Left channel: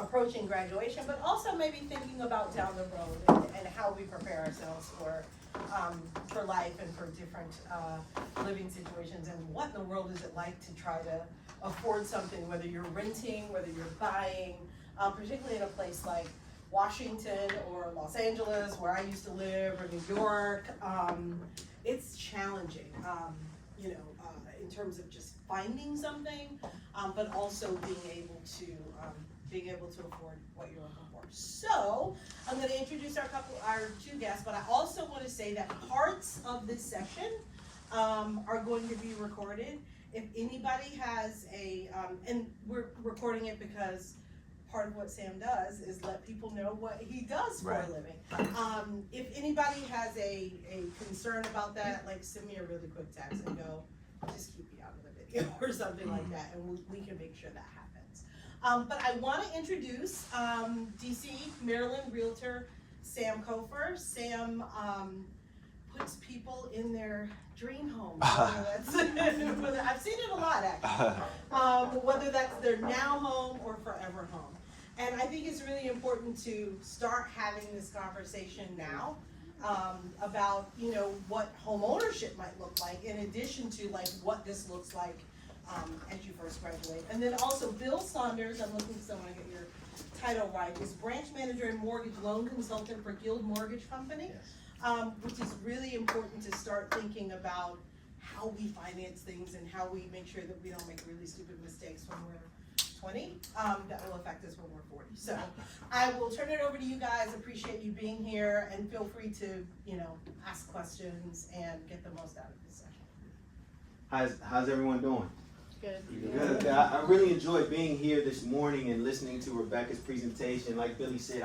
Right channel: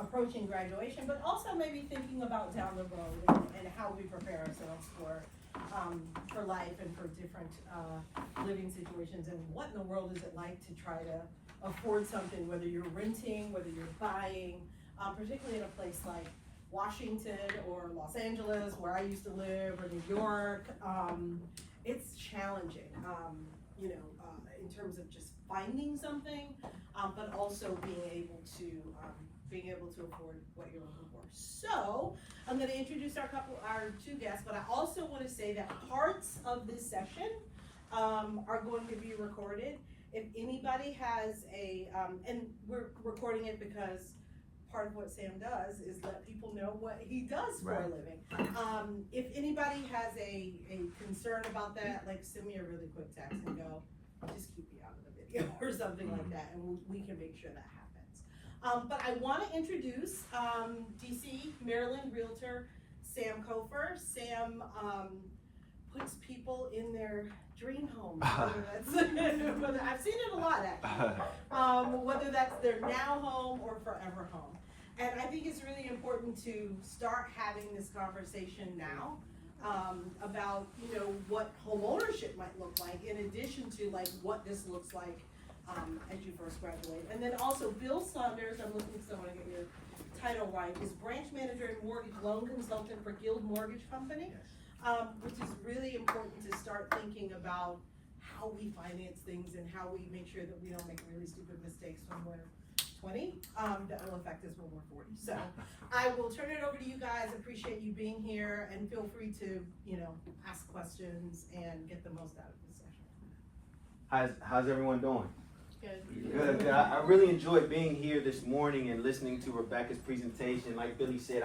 approaching graduation, but also maybe thinking about down the road and how we prepare ourselves for life and for different living situations, and what in the world is it like to try to afford something, whether you're renting, whether you're buying, particularly in a place like Washington or Los Angeles, where I used to live, or New York. It's challenging, in terms of just finding something, but also being able to afford what you're looking for. So I'm going to introduce our two guests, but I also want to say that parts of this session are going to be recorded. If anybody has and we're recording it because part of what Sam does is let people know what he does for a living. If anybody has a concern about that, like send me a really quick text and go, just keep me out of the video or something like that, and we can make sure that happens. But I want to introduce DC, Maryland realtor Sam Cofer. Sam puts people in their dream home. I've seen it a lot, actually. Whether that's their now home or forever home. And I think it's really important to start having this conversation now about, what home ownership might look like, in addition to like what this looks like as you first graduate. And then also Bill Saunders, I'm looking for someone to get your title right, is branch manager and mortgage loan consultant for Guild Mortgage Company. Yes. Which is really important to start thinking about how we finance things and how we make sure that we don't make really stupid mistakes when we're 20, that will affect us when we're 40. So I will turn it over to you guys. Appreciate you being here, and feel free to, ask questions and get the most out of this session. How's everyone doing? Good. Good. I really enjoyed being here this morning and listening to Rebecca's presentation. Like Billy said,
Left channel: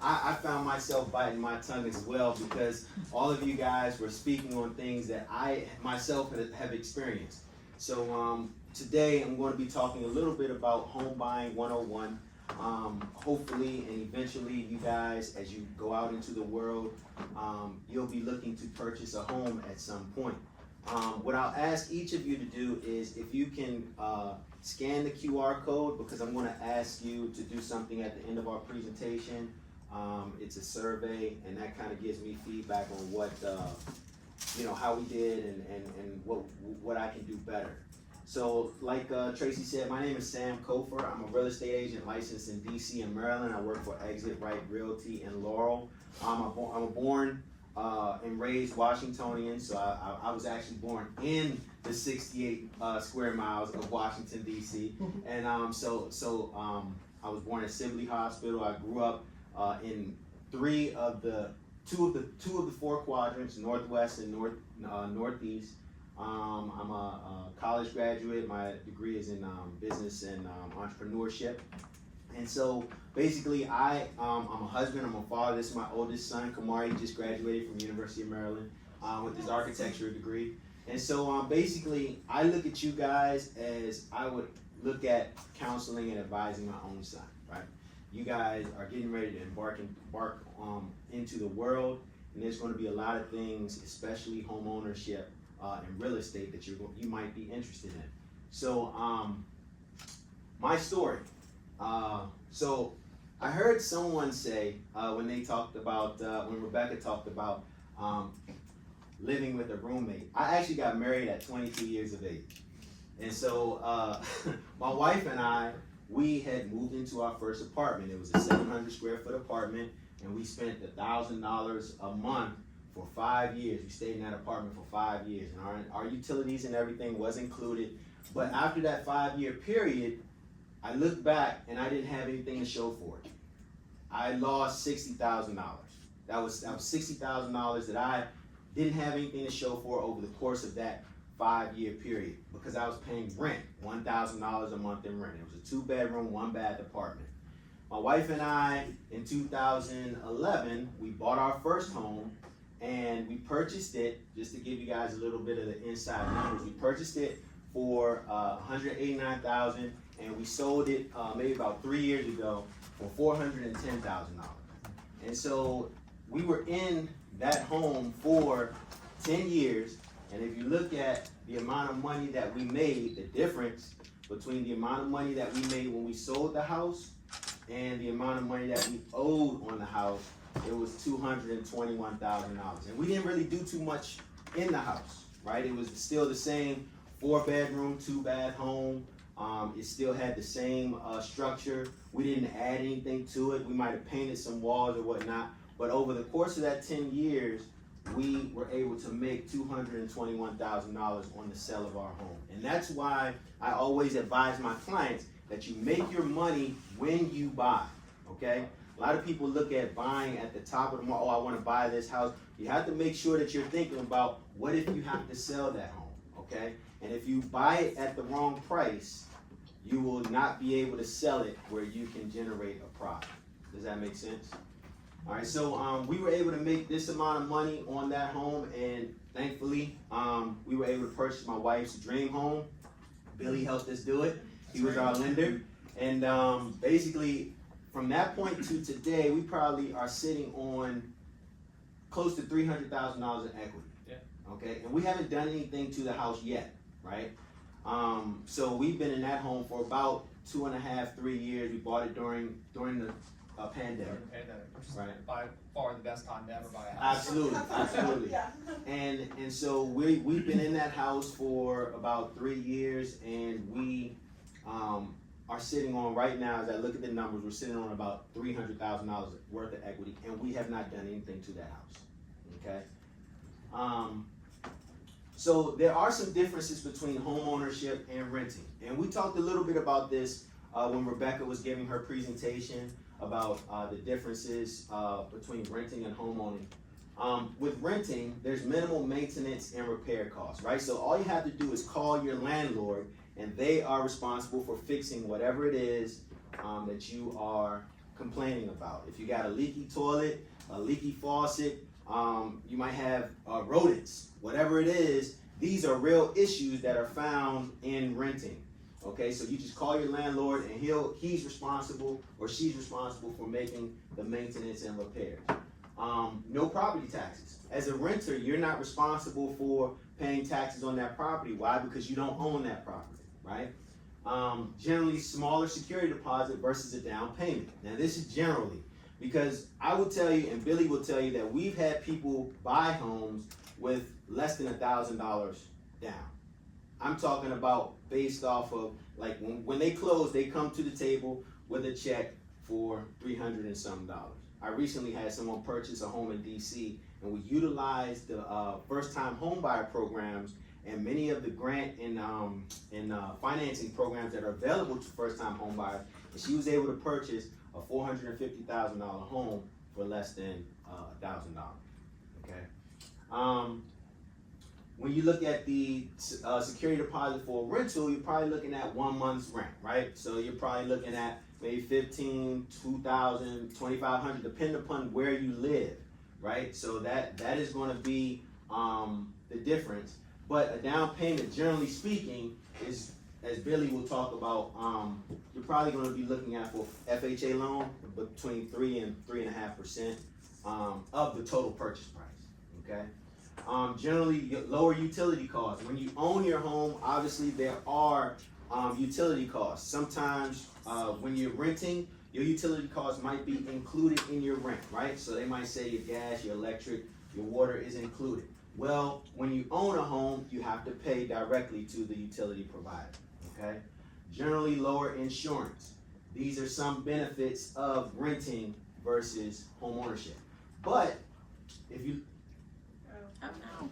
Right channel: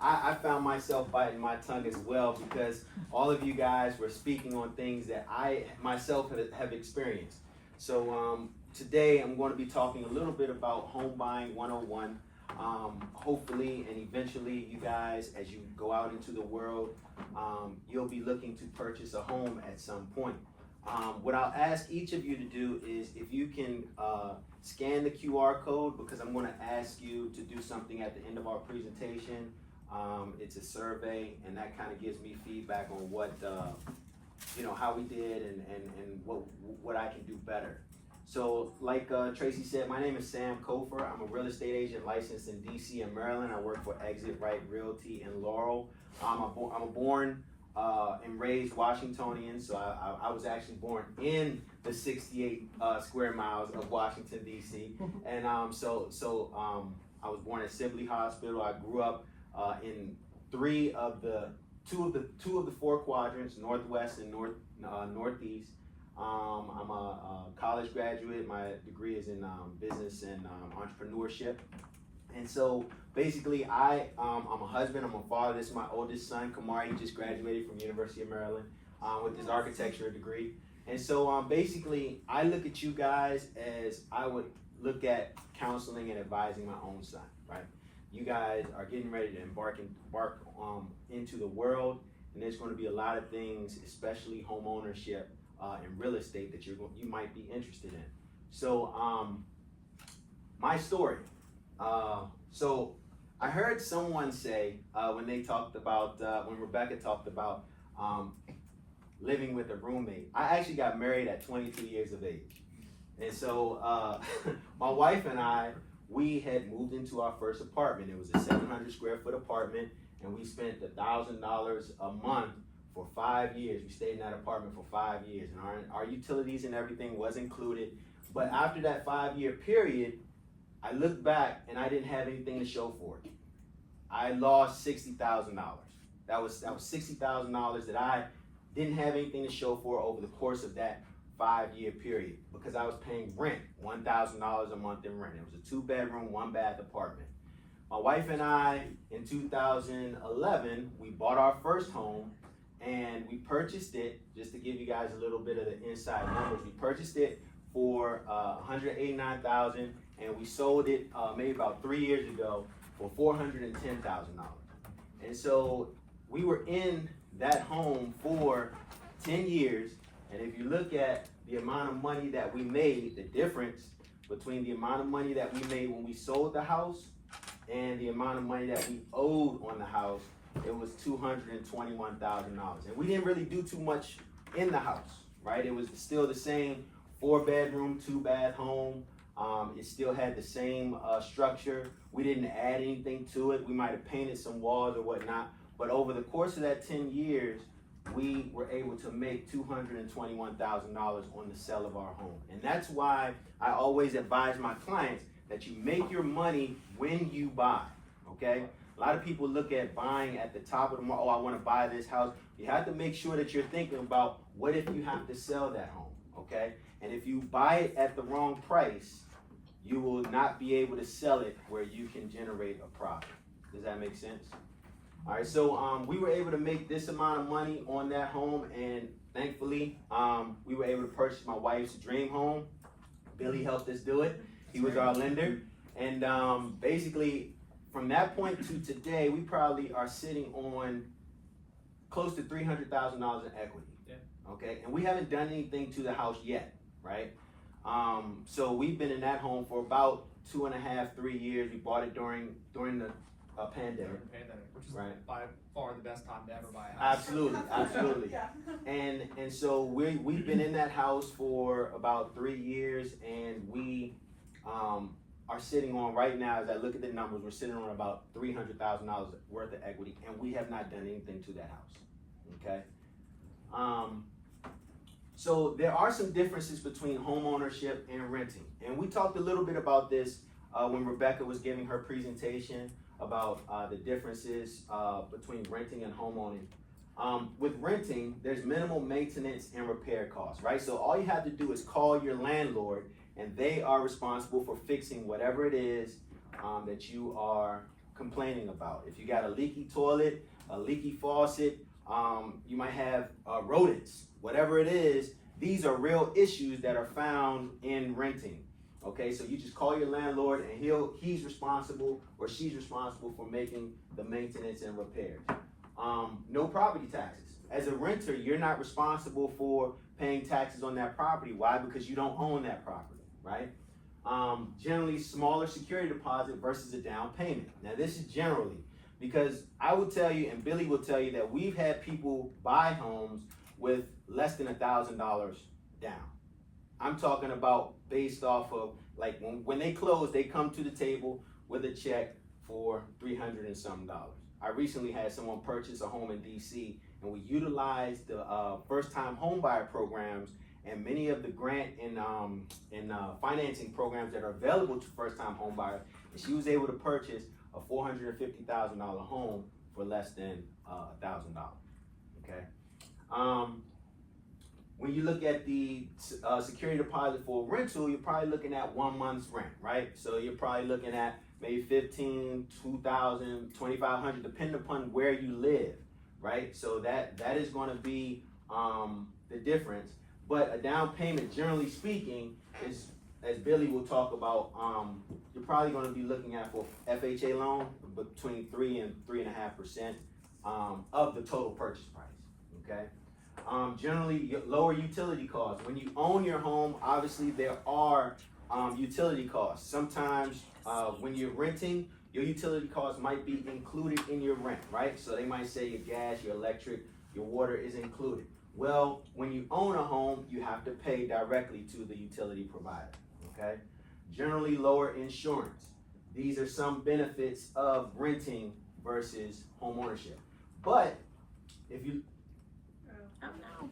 I found myself biting my tongue as well, because all of you guys were speaking on things that I myself have experienced. So today I'm going to be talking a little bit about home buying 101. Hopefully and eventually you guys, as you go out into the world, you'll be looking to purchase a home at some point. What I'll ask each of you to do is, if you can scan the QR code, because I'm going to ask you to do something at the end of our presentation. It's a survey, and that kind of gives me feedback on what how we did and what I can do better. So like Tracy said, my name is Sam Cofer. I'm a real estate agent licensed in DC and Maryland. I work for Exit Right Realty in Laurel. I'm a born and raised Washingtonian, so I was actually born in the 68 square miles of Washington, DC. And I was born at Sibley Hospital. I grew up in two of the four quadrants, Northwest and Northeast. I'm a college graduate. My degree is in business and entrepreneurship. And so basically I'm a husband, I'm a father. This is my oldest son, Kamari. He just graduated from University of Maryland with his architecture degree. And so basically I look at you guys as I would look at counseling and advising my own son, right? You guys are getting ready to embark into the world, and there's going to be a lot of things, especially home ownership and real estate, that you might be interested in. So my story. So I heard someone say when Rebecca talked about living with a roommate. I actually got married at 22 years of age, and so my wife and I, we had moved into our first apartment. It was a 700 square foot apartment, and we spent $1,000 a month for 5 years. We stayed in that apartment for 5 years, and our utilities and everything was included. But after that 5-year period, I looked back and I didn't have anything to show for it. I lost $60,000. That was $60,000 that I didn't have anything to show for over the course of that 5-year period, because I was paying rent, $1,000 a month in rent. It was a 2-bedroom, 1-bath apartment. My wife and I, in 2011, we bought our first home, and we purchased it, just to give you guys a little bit of the inside numbers, we purchased it for $189,000, and we sold it maybe about 3 years ago for $410,000. And so we were in that home for 10 years, and if you look at the amount of money that we made, the difference between the amount of money that we made when we sold the house and the amount of money that we owed on the house, it was $221,000. And we didn't really do too much in the house, right? It was still the same 4-bedroom, 2-bath home. It still had the same structure. We didn't add anything to it. We might have painted some walls or whatnot, but over the course of that 10 years, we were able to make $221,000 on the sale of our home. And that's why I always advise my clients that you make your money when you buy, okay? A lot of people look at buying at the top of the market. Oh, I want to buy this house. You have to make sure that you're thinking about what if you have to sell that home, okay? And if you buy it at the wrong price, you will not be able to sell it where you can generate a profit. Does that make sense? All right, so we were able to make this amount of money on that home, and thankfully, we were able to purchase my wife's dream home. Billy helped us do it. He was our lender. And basically, from that point to today, we probably are sitting on close to $300,000 in equity. Yeah. Okay, and we haven't done anything to the house yet, right? So we've been in that home for about 2.5, 3 years. We bought it during the pandemic. Which is Right. by far the best time to ever buy a house. Absolutely, absolutely. Yeah. And so we've been in that house for about 3 years, and we are sitting on right now. As I look at the numbers, we're sitting on about $300,000 worth of equity, and we have not done anything to that house. Okay. So there are some differences between home ownership and renting, and we talked a little bit about this when Rebecca was giving her presentation about the differences between renting and homeowning. With renting, there's minimal maintenance and repair costs, right? So all you have to do is call your landlord, and they are responsible for fixing whatever it is that you are complaining about. If you got a leaky toilet, a leaky faucet, you might have rodents, whatever it is, these are real issues that are found in renting. Okay, so you just call your landlord, and he's responsible or she's responsible for making the maintenance and repairs. No property taxes. As a renter, you're not responsible for paying taxes on that property. Why? Because you don't own that property, right? Generally smaller security deposit versus a down payment. Now this is generally, because I will tell you, and Billy will tell you, that we've had people buy homes with less than $1,000 down. I'm talking about based off of, like, when they close, they come to the table with a check for $300 and some. I recently had someone purchase a home in DC, and we utilized the first-time home buyer programs and many of the grant and financing programs that are available to first-time home buyers, and she was able to purchase a $450,000 home for less than $1,000. Okay. When you look at the security deposit for a rental, you're probably looking at 1 month's rent, right? So you're probably looking at maybe $1,500, $2,000, $2,500, depending upon where you live, right? So that is going to be the difference. But a down payment, generally speaking, is, as Billy will talk about, you're probably going to be looking at for FHA loan between 3 and 3.5% of the total purchase price. Okay. Generally, lower utility costs. When you own your home, obviously there are utility costs. Sometimes when you're renting, your utility costs might be included in your rent, right? So they might say your gas, your electric, your water is included. Well, when you own a home, you have to pay directly to the utility provider, okay? Generally, lower insurance. These are some benefits of renting versus home ownership. But if you... Oh no.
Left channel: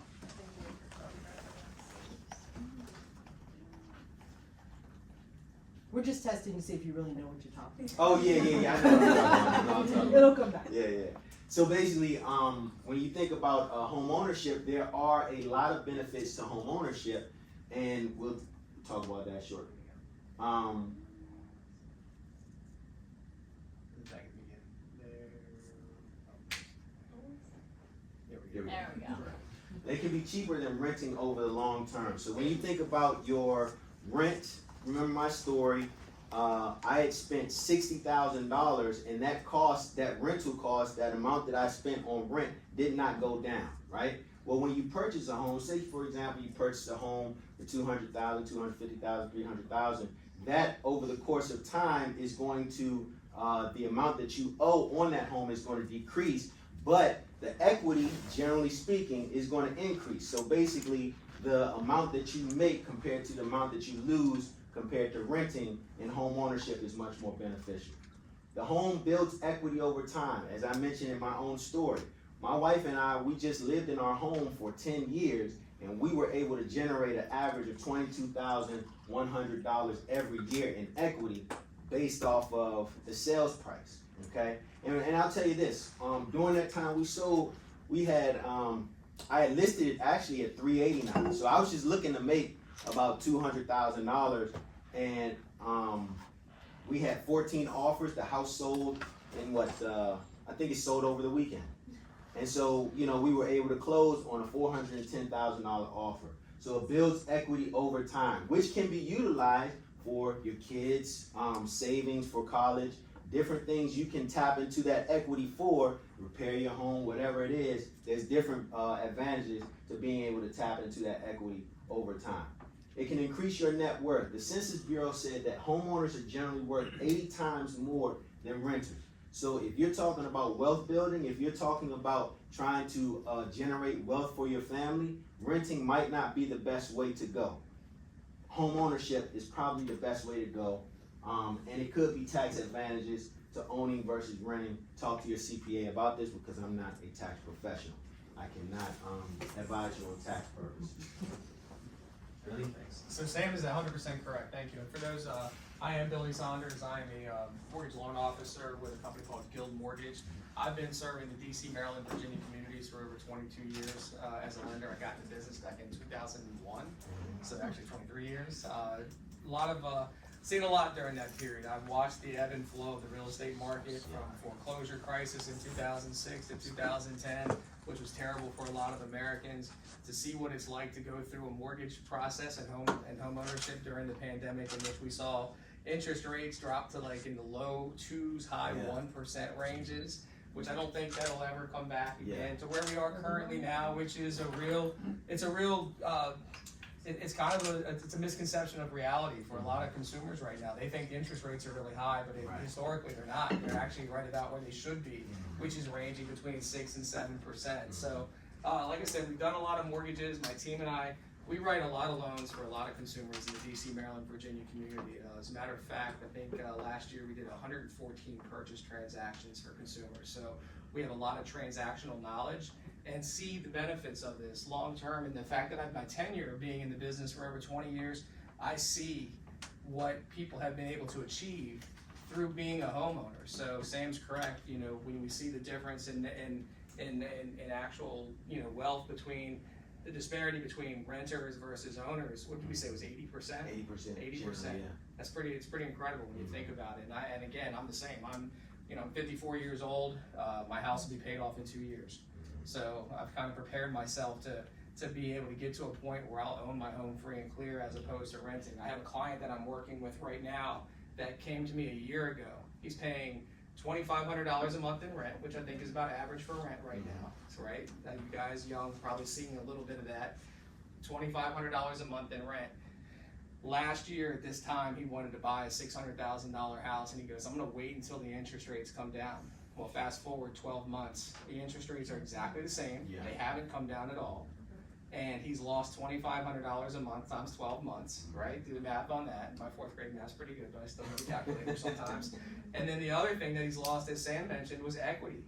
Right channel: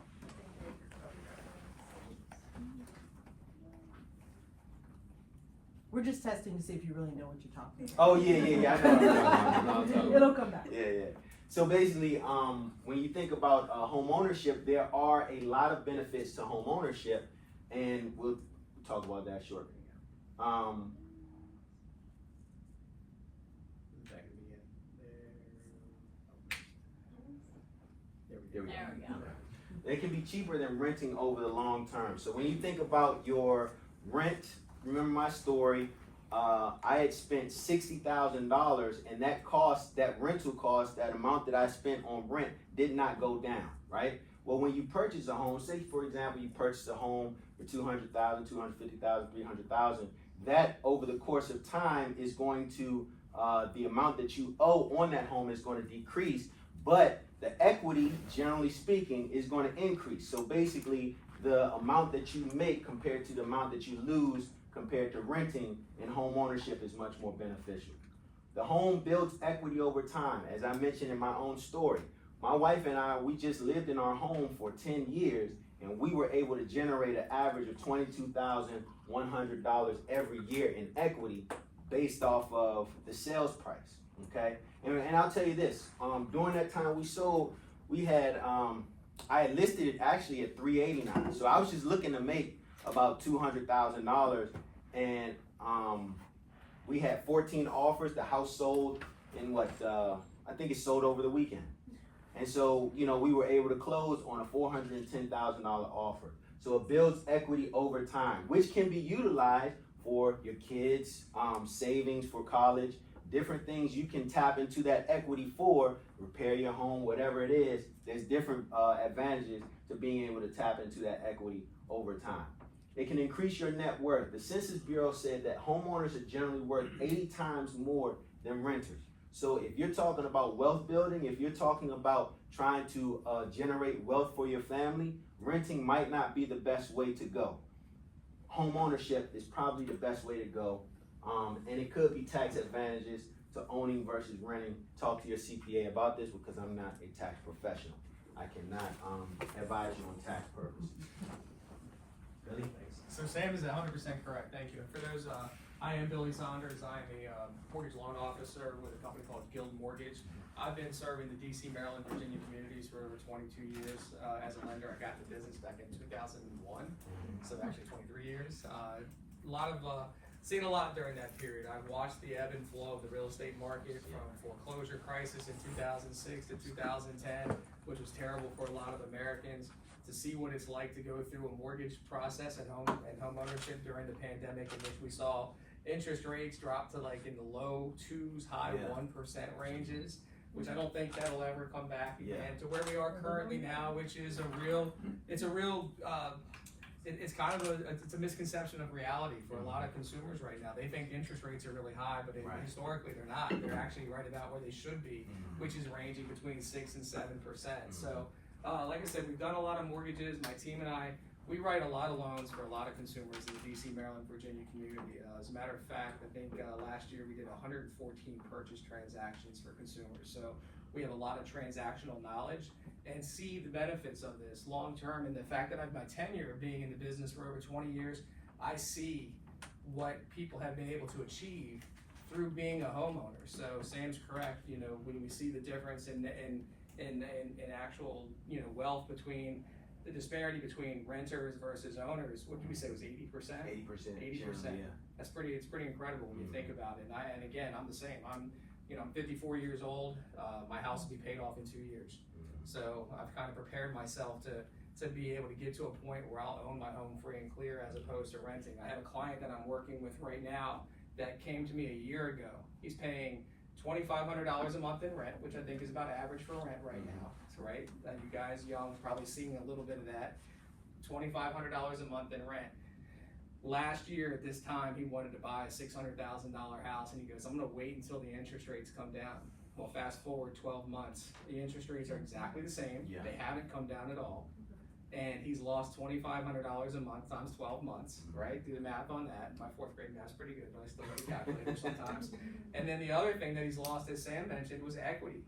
We're just testing to see if you really know what you're talking about. Oh, yeah. I know. It'll come back. Yeah. So basically, when you think about home ownership, there are a lot of benefits to home ownership, and we'll talk about that shortly. There we go. There we go. They can be cheaper than renting over the long term. So when you think about your rent, remember my story, I had spent $60,000, and that rental cost, that amount that I spent on rent did not go down, right? Well, when you purchase a home, say for example, you purchase a home for $200,000, $250,000, $300,000, that over the course of time is going to the amount that you owe on that home is going to decrease, but the equity, generally speaking, is going to increase. So basically, the amount that you make compared to the amount that you lose compared to renting in home ownership is much more beneficial. The home builds equity over time. As I mentioned in my own story, my wife and I, we just lived in our home for 10 years, and we were able to generate an average of $22,100 every year in equity based off of the sales price, okay? And I'll tell you this, during that time we sold, we had, I had listed it actually at $389. So I was just looking to make about $200,000, and we had 14 offers. The house sold in I think it sold over the weekend. And so, you know, we were able to close on a $410,000 offer. So it builds equity over time, which can be utilized for your kids, savings for college, different things you can tap into that equity for, repair your home, whatever it is. There's different advantages to being able to tap into that equity over time. It can increase your net worth. The Census Bureau said that homeowners are generally worth 80 times more than renters. So if you're talking about wealth building, if you're talking about trying to generate wealth for your family, renting might not be the best way to go. Home ownership is probably the best way to go. And it could be tax advantages to owning versus renting. Talk to your CPA about this because I'm not a tax professional. I cannot advise you on tax purposes. Billy? Thanks. So Sam is 100% correct, thank you. And for those, I am Billy Saunders. I'm a mortgage loan officer with a company called Guild Mortgage. I've been serving the DC, Maryland, Virginia communities for over 22 years as a lender. I got the business back in 2001, so actually 23 years. Seen a lot during that period. I've watched the ebb and flow of the real estate market from foreclosure crisis in 2006 to 2010, which was terrible for a lot of Americans, to see what it's like to go through a mortgage process and home ownership during the pandemic, in which we saw interest rates drop to like in the low 2s, high 1% ranges, which I don't think that'll ever come back again to where we are currently now, which is it's kind of it's a misconception of reality for a lot of consumers right now. They think interest rates are really high, but historically they're not. They're actually right about where they should be, which is ranging between 6 and 7%. So, like I said, we've done a lot of mortgages. My team and I, we write a lot of loans for a lot of consumers in the DC, Maryland, Virginia community. As a matter of fact, I think last year we did 114 purchase transactions for consumers. So we have a lot of transactional knowledge and see the benefits of this long term. And the fact that I've my tenure of being in the business for over 20 years, I see what people have been able to achieve through being a homeowner. So Sam's correct. You know, when we see the difference in actual, you know, wealth between the disparity between renters versus owners, what did we say was 80%? 80%. 80%. It's pretty incredible when you think about it. And again, I'm the same. I'm 54 years old. My house will be paid off in 2 years. So I've kind of prepared myself to be able to get to a point where I'll own my home free and clear as opposed to renting. I have a client that I'm working with right now that came to me a year ago. He's paying $2,500 a month in rent, which I think is about average for rent right now. Right? You guys young probably seeing a little bit of that. $2,500 a month in rent. Last year at this time, he wanted to buy a $600,000 house, and he goes, I'm going to wait until the interest rates come down. Well, fast forward 12 months, the interest rates are exactly the same. They haven't come down at all. And he's lost $2,500 a month times 12 months, right? Do the math on that. My 4th grade math's pretty good, but I still need a calculator sometimes. And then the other thing that he's lost, as Sam mentioned, was equity.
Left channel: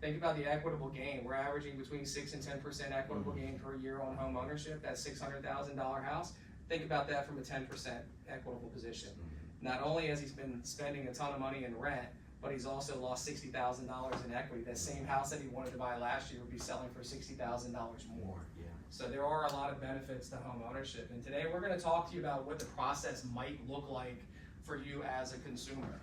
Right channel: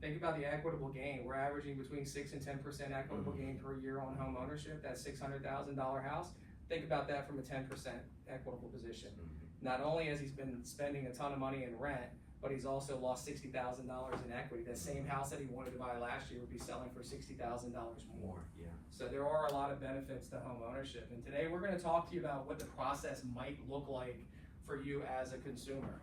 Think about the equitable gain. We're averaging between 6 and 10% equitable gain per year on home ownership. That's $600,000 house. Think about that from a 10% equitable position. Not only has he been spending a ton of money in rent, but he's also lost $60,000 in equity. That same house that he wanted to buy last year would be selling for $60,000 more. So there are a lot of benefits to home ownership. And today we're going to talk to you about what the process might look like for you as a consumer.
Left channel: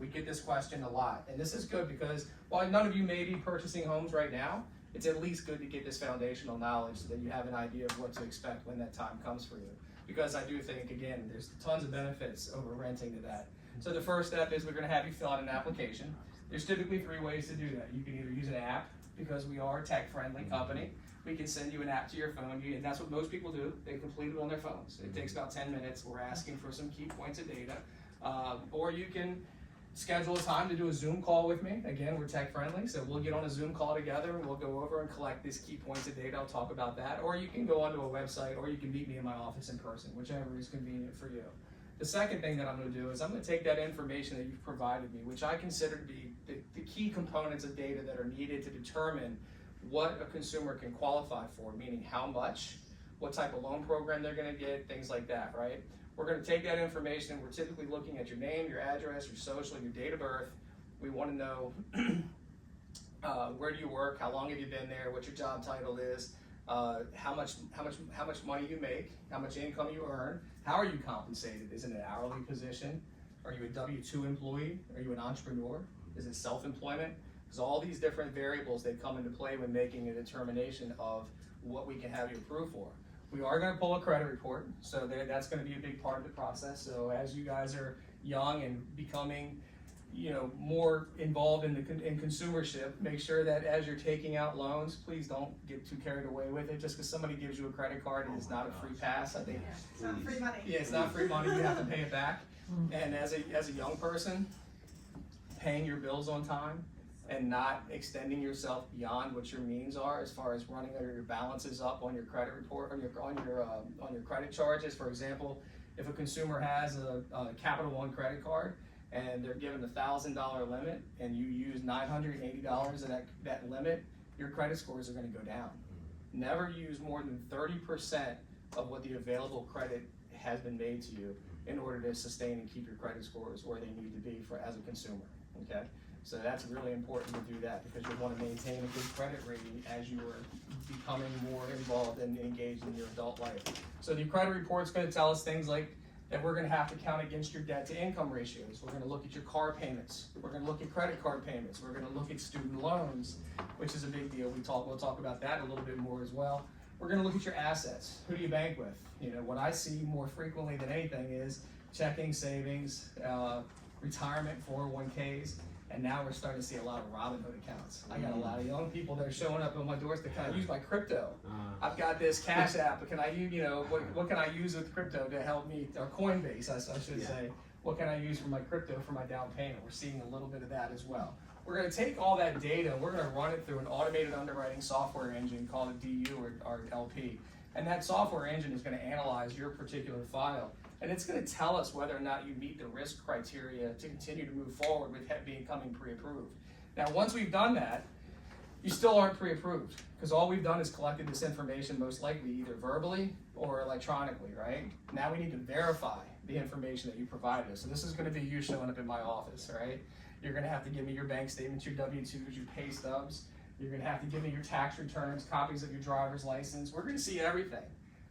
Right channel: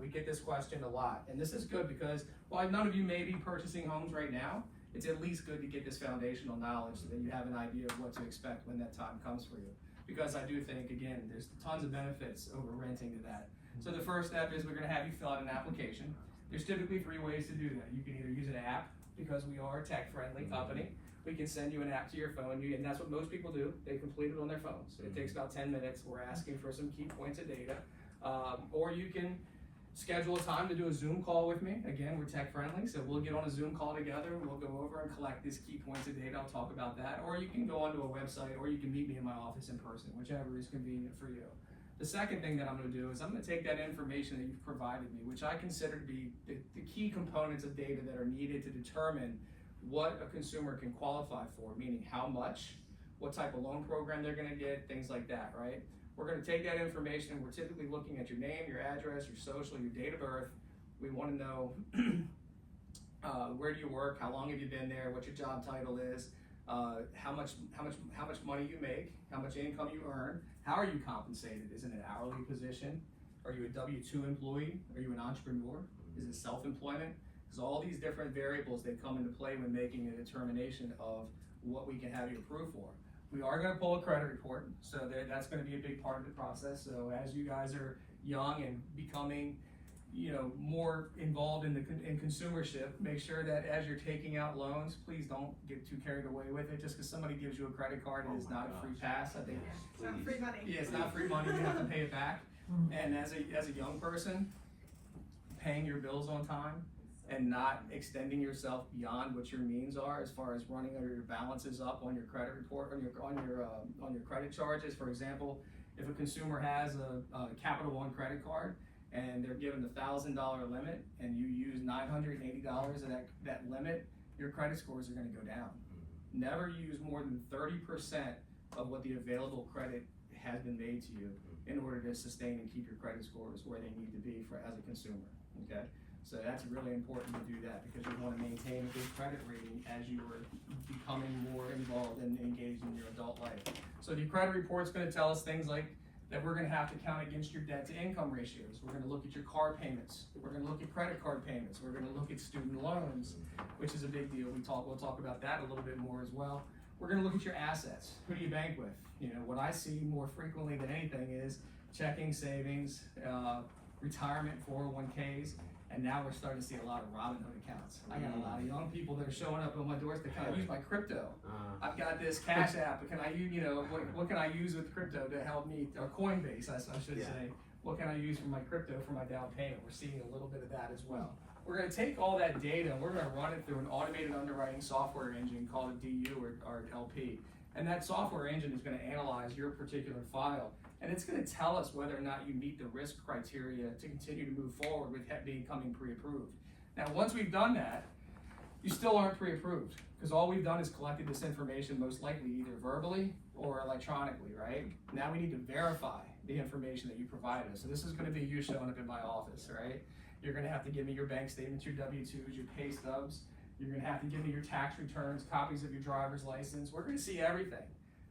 We get this question a lot, and this is good because while none of you may be purchasing homes right now, it's at least good to get this foundational knowledge so that you have an idea of what to expect when that time comes for you. Because I do think, again, there's tons of benefits over renting to that. So the first step is we're going to have you fill out an application. There's typically 3 ways to do that. You can either use an app, because we are a tech-friendly company. We can send you an app to your phone, and that's what most people do. They complete it on their phones. It takes about 10 minutes. We're asking for some key points of data. Or you can schedule a time to do a Zoom call with me. Again, we're tech friendly, so we'll get on a Zoom call together and we'll go over and collect these key points of data. I'll talk about that. Or you can go onto a website, or you can meet me in my office in person, whichever is convenient for you. The second thing that I'm going to do is I'm going to take that information that you've provided me, which I consider to be the key components of data that are needed to determine what a consumer can qualify for, meaning how much, what type of loan program they're going to get, things like that, right? We're going to take that information. We're typically looking at your name, your address, your social, your date of birth. We want to know where do you work, how long have you been there, what your job title is, how much money you make, how much income you earn, how are you compensated? Is it an hourly position? Are you a W-2 employee? Are you an entrepreneur? Is it self-employment? Because all these different variables, they come into play when making a determination of what we can have you approved for. We are going to pull a credit report, so that's going to be a big part of the process. So as you guys are young and becoming, more involved in consumership, make sure that as you're taking out loans, please don't get too carried away with it. Just because somebody gives you a credit card, it is not a free pass. I think. It's not free money. Yeah, it's not free money. You have to pay it back. And as a young person, paying your bills on time and not extending yourself beyond what your means are, as far as running your balances up on your credit report, on your credit charges. For example, if a consumer has a Capital One credit card and they're given $1,000 limit and you use $980 of that limit, your credit scores are going to go down. Never use more than 30% of what the available credit has been made to you in order to sustain and keep your credit scores where they need to be as a consumer, okay? So that's really important to do that, because you want to maintain a good credit rating as you are becoming more involved and engaged in your adult life. So the credit report's going to tell us things like that we're going to have to count against your debt to income ratios. We're going to look at your car payments. We're going to look at credit card payments. We're going to look at student loans, which is a big deal. We'll talk about that a little bit more as well. We're going to look at your assets. Who do you bank with? What I see more frequently than anything is checking, savings, retirement, 401ks. And now we're starting to see a lot of Robinhood accounts. I got a lot of young people that are showing up on my doors to kind of use my crypto. I've got this Cash App. Can I use, what can I use with crypto to help me, or Coinbase, I should say. What can I use for my crypto for my down payment? We're seeing a little bit of that as well. We're going to take all that data and we're going to run it through an automated underwriting software engine called a DU or LP. And that software engine is going to analyze your particular file. And it's going to tell us whether or not you meet the risk criteria to continue to move forward with becoming pre-approved. Now, once we've done that, you still aren't pre-approved, because all we've done is collected this information most likely either verbally or electronically, right? Now we need to verify the information that you provided us. So this is going to be you showing up in my office, right? You're going to have to give me your bank statements, your W-2s, your pay stubs. You're going to have to give me your tax returns, copies of your driver's license. We're going to see everything.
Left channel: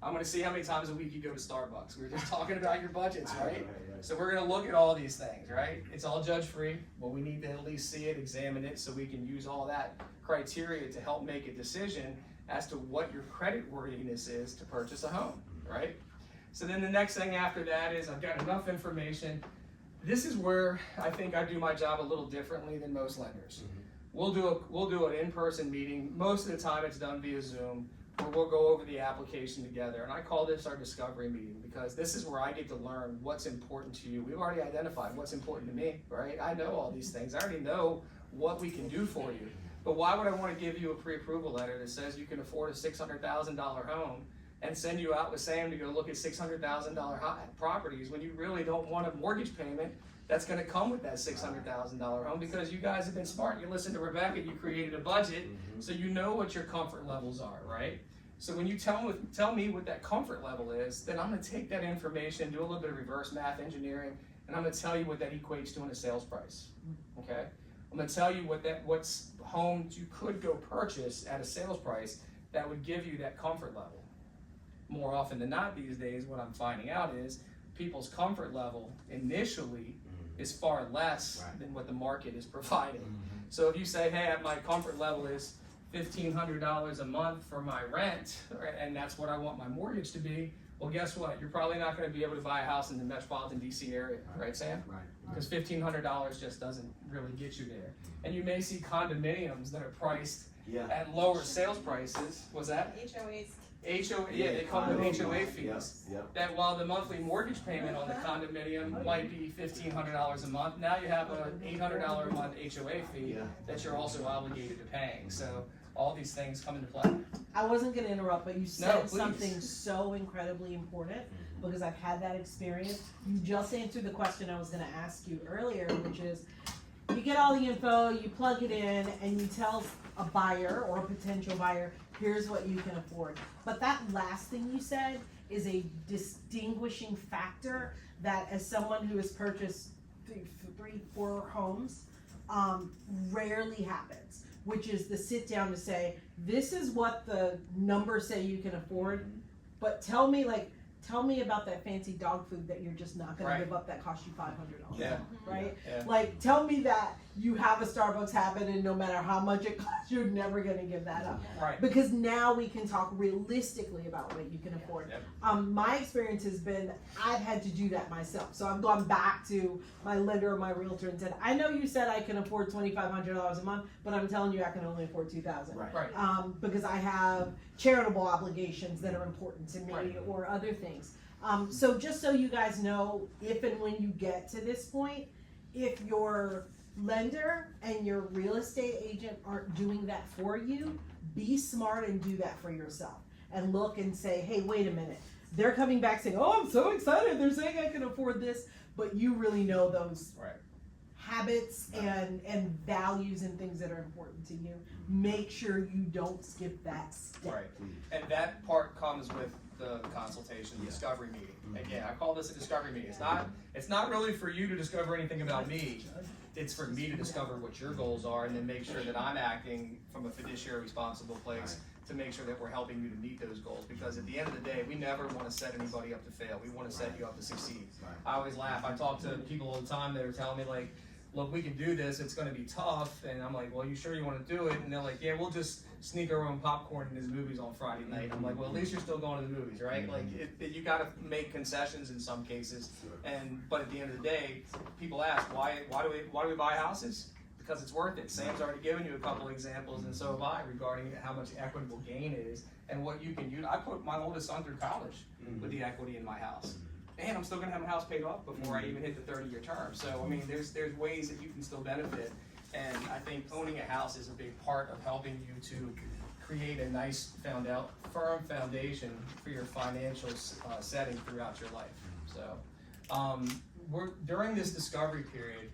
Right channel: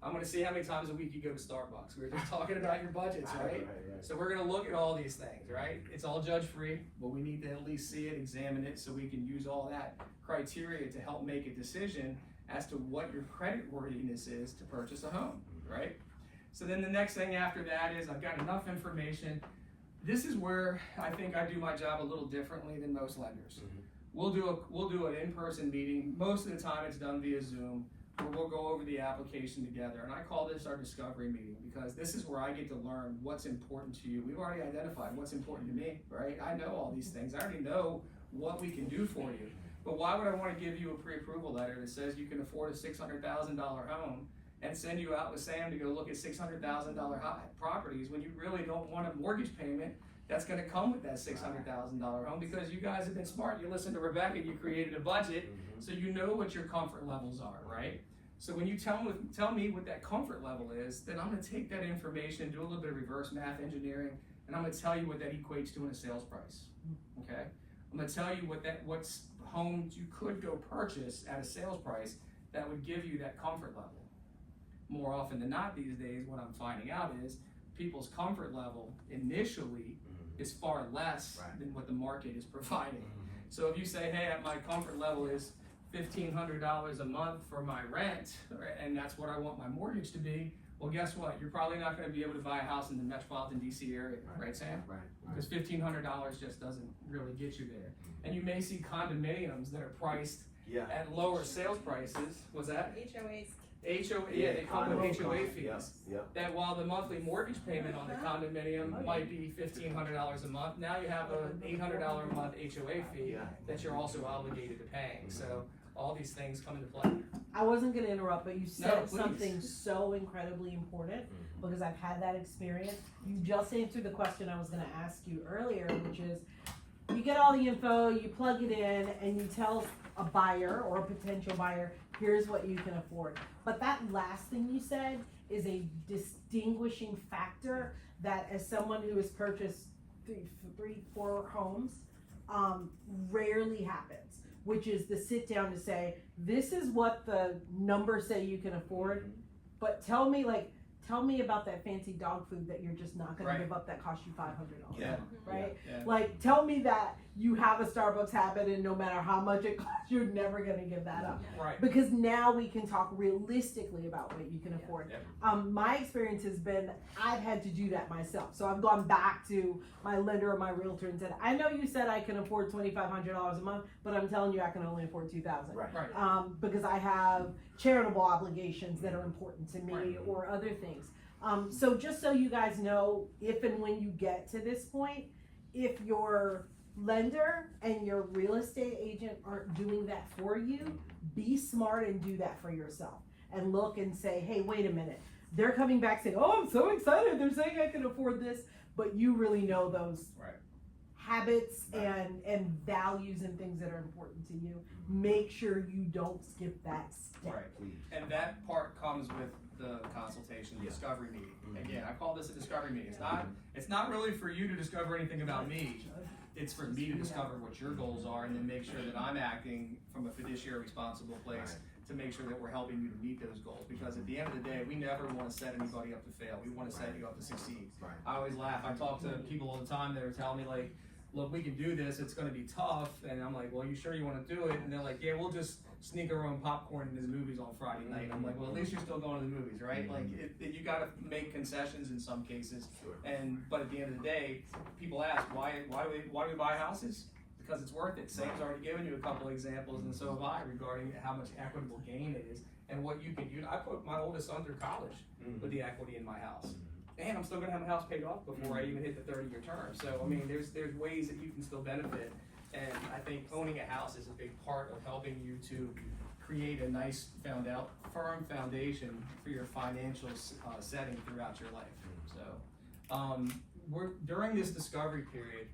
I'm going to see how many times a week you go to Starbucks. We were just talking about your budgets, right? So we're going to look at all these things, right? It's all judge-free, but we need to at least see it, examine it, so we can use all that criteria to help make a decision as to what your credit worthiness is to purchase a home, right? So then the next thing after that is I've got enough information. This is where I think I do my job a little differently than most lenders. We'll do an in-person meeting. Most of the time it's done via Zoom. We'll go over the application together, and I call this our discovery meeting, because this is where I get to learn what's important to you. We've already identified what's important to me, right? I know all these things. I already know what we can do for you. But why would I want to give you a pre-approval letter that says you can afford a $600,000 home and send you out with Sam to go look at $600,000 properties when you really don't want a mortgage payment that's going to come with that $600,000 home? Because you guys have been smart. You listened to Rebecca, you created a budget, so you know what your comfort levels are, right? So when you tell me what that comfort level is, then I'm going to take that information, do a little bit of reverse math engineering, and I'm going to tell you what that equates to in a sales price, okay? I'm going to tell you what homes you could go purchase at a sales price that would give you that comfort level. More often than not these days, what I'm finding out is people's comfort level initially is far less than what the market is providing. So if you say, hey, my comfort level is $1,500 a month for my rent, and that's what I want my mortgage to be, well, guess what? You're probably not going to be able to buy a house in the metropolitan DC area, right, Sam? Right. Because $1,500 just doesn't really get you there. And you may see condominiums that are priced at lower sales prices. Was that? HOAs They come with HOA fees. Yep. That while the monthly mortgage payment on the condominium might be $1,500 a month, now you have a $800 a month HOA fee that you're also obligated to paying. So all these things come into play. I wasn't gonna interrupt, but you No, said please. something so incredibly important, because I've had that experience. You just answered the question I was gonna ask you earlier, which is, you get all the info, you plug it in, and you tell a buyer or a potential buyer, here's what you can afford. But that last thing you said is a distinguishing factor that, as someone who has purchased three, 4 homes, rarely happens, which is the sit down to say, this is what the numbers say you can afford, but tell me about that fancy dog food that you're just not gonna Right. give up that cost you $500, Yeah. right? Yeah. Like, tell me that you have a Starbucks habit and no matter how much it costs, you're never gonna give that up. Right. Because now we can talk realistically about what you can afford. Yep. My experience has been, I've had to do that myself. So I've gone back to my lender or my realtor and said, I know you said I can afford $2,500 a month, but I'm telling you I can only afford $2,000. Right. Because I have charitable obligations that are important to me Right. or other things. So just so you guys know, if and when you get to this point, if your lender and your real estate agent aren't doing that for you, be smart and do that for yourself. And look and say, hey, wait a minute. They're coming back saying, oh, I'm so excited. They're saying I can afford this. But you really know those Right. habits and values and things that are important to you. Make sure you don't skip that step. Right. And that part comes with the consultation, the discovery meeting. Again, I call this a discovery meeting. It's not really for you to discover anything about me. It's for me to discover what your goals are and then make sure that I'm acting from a fiduciary responsible place to make sure that we're helping you to meet those goals. Because at the end of the day, we never want to set anybody up to fail. We want to set you up to succeed. I always laugh. I talk to people all the time that are telling me like, look, we can do this, it's gonna be tough, and I'm like, well, you sure you wanna do it? And they're like, yeah, we'll just sneak our own popcorn in his movies on Friday night. I'm like, well, at least you're still going to the movies, right? Like, you gotta make concessions in some cases, but at the end of the day, people ask, why do we buy houses? Because it's worth it. Sam's already given you a couple examples, and so have I, regarding how much equitable gain is, and what you can use. I put my oldest son through college with the equity in my house. And I'm still gonna have a house paid off before I even hit the 30-year term. So, I mean, there's ways that you can still benefit. And I think owning a house is a big part of helping you to create a nice firm foundation for your financial setting throughout your life. So, during this discovery period,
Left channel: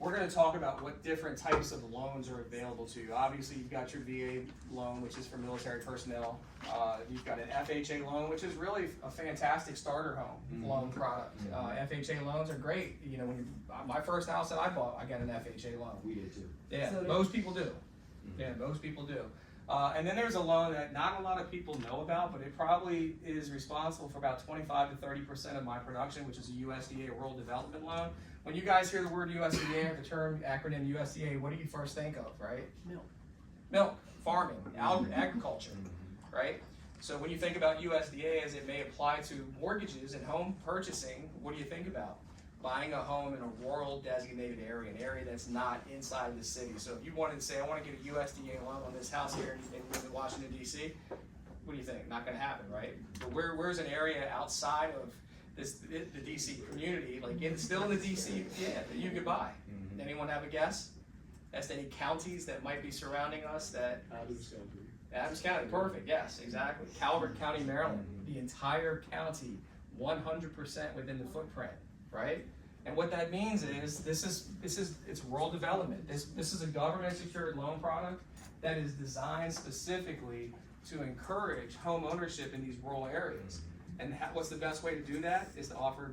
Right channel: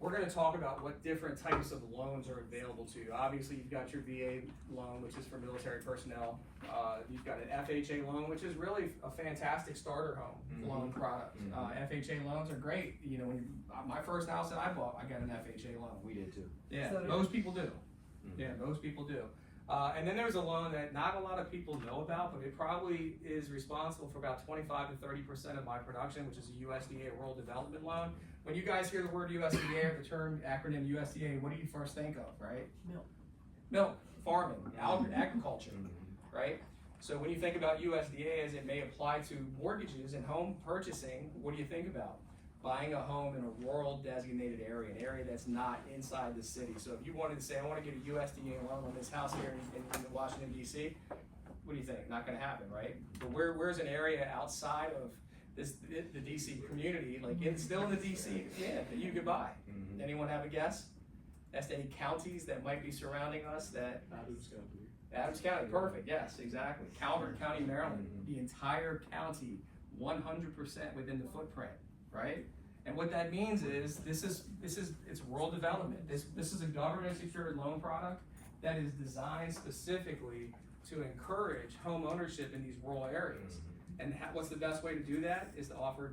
we're gonna talk about what different types of loans are available to you. Obviously, you've got your VA loan, which is for military personnel. You've got an FHA loan, which is really a fantastic starter home loan product. FHA loans are great. You know, my first house that I bought, I got an FHA loan. We did too. Yeah, So most people do. Yeah, most people do. And then there's a loan that not a lot of people know about, but it probably is responsible for about 25 to 30% of my production, which is a USDA Rural Development Loan. When you guys hear the word USDA or the term acronym USDA, what do you first think of, right? Milk, farming, agriculture, right? So when you think about USDA as it may apply to mortgages and home purchasing, what do you think about? Buying a home in a rural designated area, an area that's not inside the city. So if you wanted to say, I want to get a USDA loan on this house here in Washington, D.C., what do you think? Not going to happen, right? But where's an area outside of the D.C. community, like still in the D.C., that you could buy? Anyone have a guess as to any counties that might be surrounding us? Adams County, perfect, yes, exactly. Calvert County, Maryland, the entire county, 100% within the footprint, right? And what that means is it's rural development. This is a government secured loan product that is designed specifically to encourage home ownership in these rural areas. And what's the best way to do that is to offer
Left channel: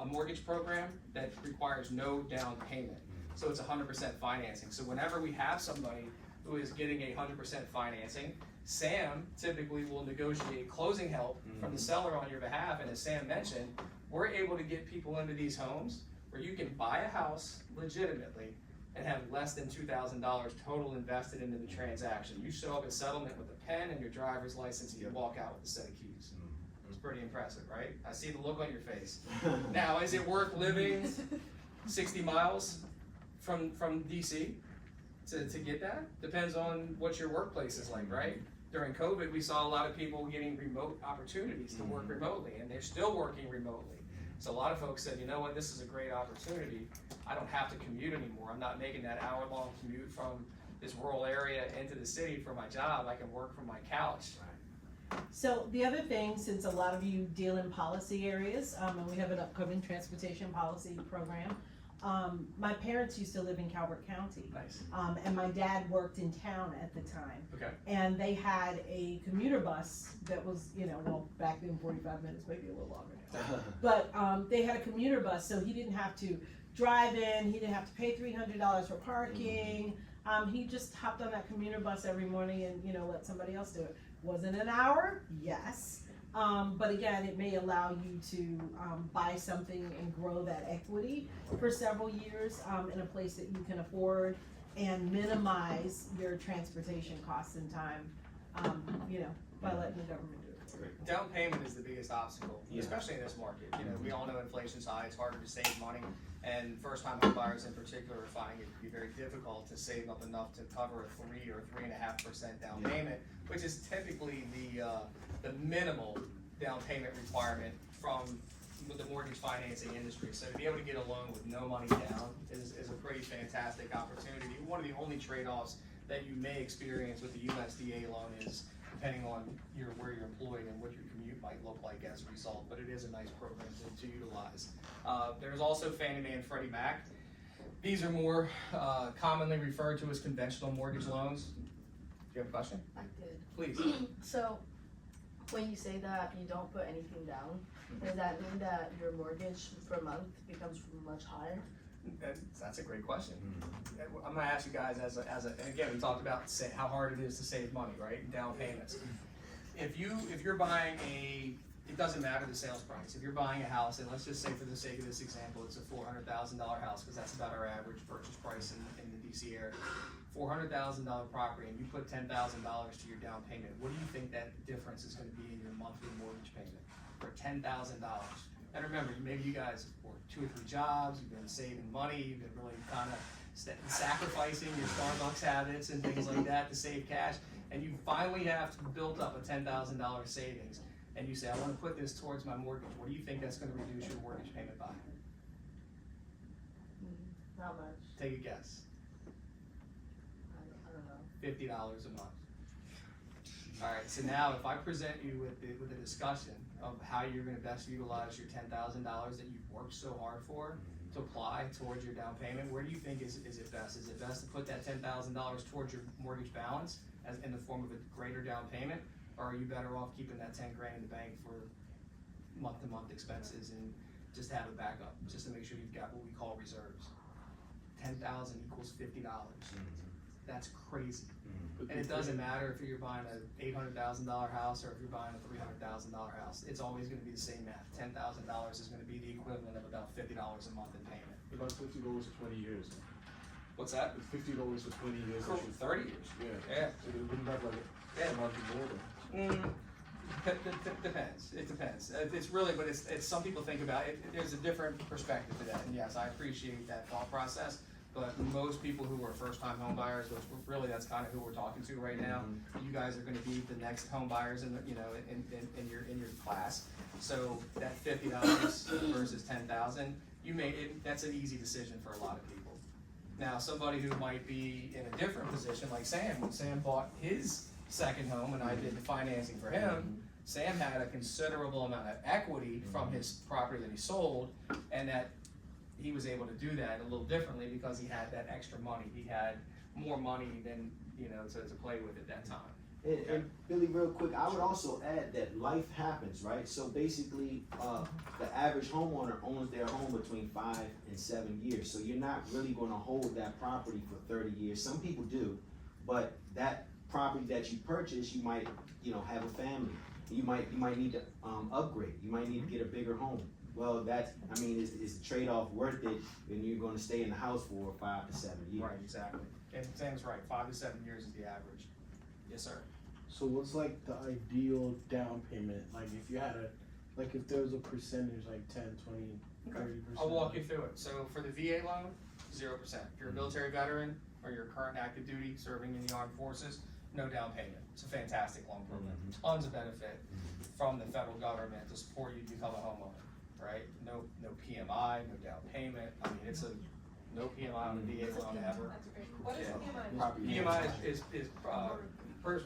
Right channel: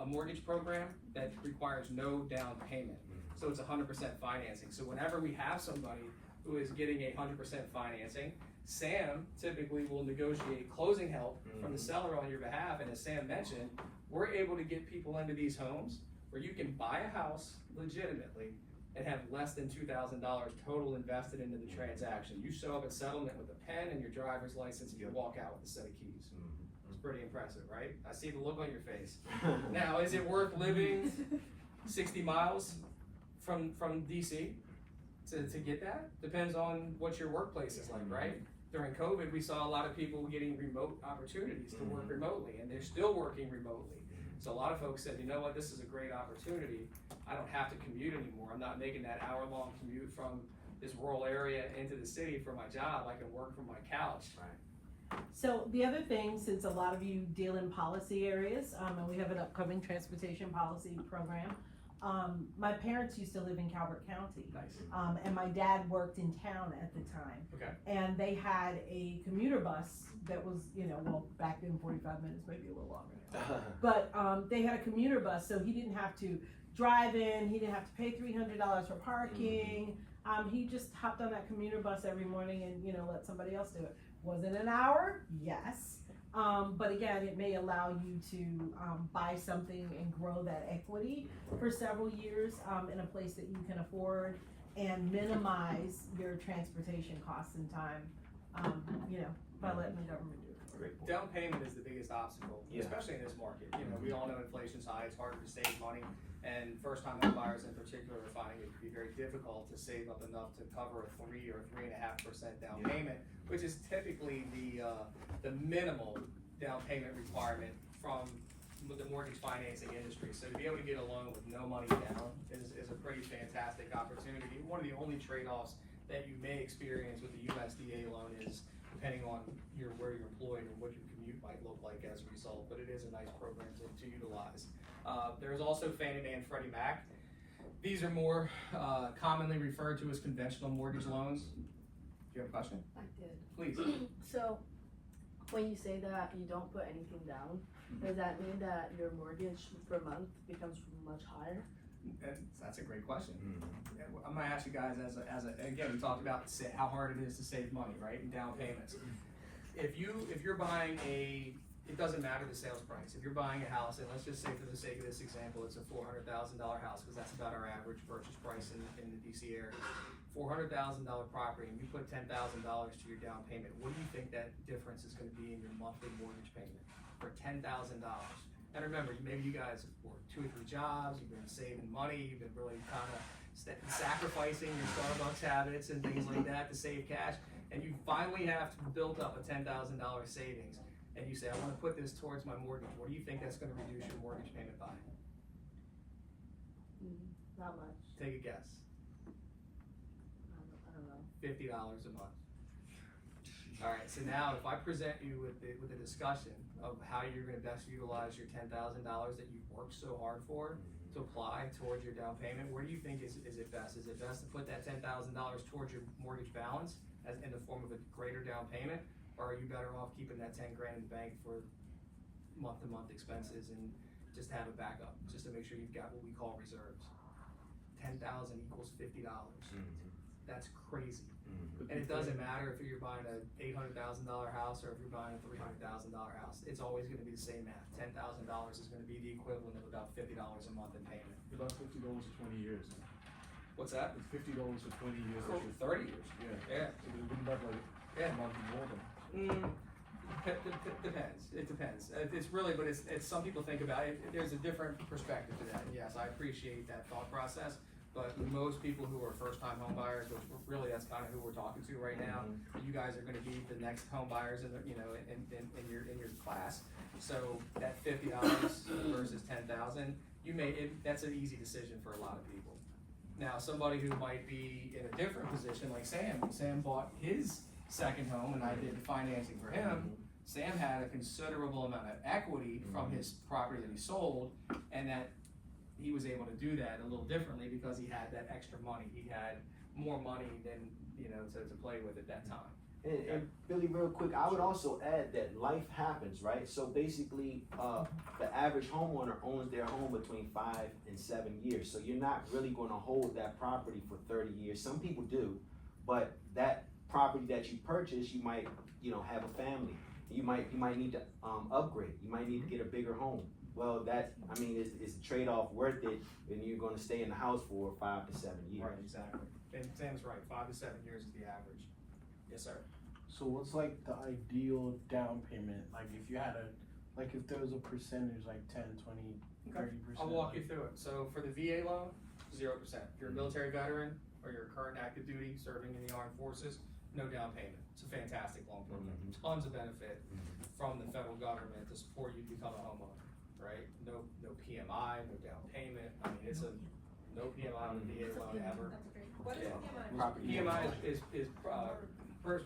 a mortgage program that requires no down payment. So it's 100% financing. So whenever we have somebody who is getting a 100% financing, Sam typically will negotiate closing help from the seller on your behalf. And as Sam mentioned, we're able to get people into these homes where you can buy a house legitimately and have less than $2,000 total invested into the transaction. You show up at settlement with a pen and your driver's license, and you walk out with a set of keys. It's pretty impressive, right? I see the look on your face. Now, is it worth living 60 miles from DC to get that? Depends on what your workplace is like, right? during COVID, we saw a lot of people getting remote opportunities to work remotely, and they're still working remotely. So a lot of folks said, you know what, this is a great opportunity. I don't have to commute anymore. I'm not making that hour-long commute from this rural area into the city for my job. I can work from my couch. So the other thing, since a lot of you deal in policy areas, and we have an upcoming transportation policy program, my parents used to live in Calvert County. Nice. And my dad worked in town at the time. Okay. And they had a commuter bus that was, well, back then 45 minutes, maybe a little longer now. But they had a commuter bus, so he didn't have to drive in, he didn't have to pay $300 for parking. He just hopped on that commuter bus every morning and, let somebody else do it. Was it an hour? Yes. But again, it may allow you to buy something and grow that equity for several years in a place that you can afford and minimize your transportation costs and time, by letting the government do it. Down payment is the biggest obstacle, Yeah. especially in this market. We all know inflation's high, it's harder to save money, and first-time home buyers in particular are finding it to be very difficult to save up enough to cover a 3 or 3.5% down payment, which is typically the minimal down payment requirement from the mortgage financing industry. So to be able to get a loan with no money down is a pretty fantastic opportunity. One of the only trade-offs that you may experience with the USDA loan is depending on where you're employed and what your commute might look like as a result, but it is a nice program to utilize. There's also Fannie Mae and Freddie Mac. These are more commonly referred to as conventional mortgage loans. Do you have a question? I did. Please. So, when you say that you don't put anything down, does that mean that your mortgage per month becomes much higher? That's a great question. I'm gonna ask you guys and again, we talked about how hard it is to save money, right? And down payments. If you're buying it doesn't matter the sales price. If you're buying a house, and let's just say for the sake of this example, it's a $400,000 house, because that's about our average purchase price in the DC area. $400,000 property, and you put $10,000 to your down payment. What do you think that difference is going to be in your monthly mortgage payment for $10,000? And remember, maybe you guys have worked 2 or 3 jobs, you've been saving money, you've been really kind of sacrificing your Starbucks habits and things like that to save cash, and you finally have built up a $10,000 savings, and you say, I want to put this towards my mortgage. What do you think that's going to reduce your mortgage payment by? Not much. Take a guess. I don't know. $50 a month. All right, so now if I present you with a discussion of how you're gonna best utilize your $10,000 that you've worked so hard for to apply towards your down payment, where do you think is it best? Is it best to put that $10,000 towards your mortgage balance as in the form of a greater down payment? Or are you better off keeping that 10 grand in the bank for month-to-month expenses and just have a backup, just to make sure you've got what we call reserves? 10,000 equals $50. That's crazy. And it doesn't matter if you're buying an $800,000 house or if you're buying a $300,000 house. It's always going to be the same math. $10,000 is going to be the equivalent of about $50 a month in payment. But that's $50 for 20 years. Huh? What's that? It's $50 for 20 years. For 30 years. Yeah. So wouldn't that amount to more than? Depends. It depends. It's really, but it's some people think about it. There's a different perspective to that. And yes, I appreciate that thought process. But most people who are first-time home buyers, which really that's kind of who we're talking to right now, you guys are going to be the next home buyers in your class. So that $50 versus $10,000, that's an easy decision for a lot of people. Now, somebody who might be in a different position, like Sam. Sam bought his second home, and I did the financing for him. Sam had a considerable amount of equity from his property that he sold, and that he was able to do that a little differently because he had that extra money. He had more money than, to play with at that time. And Billy, real quick, I would also add that life happens, right? So basically, the average homeowner owns their home between 5 and 7 years. So you're not really gonna hold that property for 30 years. Some people do, but that property that you purchase, you might, have a family. You might need to upgrade. You might need to get a bigger home. Well, is the trade-off worth it when you're gonna stay in the house for 5 to 7 years? Right, exactly. And Sam's right, 5 to 7 years is the average. Yes, sir. So what's like the ideal down payment? Like if you had if there was a percentage, like 10, 20, 30%? I'll walk you through it. So for the VA loan, 0%. If you're a military veteran or you're current active duty serving in the armed forces, no down payment. It's a fantastic loan program, tons of benefit from the federal government to support you to become a homeowner, right? No PMI, no down payment. I mean, it's a no PMI on the VA loan ever. What is Yeah. PMI is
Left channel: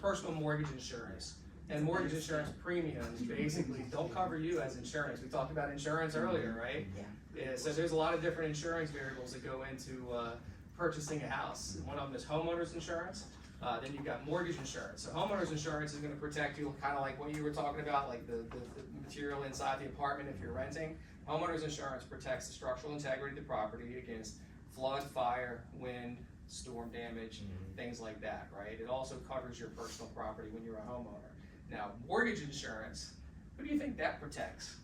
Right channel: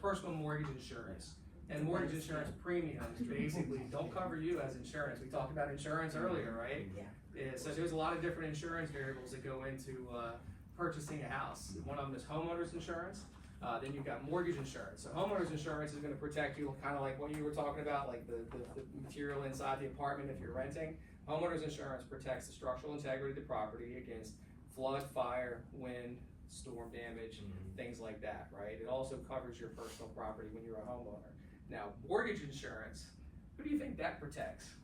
personal mortgage insurance. And mortgage insurance premiums basically don't cover you as insurance. We talked about insurance earlier, right? Yeah, so there's a lot of different insurance variables that go into purchasing a house. One of them is homeowners insurance. Then you've got mortgage insurance. So homeowners insurance is gonna protect you, kind of like what you were talking about, like the material inside the apartment if you're renting. Homeowners insurance protects the structural integrity of the property against flood, fire, wind, storm damage, things like that, right? It also covers your personal property when you're a homeowner. Now, mortgage insurance, who do you think that protects?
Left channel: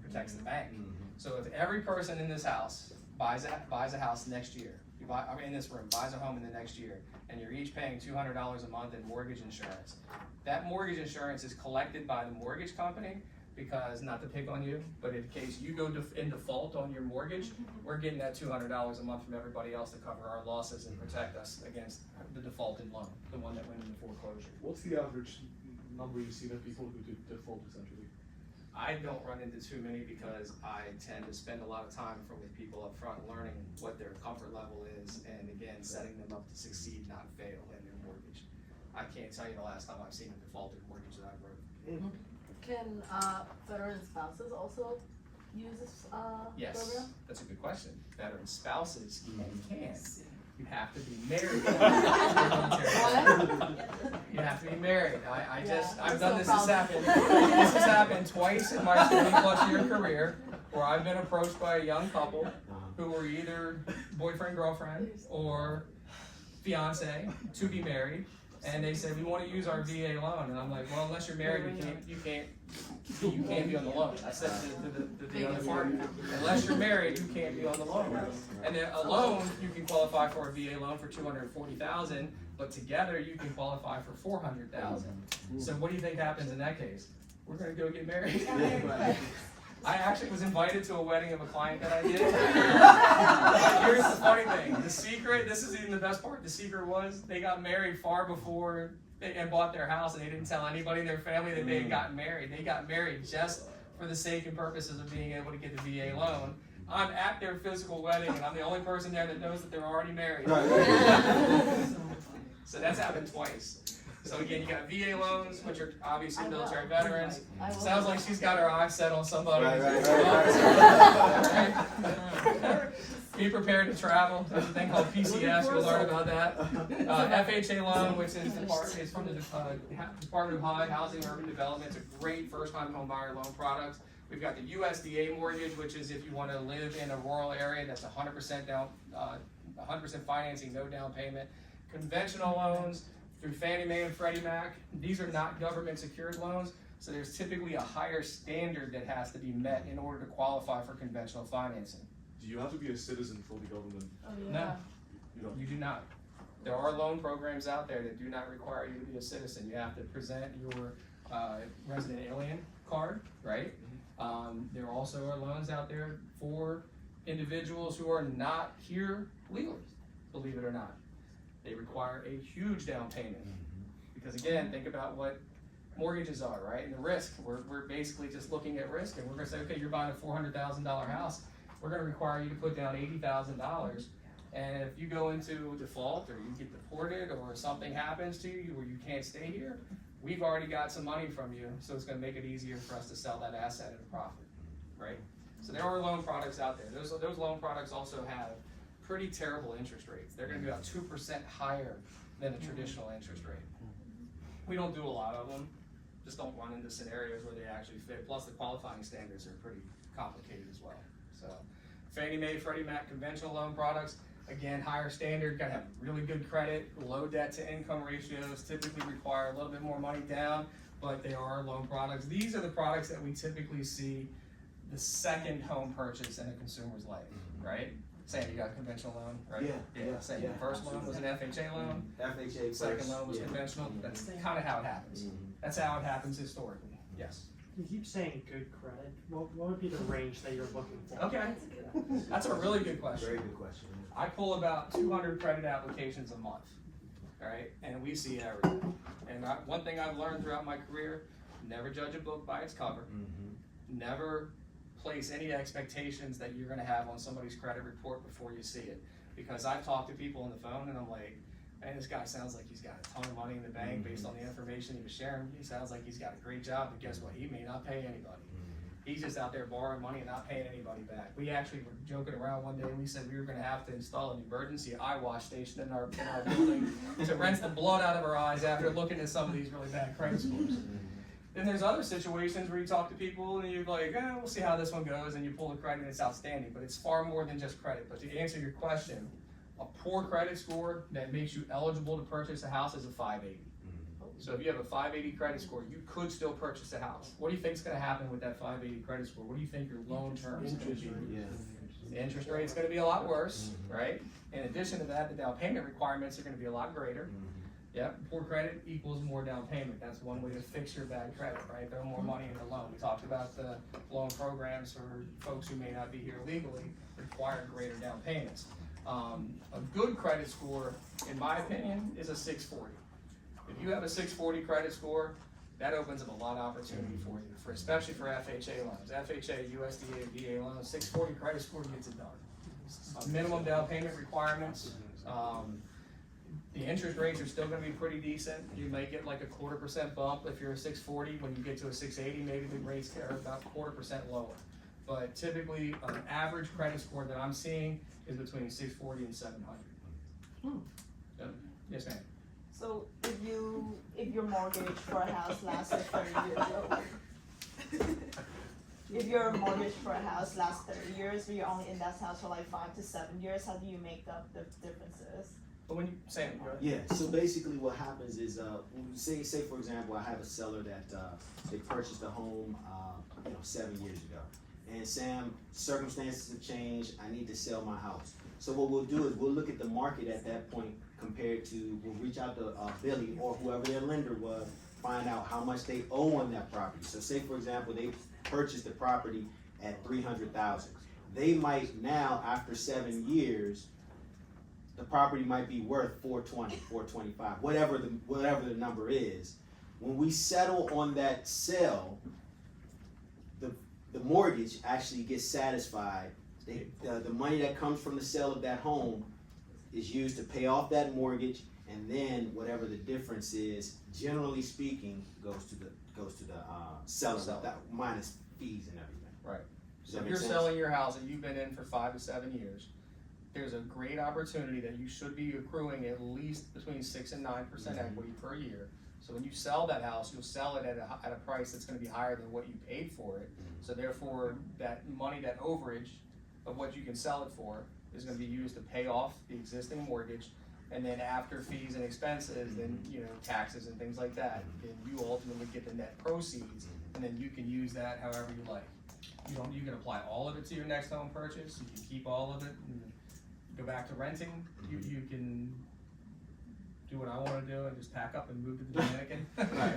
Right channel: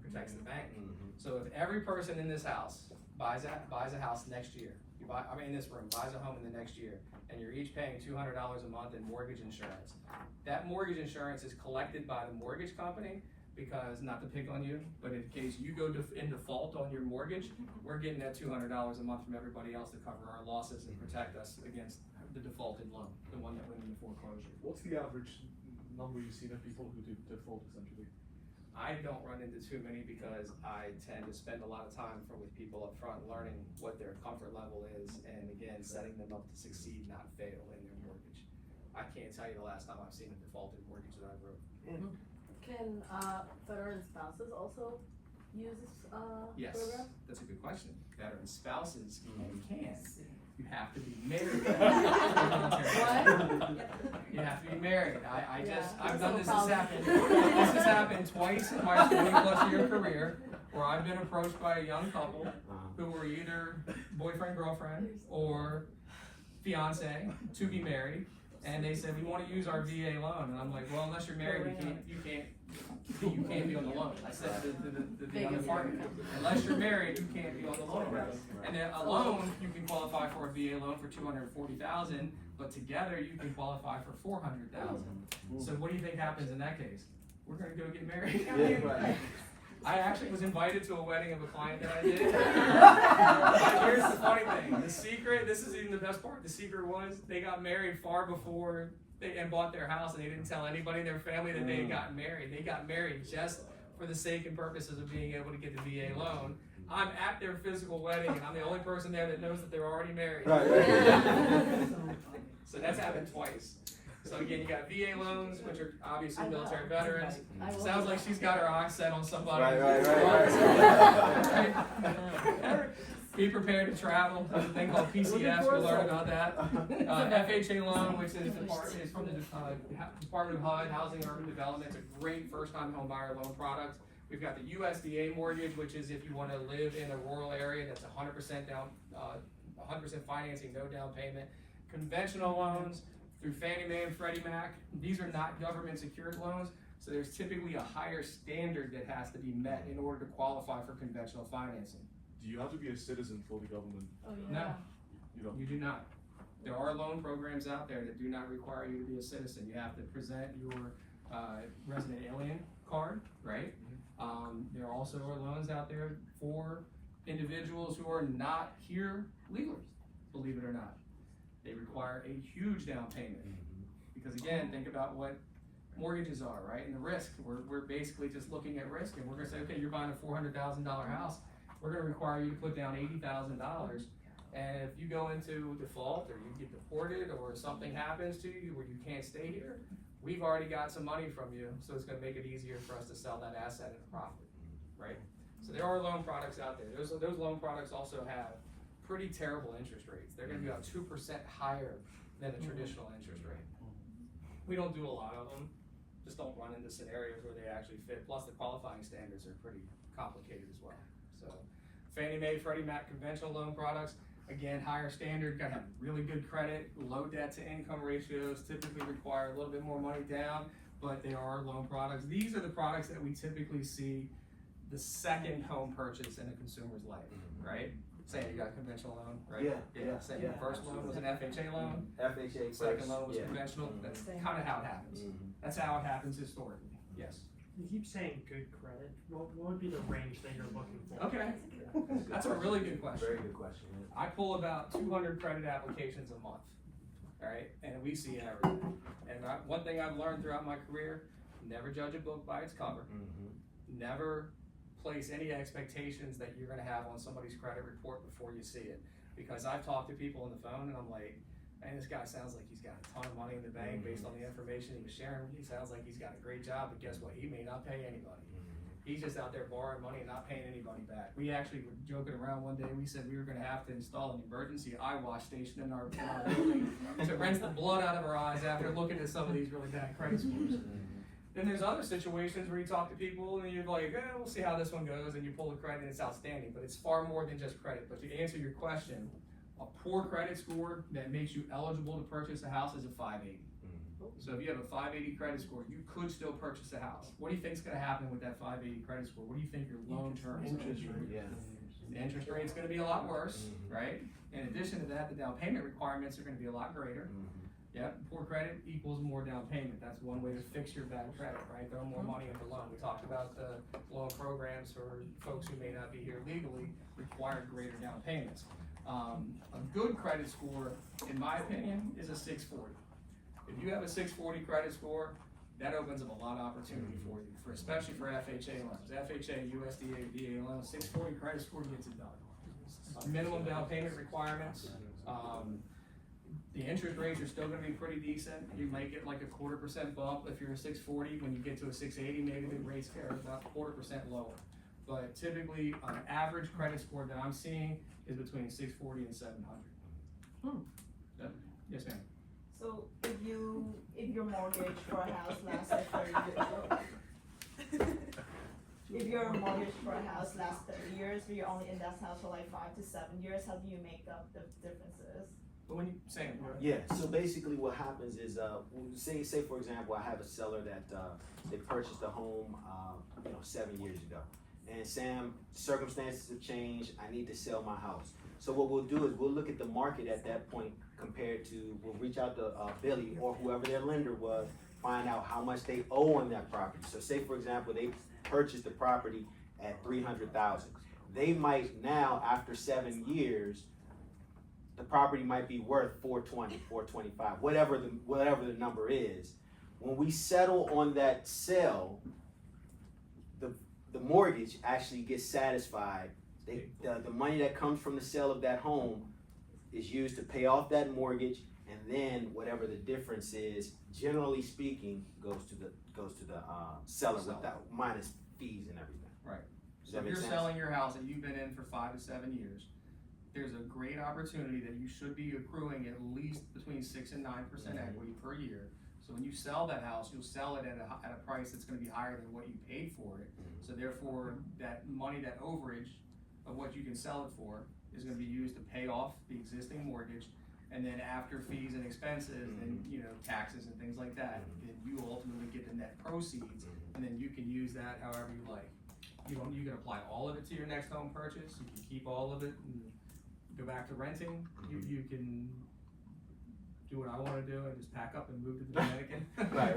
Protects the bank. So if every person in this house buys a house next year, in this room, buys a home in the next year, and you're each paying $200 a month in mortgage insurance, that mortgage insurance is collected by the mortgage company because, not to pick on you, but in case you go in default on your mortgage, we're getting that $200 a month from everybody else to cover our losses and protect us against the defaulted loan, the one that went into foreclosure. What's the average number you see of people who default essentially? I don't run into too many because I tend to spend a lot of time with people up front learning what their comfort level is and again, setting them up to succeed, not fail in their mortgage. I can't tell you the last time I've seen a defaulted mortgage that I wrote. Can veteran spouses also use this Yes, program? that's a good question. Veteran spouses can. You have to be married. What? You have to be married. I've I'm done so this. proud. This has happened twice in my 20+ year career, where I've been approached by a young couple who were either boyfriend, girlfriend, or fiance to be married, and they said, we want to use our VA loan, and I'm like, well, unless you're married, you can't be on the loan. I said to the other party, unless you're married, you can't be on the loan. And then a loan, you can qualify for a VA loan for $240,000, but together you can qualify for $400,000. So what do you think happens in that case? We're gonna go get married. I actually was invited to a wedding of a client that I did. Here's the funny thing, the secret, this is even the best part, the secret was they got married far before and bought their house, and they didn't tell anybody in their family that they had gotten married. They got married just for the sake and purposes of being able to get the VA loan. I'm at their physical wedding, and I'm the only person there that knows that they're already married. So that's happened twice. So again, you got VA loans, which are obviously military veterans. Sounds like she's got her eyes set on somebody. Be prepared to travel. There's a thing called PCS. You'll learn about that. FHA loan, which is from the Department of Housing and Urban Development. It's a great first-time home buyer loan product. We've got the USDA mortgage, which is if you want to live in a rural area, that's 100% down, 100% financing, no down payment. Conventional loans through Fannie Mae and Freddie Mac. These are not government secured loans, so there's typically a higher standard that has to be met in order to qualify for conventional financing. Do you have to be a citizen for the government? No, You know, you do not. There are loan programs out there that do not require you to be a citizen. You have to present your resident alien card, right? There also are loans out there for individuals who are not here legally, believe it or not. They require a huge down payment. Because again, think about what mortgages are, right? And the risk, we're basically just looking at risk, and we're gonna say, okay, you're buying a $400,000 house, we're gonna require you to put down $80,000. And if you go into default, or you get deported, or something happens to you where you can't stay here, we've already got some money from you, so it's gonna make it easier for us to sell that asset at a profit, right? So there are loan products out there. Those loan products also have pretty terrible interest rates. They're gonna be about 2% higher than a traditional interest rate. We don't do a lot of them, just don't run into scenarios where they actually fit. Plus the qualifying standards are pretty complicated as well. So Fannie Mae, Freddie Mac conventional loan products, again, higher standard, gotta have really good credit, low debt to income ratios, typically require a little bit more money down, but there are loan products. These are the products that we typically see the second home purchase in a consumer's life, right? Saying you got a conventional loan, right? Yeah. Saying the first loan was an FHA loan, FHA. second loan was yeah. conventional. That's kind of how it happens. That's how it happens historically. Yes. You keep saying good credit. What would be the range that you're looking for? Okay. That's a really good question. Very good question. I pull about 200 credit applications a month. right? And we see everything. And one thing I've learned throughout my career, never judge a book by its cover. Never place any expectations that you're gonna have on somebody's credit report before you see it. Because I've talked to people on the phone and I'm like, man, this guy sounds like he's got a ton of money in the bank based on the information he was sharing. He sounds like he's got a great job, but guess what? He may not pay anybody. He's just out there borrowing money and not paying anybody back. We actually were joking around one day. We said we were going to have to install an emergency eye wash station in our building to rinse the blood out of our eyes after looking at some of these really bad credit scores. Then there's other situations where you talk to people and you're like, we'll see how this one goes, and you pull the credit and it's outstanding. But it's far more than just credit. But to answer your question, a poor credit score that makes you eligible to purchase a house is a 580. So if you have a 580 credit score, you could still purchase a house. What do you think is going to happen with that 580 credit score? What do you think your loan term is going to be? The interest rate is going to be a lot worse, right? In addition to that, the down payment requirements are going to be a lot greater. Yep, poor credit equals more down payment. That's one way to fix your bad credit, right? Throw more money in the loan. We talked about the loan programs for folks who may not be here legally require greater down payments. A good credit score, in my opinion, is a 640. If you have a 640 credit score, that opens up a lot of opportunity for you, especially for FHA loans. FHA, USDA, VA loans, 640 credit score gets it done. Minimum down payment requirements. The interest rates are still gonna be pretty decent. You might get like a 0.25% bump if you're a 640. When you get to a 680, maybe the rates are about 0.25% lower. But typically, an average credit score that I'm seeing is between 640 and 700. So, yes, ma'am. So if your mortgage for a house lasts 30 years, if your mortgage for a house lasts 30 years, but you're only in that house for like 5 to 7 years, how do you make up the differences? But when you say it, Yeah, so basically what happens is, say for example, I have a seller that, they purchased a home, 7 years ago. And Sam, circumstances have changed, I need to sell my house. So what we'll do is we'll look at the market at that point compared to, we'll reach out to Billy or whoever their lender was, find out how much they owe on that property. So say for example, they purchased the property at $300,000. They might now, after 7 years, the property might be worth $420, $425, whatever the number is. When we settle on that sale, the mortgage actually gets satisfied. The money that comes from the sale of that home is used to pay off that mortgage, and then whatever the difference is, generally speaking, goes to the seller that, minus fees and everything. Right. Does So that if make you're sense? selling your house and you've been in for 5 to 7 years, there's a great opportunity that you should be accruing at least between 6 and 9% equity per year. So when you sell that house, you'll sell it at a price that's going to be higher than what you paid for it. So therefore, that money, that overage of what you can sell it for, is going to be used to pay off the existing mortgage, and then after fees and expenses, then taxes and things like that, then you ultimately get the net proceeds, and then you can use that however you like. You can apply all of it to your next home purchase. You can keep all of it and go back to renting. You can do what I want to do and just pack up and move to the Dominican. Right.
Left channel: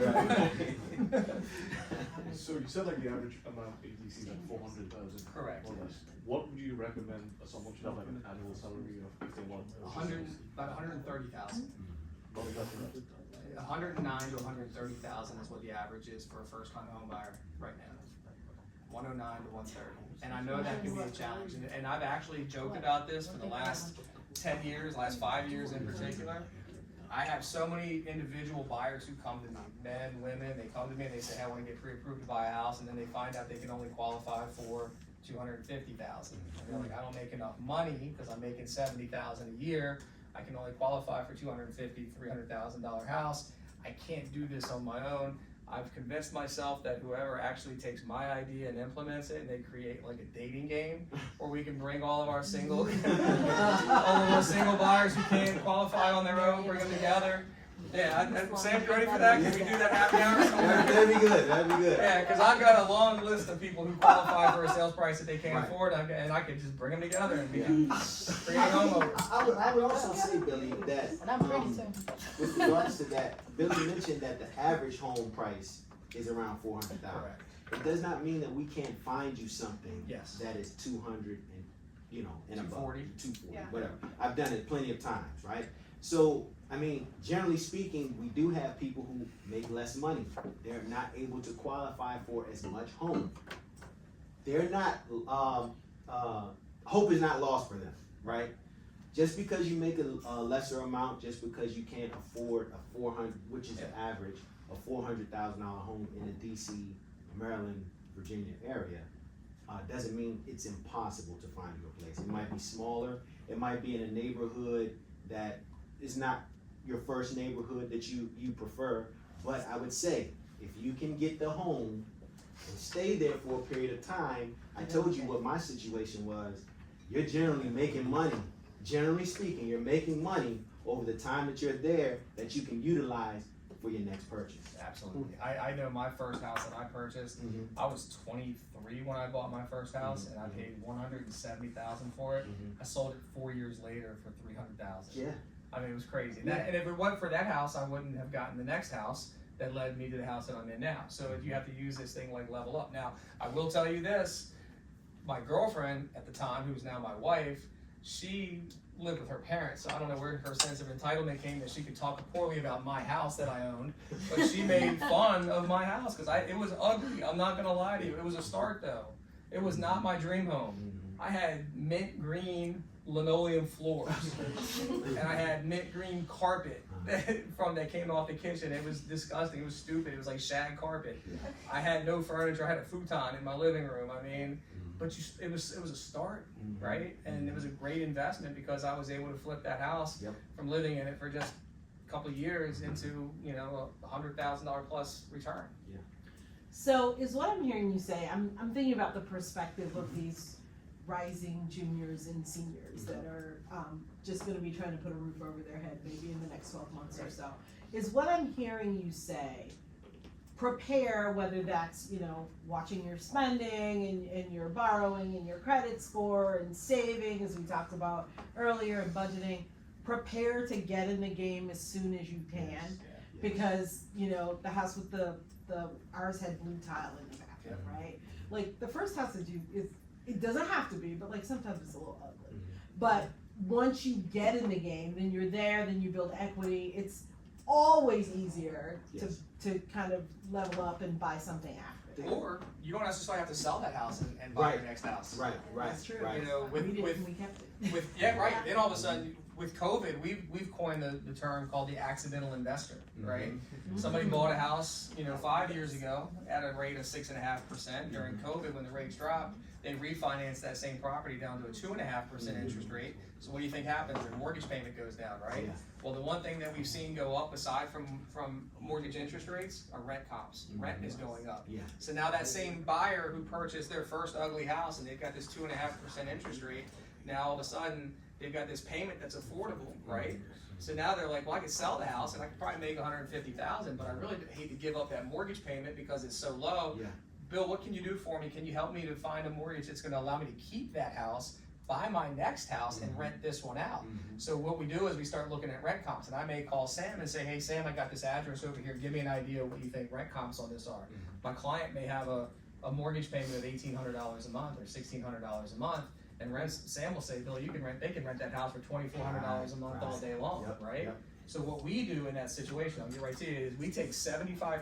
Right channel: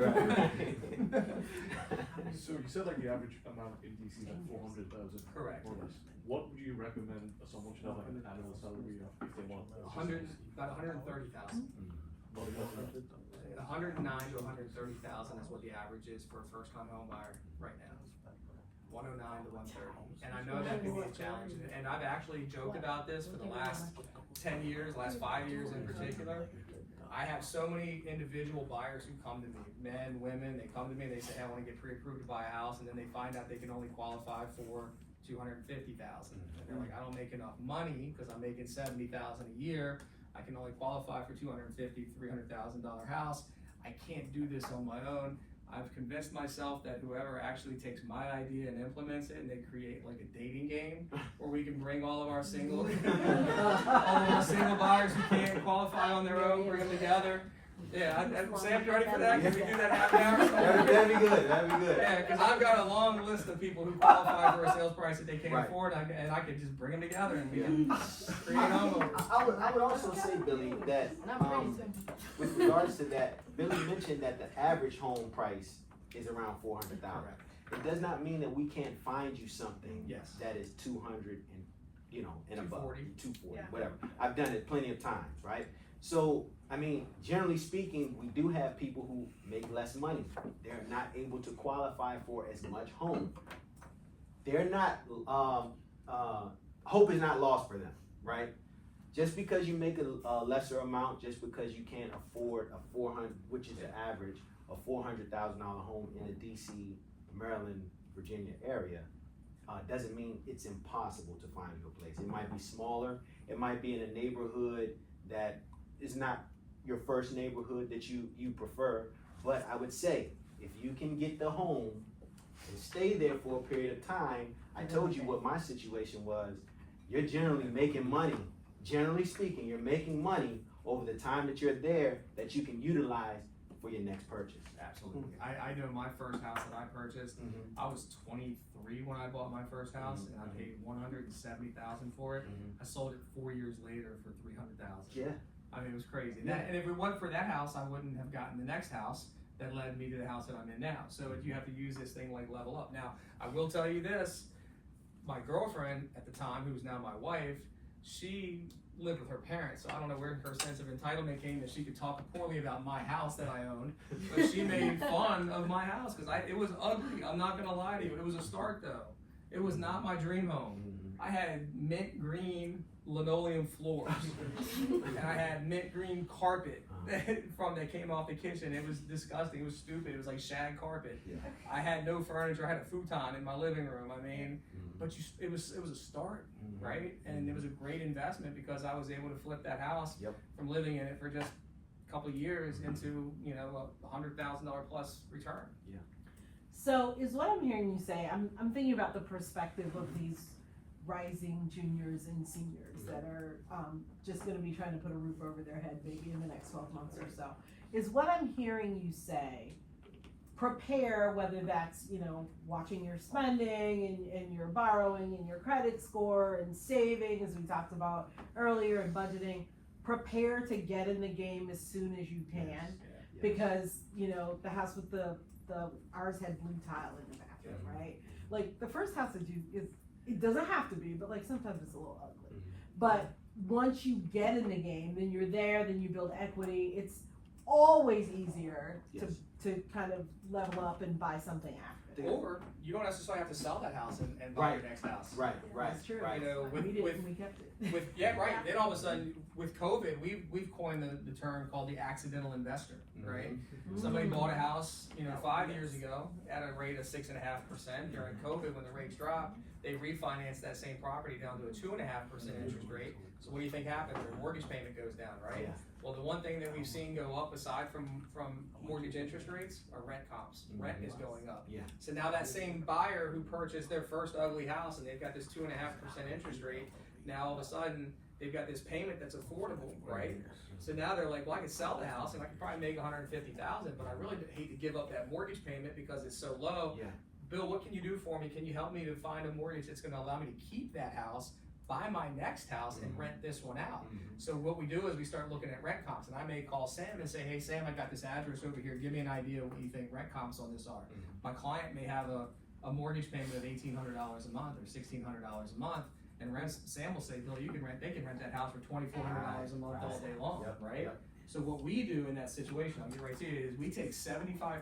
So you said like the average amount of ATC is like 400,000. Correct. More or less. What would you recommend someone should have like an annual salary of if they want? About 130,000. 109 to 130,000 is what the average is for a first-time home buyer right now. 109 to 130, and I know that can be a challenge. And I've actually joked about this for the last 10 years, last 5 years in particular. I have so many individual buyers who come to me, men, women. They come to me, they say, "I want to get pre-approved to buy a house," and then they find out they can only qualify for 250,000. And they're like, "I don't make enough money because I'm making 70,000 a year. I can only qualify for $250,000, $300,000 house. I can't do this on my own." I've convinced myself that whoever actually takes my idea and implements it, and they create like a dating game where we can bring all of our single, all of our single buyers who can't qualify on their own, bring them together. Yeah, Sam, you ready for that? Can we do that happy hour somewhere? That'd be good, that'd be good. Yeah, because I've got a long list of people who qualify for a sales price that they can't afford, and I could just bring them together and we can create homeowners. I would also say, Billy, that with regards to that, Billy mentioned that the average home price is around 400,000. Correct. It does not mean that we can't find you something Yes. that is 200 and and above, 240. 240, Yeah. whatever. I've done it plenty of times, right? So I mean, generally speaking, we do have people who make less money. They're not able to qualify for as much home. They're not, hope is not lost for them, right? Just because you make a lesser amount, just because you can't afford a 400, which is the average, a $400,000 home in the DC, Maryland, Virginia area, doesn't mean it's impossible to find your place. It might be smaller. It might be in a neighborhood that is not your first neighborhood that you prefer. But I would say, if you can get the home and stay there for a period of time, I told you what my situation was. You're generally making money. Generally speaking, you're making money over the time that you're there that you can utilize for your next purchase. Absolutely. I know my first house that I purchased, I was 23 when I bought my first house, and I paid $170,000 for it. I sold it 4 years later for $300,000. Yeah. I mean, it was crazy. And if it wasn't for that house, I wouldn't have gotten the next house that led me to the house that I'm in now. So you have to use this thing like level up. Now, I will tell you this, my girlfriend at the time, who's now my wife, she lived with her parents, so I don't know where her sense of entitlement came that she could talk poorly about my house that I owned, but she made fun of my house because it was ugly. I'm not gonna lie to you. It was a start though. It was not my dream home. I had mint green linoleum floors, and I had mint green carpet that came off the kitchen. It was disgusting. It was stupid. It was like shag carpet. I had no furniture. I had a futon in my living room. I mean, but it was a start, right? And it was a great investment because I was able to flip that house from living in it for just a couple of years into, you know, a $100,000 plus return. Yeah. So is what I'm hearing you say, I'm thinking about the perspective of these rising juniors and seniors that are just gonna be trying to put a roof over their head maybe in the next 12 months or so. Is what I'm hearing you say, prepare, whether that's, you know, watching your spending and your borrowing and your credit score and saving, as we talked about earlier, and budgeting, prepare to get in the game as soon as you can, because, you know, the house with the ours had blue tile in the bathroom, right? Like, the first house is it doesn't have to be, but like sometimes it's a little ugly. But once you get in the game, then you're there, then you build equity. It's always easier to kind of level up and buy something after that. Or you don't necessarily have to sell that house and buy your next house. Right. That's true. Right. You know, We did, and we kept it. Then all of a sudden, with COVID, we've coined the term called the accidental investor, right? Somebody bought a house, you know, 5 years ago at a rate of 6.5%. During COVID, when the rates dropped, they refinanced that same property down to a 2.5% interest rate. So what do you think happens? Their mortgage payment goes down, right? Well, the one thing that we've seen go up aside from mortgage interest rates are rent comps. Rent is going up. So now that same buyer who purchased their first ugly house and they've got this 2.5% interest rate, now all of a sudden they've got this payment that's affordable, right? So now they're like, well, I could sell the house and I could probably make $150,000, but I really hate to give up that mortgage payment because it's so low. Bill, what can you do for me? Can you help me to find a mortgage that's gonna allow me to keep that house, buy my next house, and rent this one out? So what we do is we start looking at rent comps, and I may call Sam and say, hey Sam, I got this address over here, give me an idea of what you think rent comps on this are. My client may have a mortgage payment of $1,800 a month or $1,600 a month, and Sam will say, Bill, they can rent that house for $2,400 a month all day long, right? So what we do in that situation, I'll get right to you, is we take 75%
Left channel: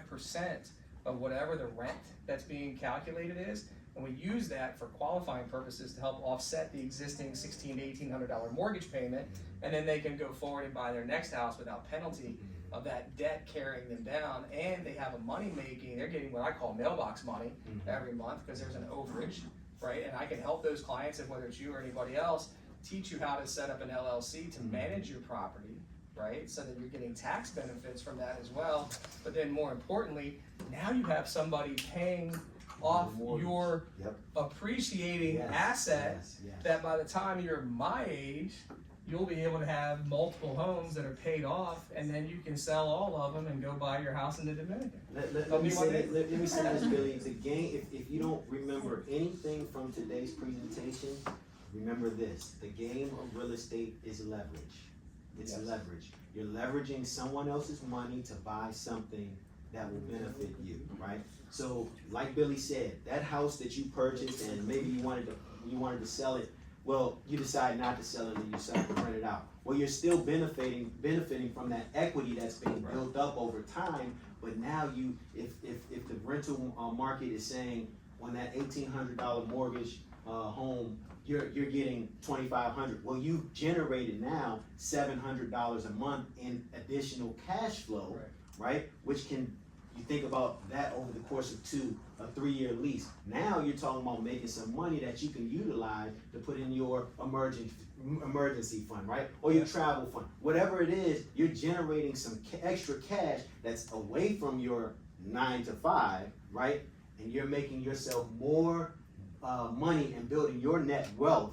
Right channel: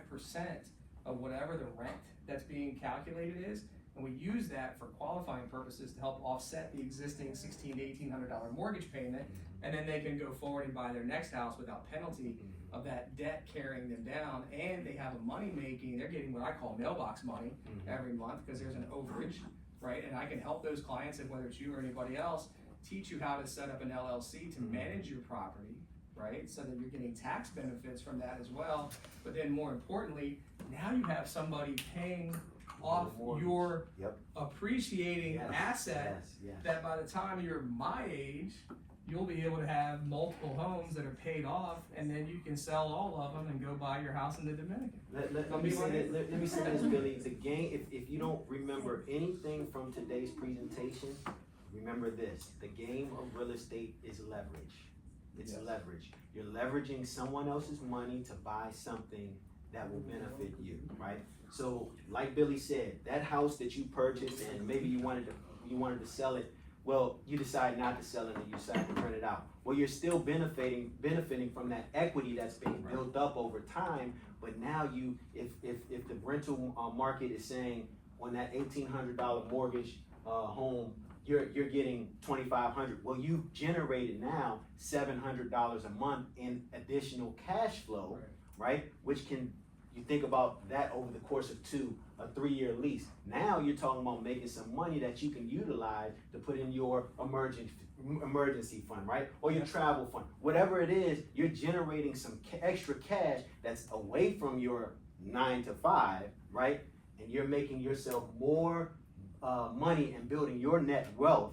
of whatever the rent that's being calculated is, and we use that for qualifying purposes to help offset the existing $1,600 to $1,800 mortgage payment, and then they can go forward and buy their next house without penalty of that debt carrying them down, and they have a they're getting what I call mailbox money every month because there's an overage, right? And I can help those clients, and whether it's you or anybody else, teach you how to set up an LLC to manage your property, right? So that you're getting tax benefits from that as well. But then more importantly, now you have somebody paying off your appreciating asset that by the time you're my age, you'll be able to have multiple homes that are paid off, and then you can sell all of them and go buy your house in the Dominican. Let me say this, Billy. The game, if you don't remember anything from today's presentation, remember this. The game of real estate is leverage. It's leverage. You're leveraging someone else's money to buy something that will benefit you, right? So, like Billy said, that house that you purchased and maybe you wanted to sell it, Well, you decide not to sell it and you decide to rent it out. Well, you're still benefiting from that equity that's being built up over time. But now if the rental market is saying on that $1,800 mortgage home, you're getting $2,500. Well, you've generated now $700 a month in additional cash flow, right? Which can, you think about that over the course of a 3-year lease. Now you're talking about making some money that you can utilize to put in your emergency fund, right? Or your travel fund. Whatever it is, you're generating some extra cash that's away from your 9 to 5, right? And you're making yourself more money and building your net wealth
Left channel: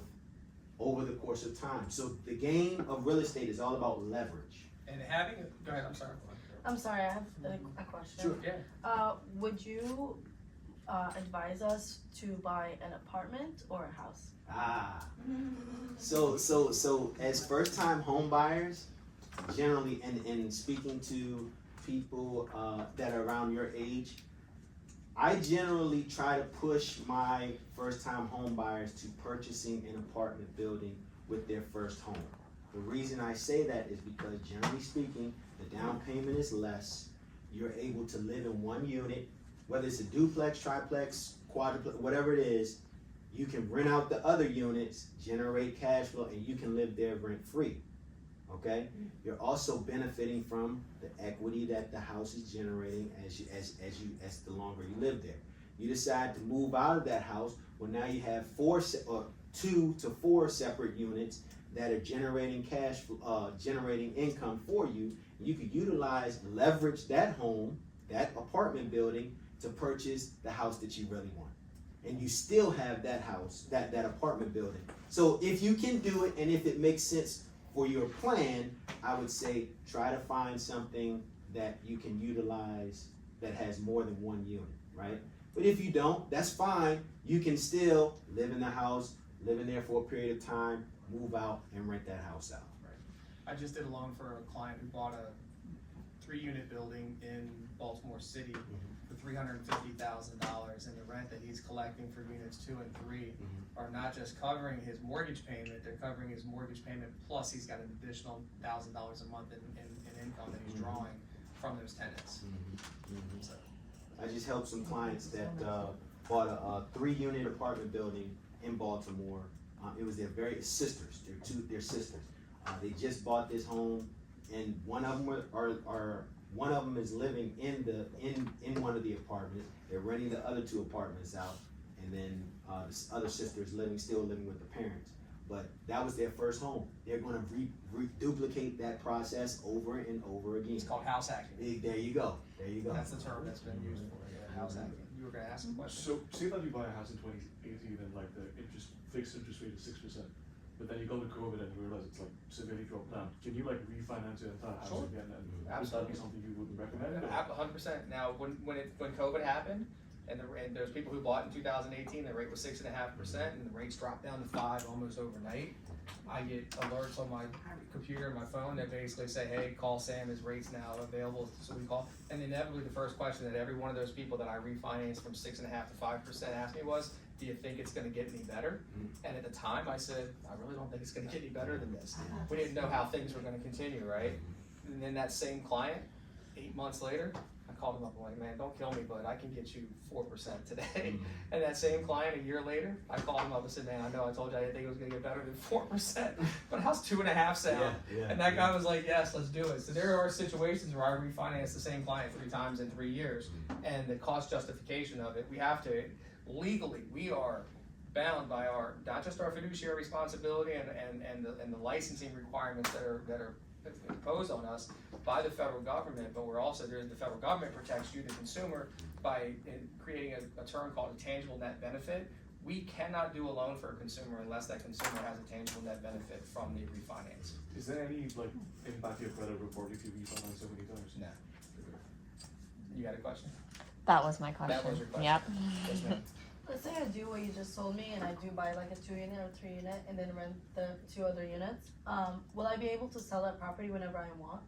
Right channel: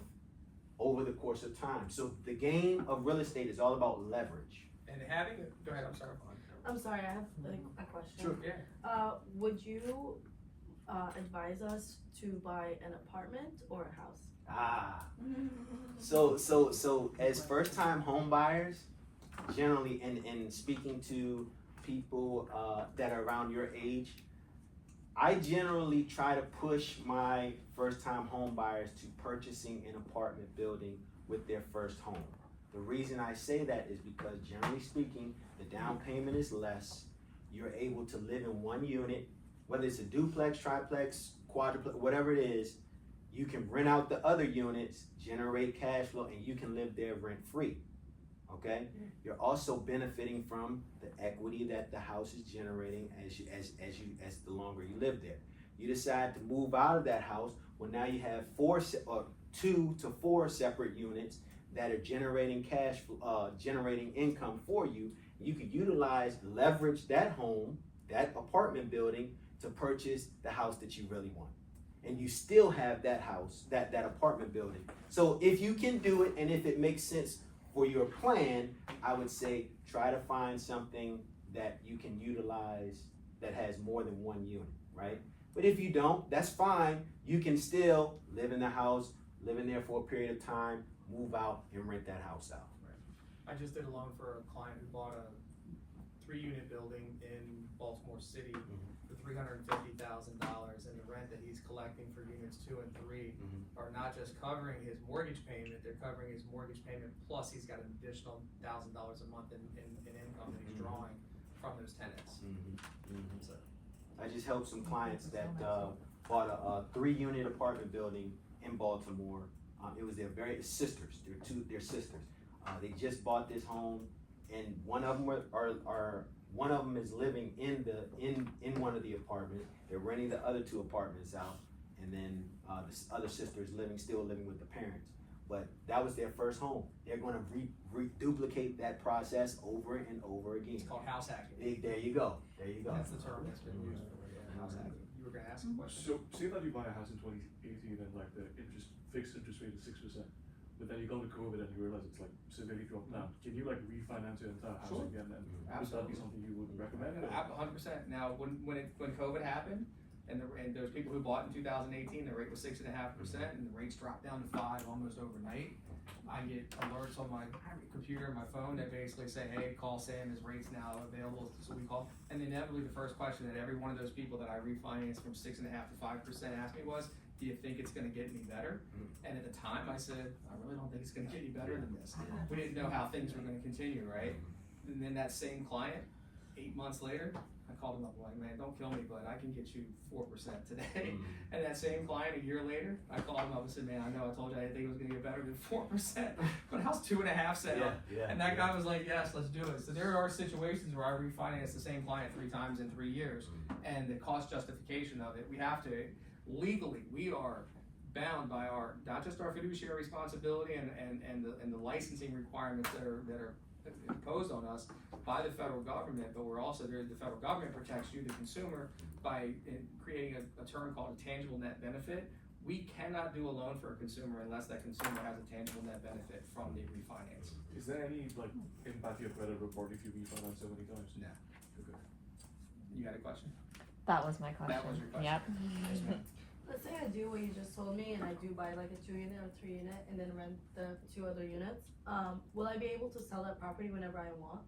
over the course of time. So the game of real estate is all about leverage. And having, go ahead, I'm sorry. I'm sorry, I have a question. Sure, yeah. Would you advise us to buy an apartment or a house? So as first time home buyers, generally, and speaking to people that are around your age, I generally try to push my first time home buyers to purchasing an apartment building with their first home. The reason I say that is because generally speaking, the down payment is less. You're able to live in one unit, whether it's a duplex, triplex, quadruplex, whatever it is. You can rent out the other units, generate cash flow, and you can live there rent free. Okay? You're also benefiting from the equity that the house is generating as the longer you live there. You decide to move out of that house, well, now you have 2 to 4 separate units that are generating cash, generating income for you. You can leverage that home, that apartment building, to purchase the house that you really want. And you still have that house, that apartment building. So if you can do it, and if it makes sense for your plan, I would say try to find something that you can utilize that has more than one unit, right? But if you don't, that's fine. You can still live in the house, live in there for a period of time, move out and rent that house out. I just did a loan for a client who bought a 3-unit building in Baltimore City for $350,000, and the rent that he's collecting for units 2 and 3 are not just covering his mortgage payment, they're covering his mortgage payment plus he's got an additional $1,000 a month in income that he's drawing from those tenants. So. I just helped some clients that bought a 3-unit apartment building in Baltimore. It was their sisters. They're sisters. They just bought this home, and one of them is living in one of the apartments. They're renting the other 2 apartments out, and then this other sister is still living with the parents. But that was their first home. They're going to duplicate that process over and over again. It's called house hacking. There you go. That's the term that's been used for house hacking. You were going to ask a question. So say that you buy a house in 2018 and like the fixed interest rate is 6%, but then you go to COVID and you realize it's like severely dropped down. Can you like refinance your entire house Sure. again? And would that be something you would recommend? 100%. Now, when COVID happened, and there's people who bought in 2018, the rate was 6.5%, and the rates dropped down to 5 almost overnight. I get alerts on my computer and my phone that basically say, hey, call Sam, his rate's now available, so we call. And inevitably the first question that every one of those people that I refinanced from 6.5% to 5% asked me was, do you think it's gonna get any better? And at the time I said, I really don't think it's gonna get any better than this. We didn't know how things were gonna continue, right? And then that same client, 8 months later, I called him up, I'm like, man, don't kill me, but I can get you 4% today. And that same client, a year later, I called him up and said, man, I know I told you I didn't think it was gonna get better than 4%, but how's 2.5 sound? And that guy was like, yes, let's do it. So there are situations where I refinance the same client 3 times in 3 years, and the cost justification of it, we have to, legally, we are bound by our, not just our fiduciary responsibility and the licensing requirements that are imposed on us by the federal government, but we're also, the federal government protects you, the consumer, by creating a term called a tangible net benefit. We cannot do a loan for a consumer unless that consumer has a tangible net benefit from the refinance. Is there any like impact to your credit report if you refinance so many times? No. You had a question? That was my question. That was your question. Yep. Yes, ma'am. Let's say I do what you just told me and I do buy like a 2-unit or 3-unit and then rent the 2 other units. Will I be able to sell that property whenever I want?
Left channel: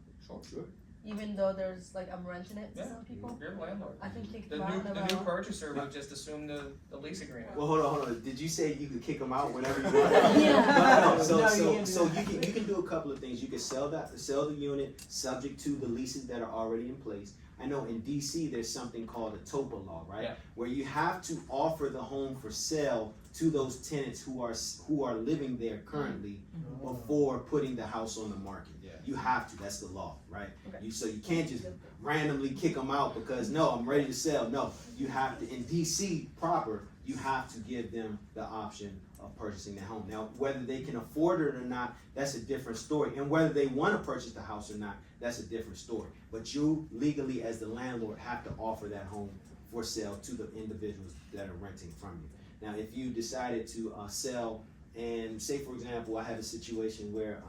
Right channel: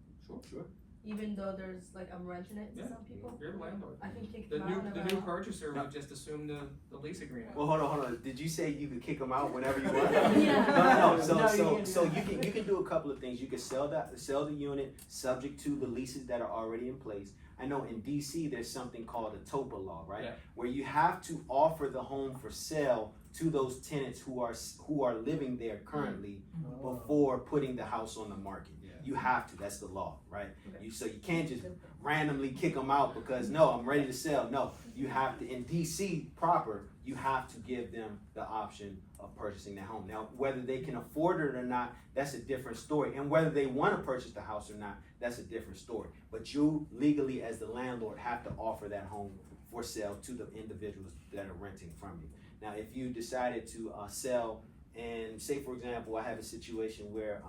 Sure. even though there's like I'm renting it to Yeah. some people. You're the landlord. I can kick The them out. new purchaser would just assume the lease agreement. Well, hold on. Did you say you could kick them out whenever you want? Yeah. No. So, No, so, you can't so do you that. can do a couple of things. You can sell the unit subject to the leases that are already in place. I know in DC there's something called a TOPA law, right? Yeah. Where you have to offer the home for sale to those tenants who are living there currently before putting the house on the market. Yeah. You have to. That's the law, right? Okay. So you can't just randomly kick them out because no, I'm ready to sell. No, you have to. In DC proper, you have to give them the option of purchasing their home. Now, whether they can afford it or not, that's a different story. And whether they want to purchase the house or not, that's a different story. But you legally, as the landlord, have to offer that home for sale to the individuals that are renting from you. Now, if you decided to sell, and say for example, I have a situation where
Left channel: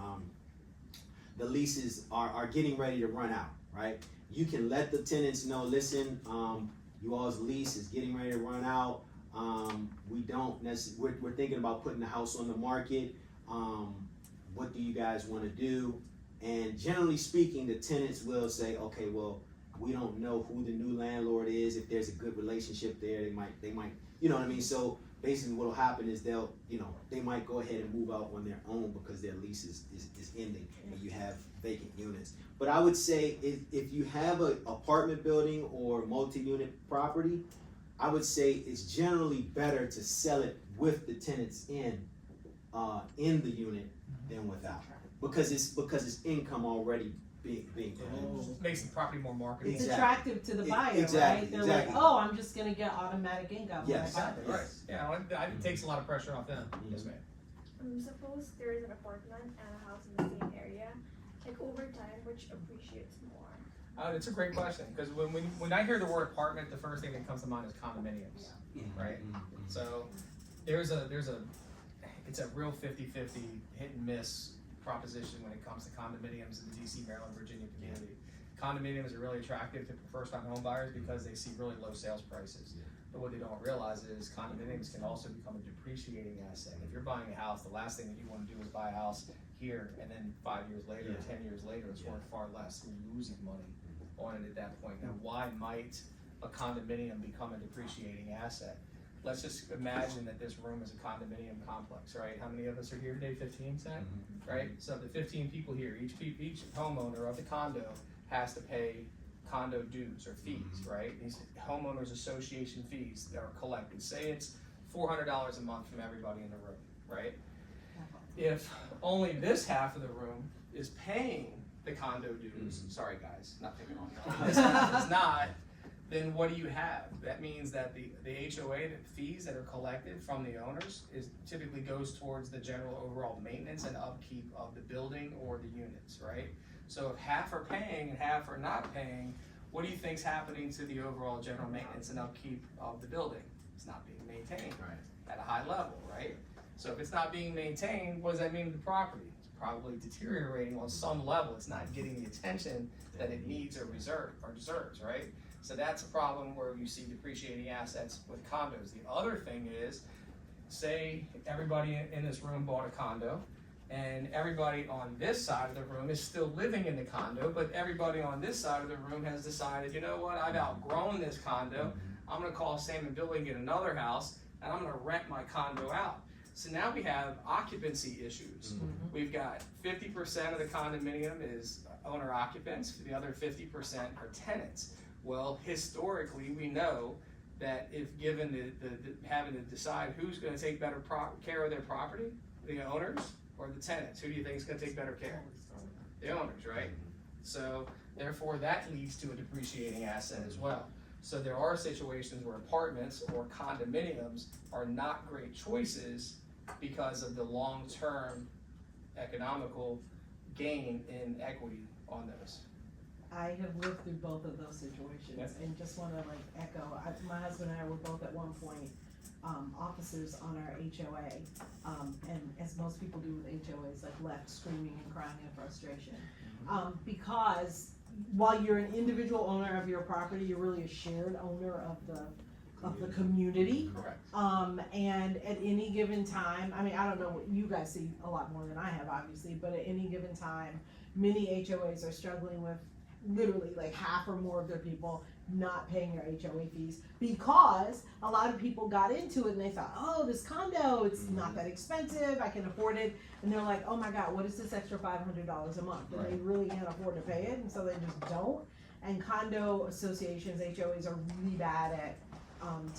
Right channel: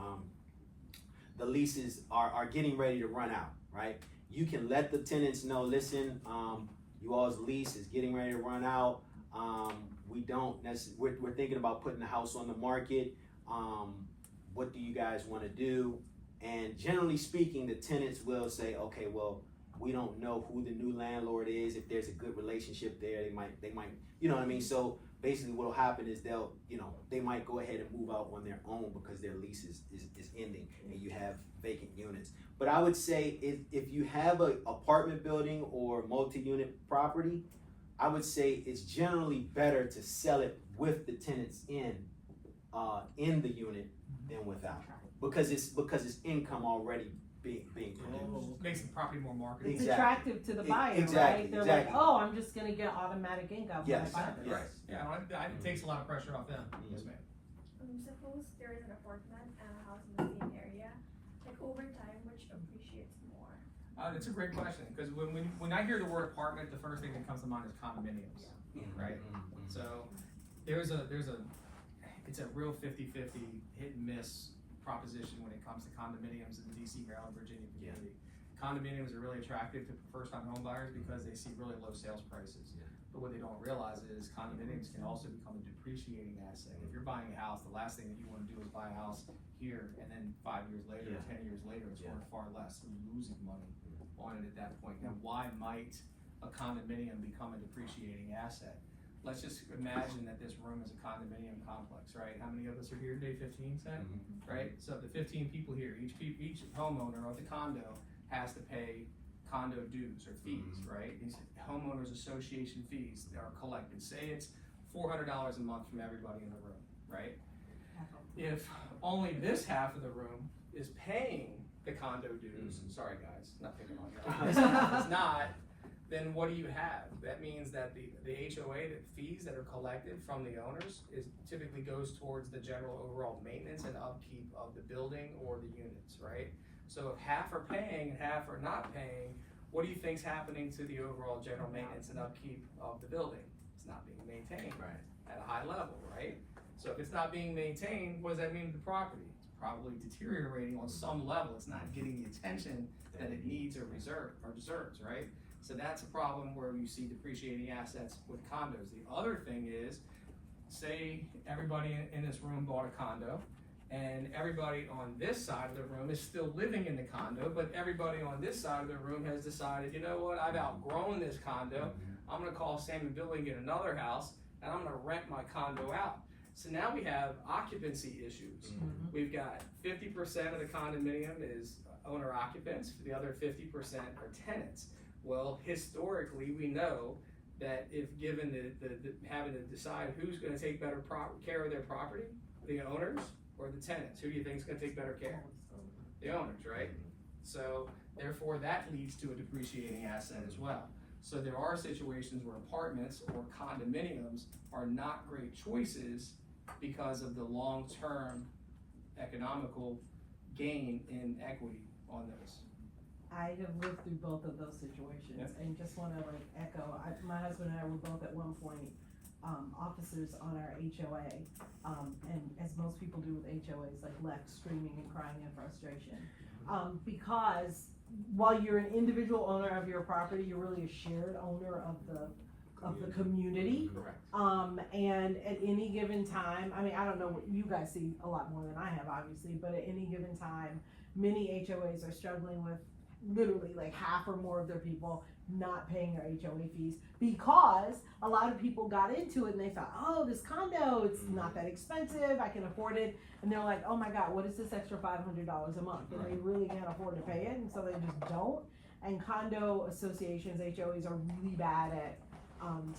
the leases are getting ready to run out, right? You can let the tenants know, listen, you all's lease is getting ready to run out. We're thinking about putting the house on the market. What do you guys want to do? And generally speaking, the tenants will say, okay, well, we don't know who the new landlord is. If there's a good relationship there, they might, you know what I mean? So basically what'll happen is they might go ahead and move out on their own because their lease is ending and you have vacant units. But I would say if you have an apartment building or multi-unit property, I would say it's generally better to sell it with the tenants in the unit than without, because it's income already being produced. Makes the property more marketable. It's Exactly. attractive to the buyer, Exactly, right? They're exactly. like, oh, I'm just gonna get automatic income. when I Yes. got this. Right. Yeah, it takes a lot of pressure off them. Yes, ma'am. Suppose there is an apartment and a house in the same area, like over time, which appreciates more? It's a great question, because when I hear the word apartment, the first thing that comes to mind is condominiums, right? So it's a real 50-50 hit and miss proposition when it comes to condominiums in the DC, Maryland, Virginia community. Condominiums are really attractive to first-time home buyers because they see really low sales prices. But what they don't realize is condominiums can also become a depreciating asset. If you're buying a house, the last thing that you want to do is buy a house here and then 5 years later, or 10 years later, it's worth far less. You're losing money on it at that point. Now, why might a condominium become a depreciating asset? Let's just imagine that this room is a condominium complex, right? How many of us are here today? 15, say? Right? So the 15 people here, each homeowner of the condo has to pay condo dues or fees, right? These homeowners association fees that are collected. Say it's $400 a month from everybody in the room, right? If only this half of the room is paying the condo dues, sorry guys, not picking on you, this half is not, then what do you have? That means that the HOA, the fees that are collected from the owners typically goes towards the general overall maintenance and upkeep of the building or the units, right? So if half are paying and half are not paying, what do you think's happening to the overall general maintenance and upkeep of the building? It's not being maintained at a high level, right? So if it's not being maintained, what does that mean to the property? It's probably deteriorating on some level. It's not getting the attention that it needs or deserves, right? So that's a problem where you see depreciating assets with condos. The other thing is, say everybody in this room bought a condo, and everybody on this side of the room is still living in the condo, but everybody on this side of the room has decided, you know what, I've outgrown this condo, I'm gonna call Sam and Billy and get another house, and I'm gonna rent my condo out. So now we have occupancy issues. We've got 50% of the condominium is owner occupants, the other 50% are tenants. Well, historically, we know that if given the having to decide who's gonna take better care of their property, the owners or the tenants, who do you think is gonna take better care? The owners, right? So therefore that leads to a depreciating asset as well. So there are situations where apartments or condominiums are not great choices because of the long-term economical gain in equity on those. I have lived through both of those situations and just wanna echo, my husband and I were both at one point officers on our HOA, and as most people do with HOAs, left screaming and crying in frustration. Because while you're an individual owner of your property, you're really a shared owner of the community. Correct. And at any given time, I mean, I don't know what you guys see a lot more than I have, obviously, but at any given time, many HOAs are struggling with literally like half or more of their people not paying their HOA fees because a lot of people got into it and they thought, oh, this condo, it's not that expensive, I can afford it. And they're like, oh my God, what is this extra $500 a month? And they really can't afford to pay it, and so they just don't. And condo associations, HOAs, are really bad at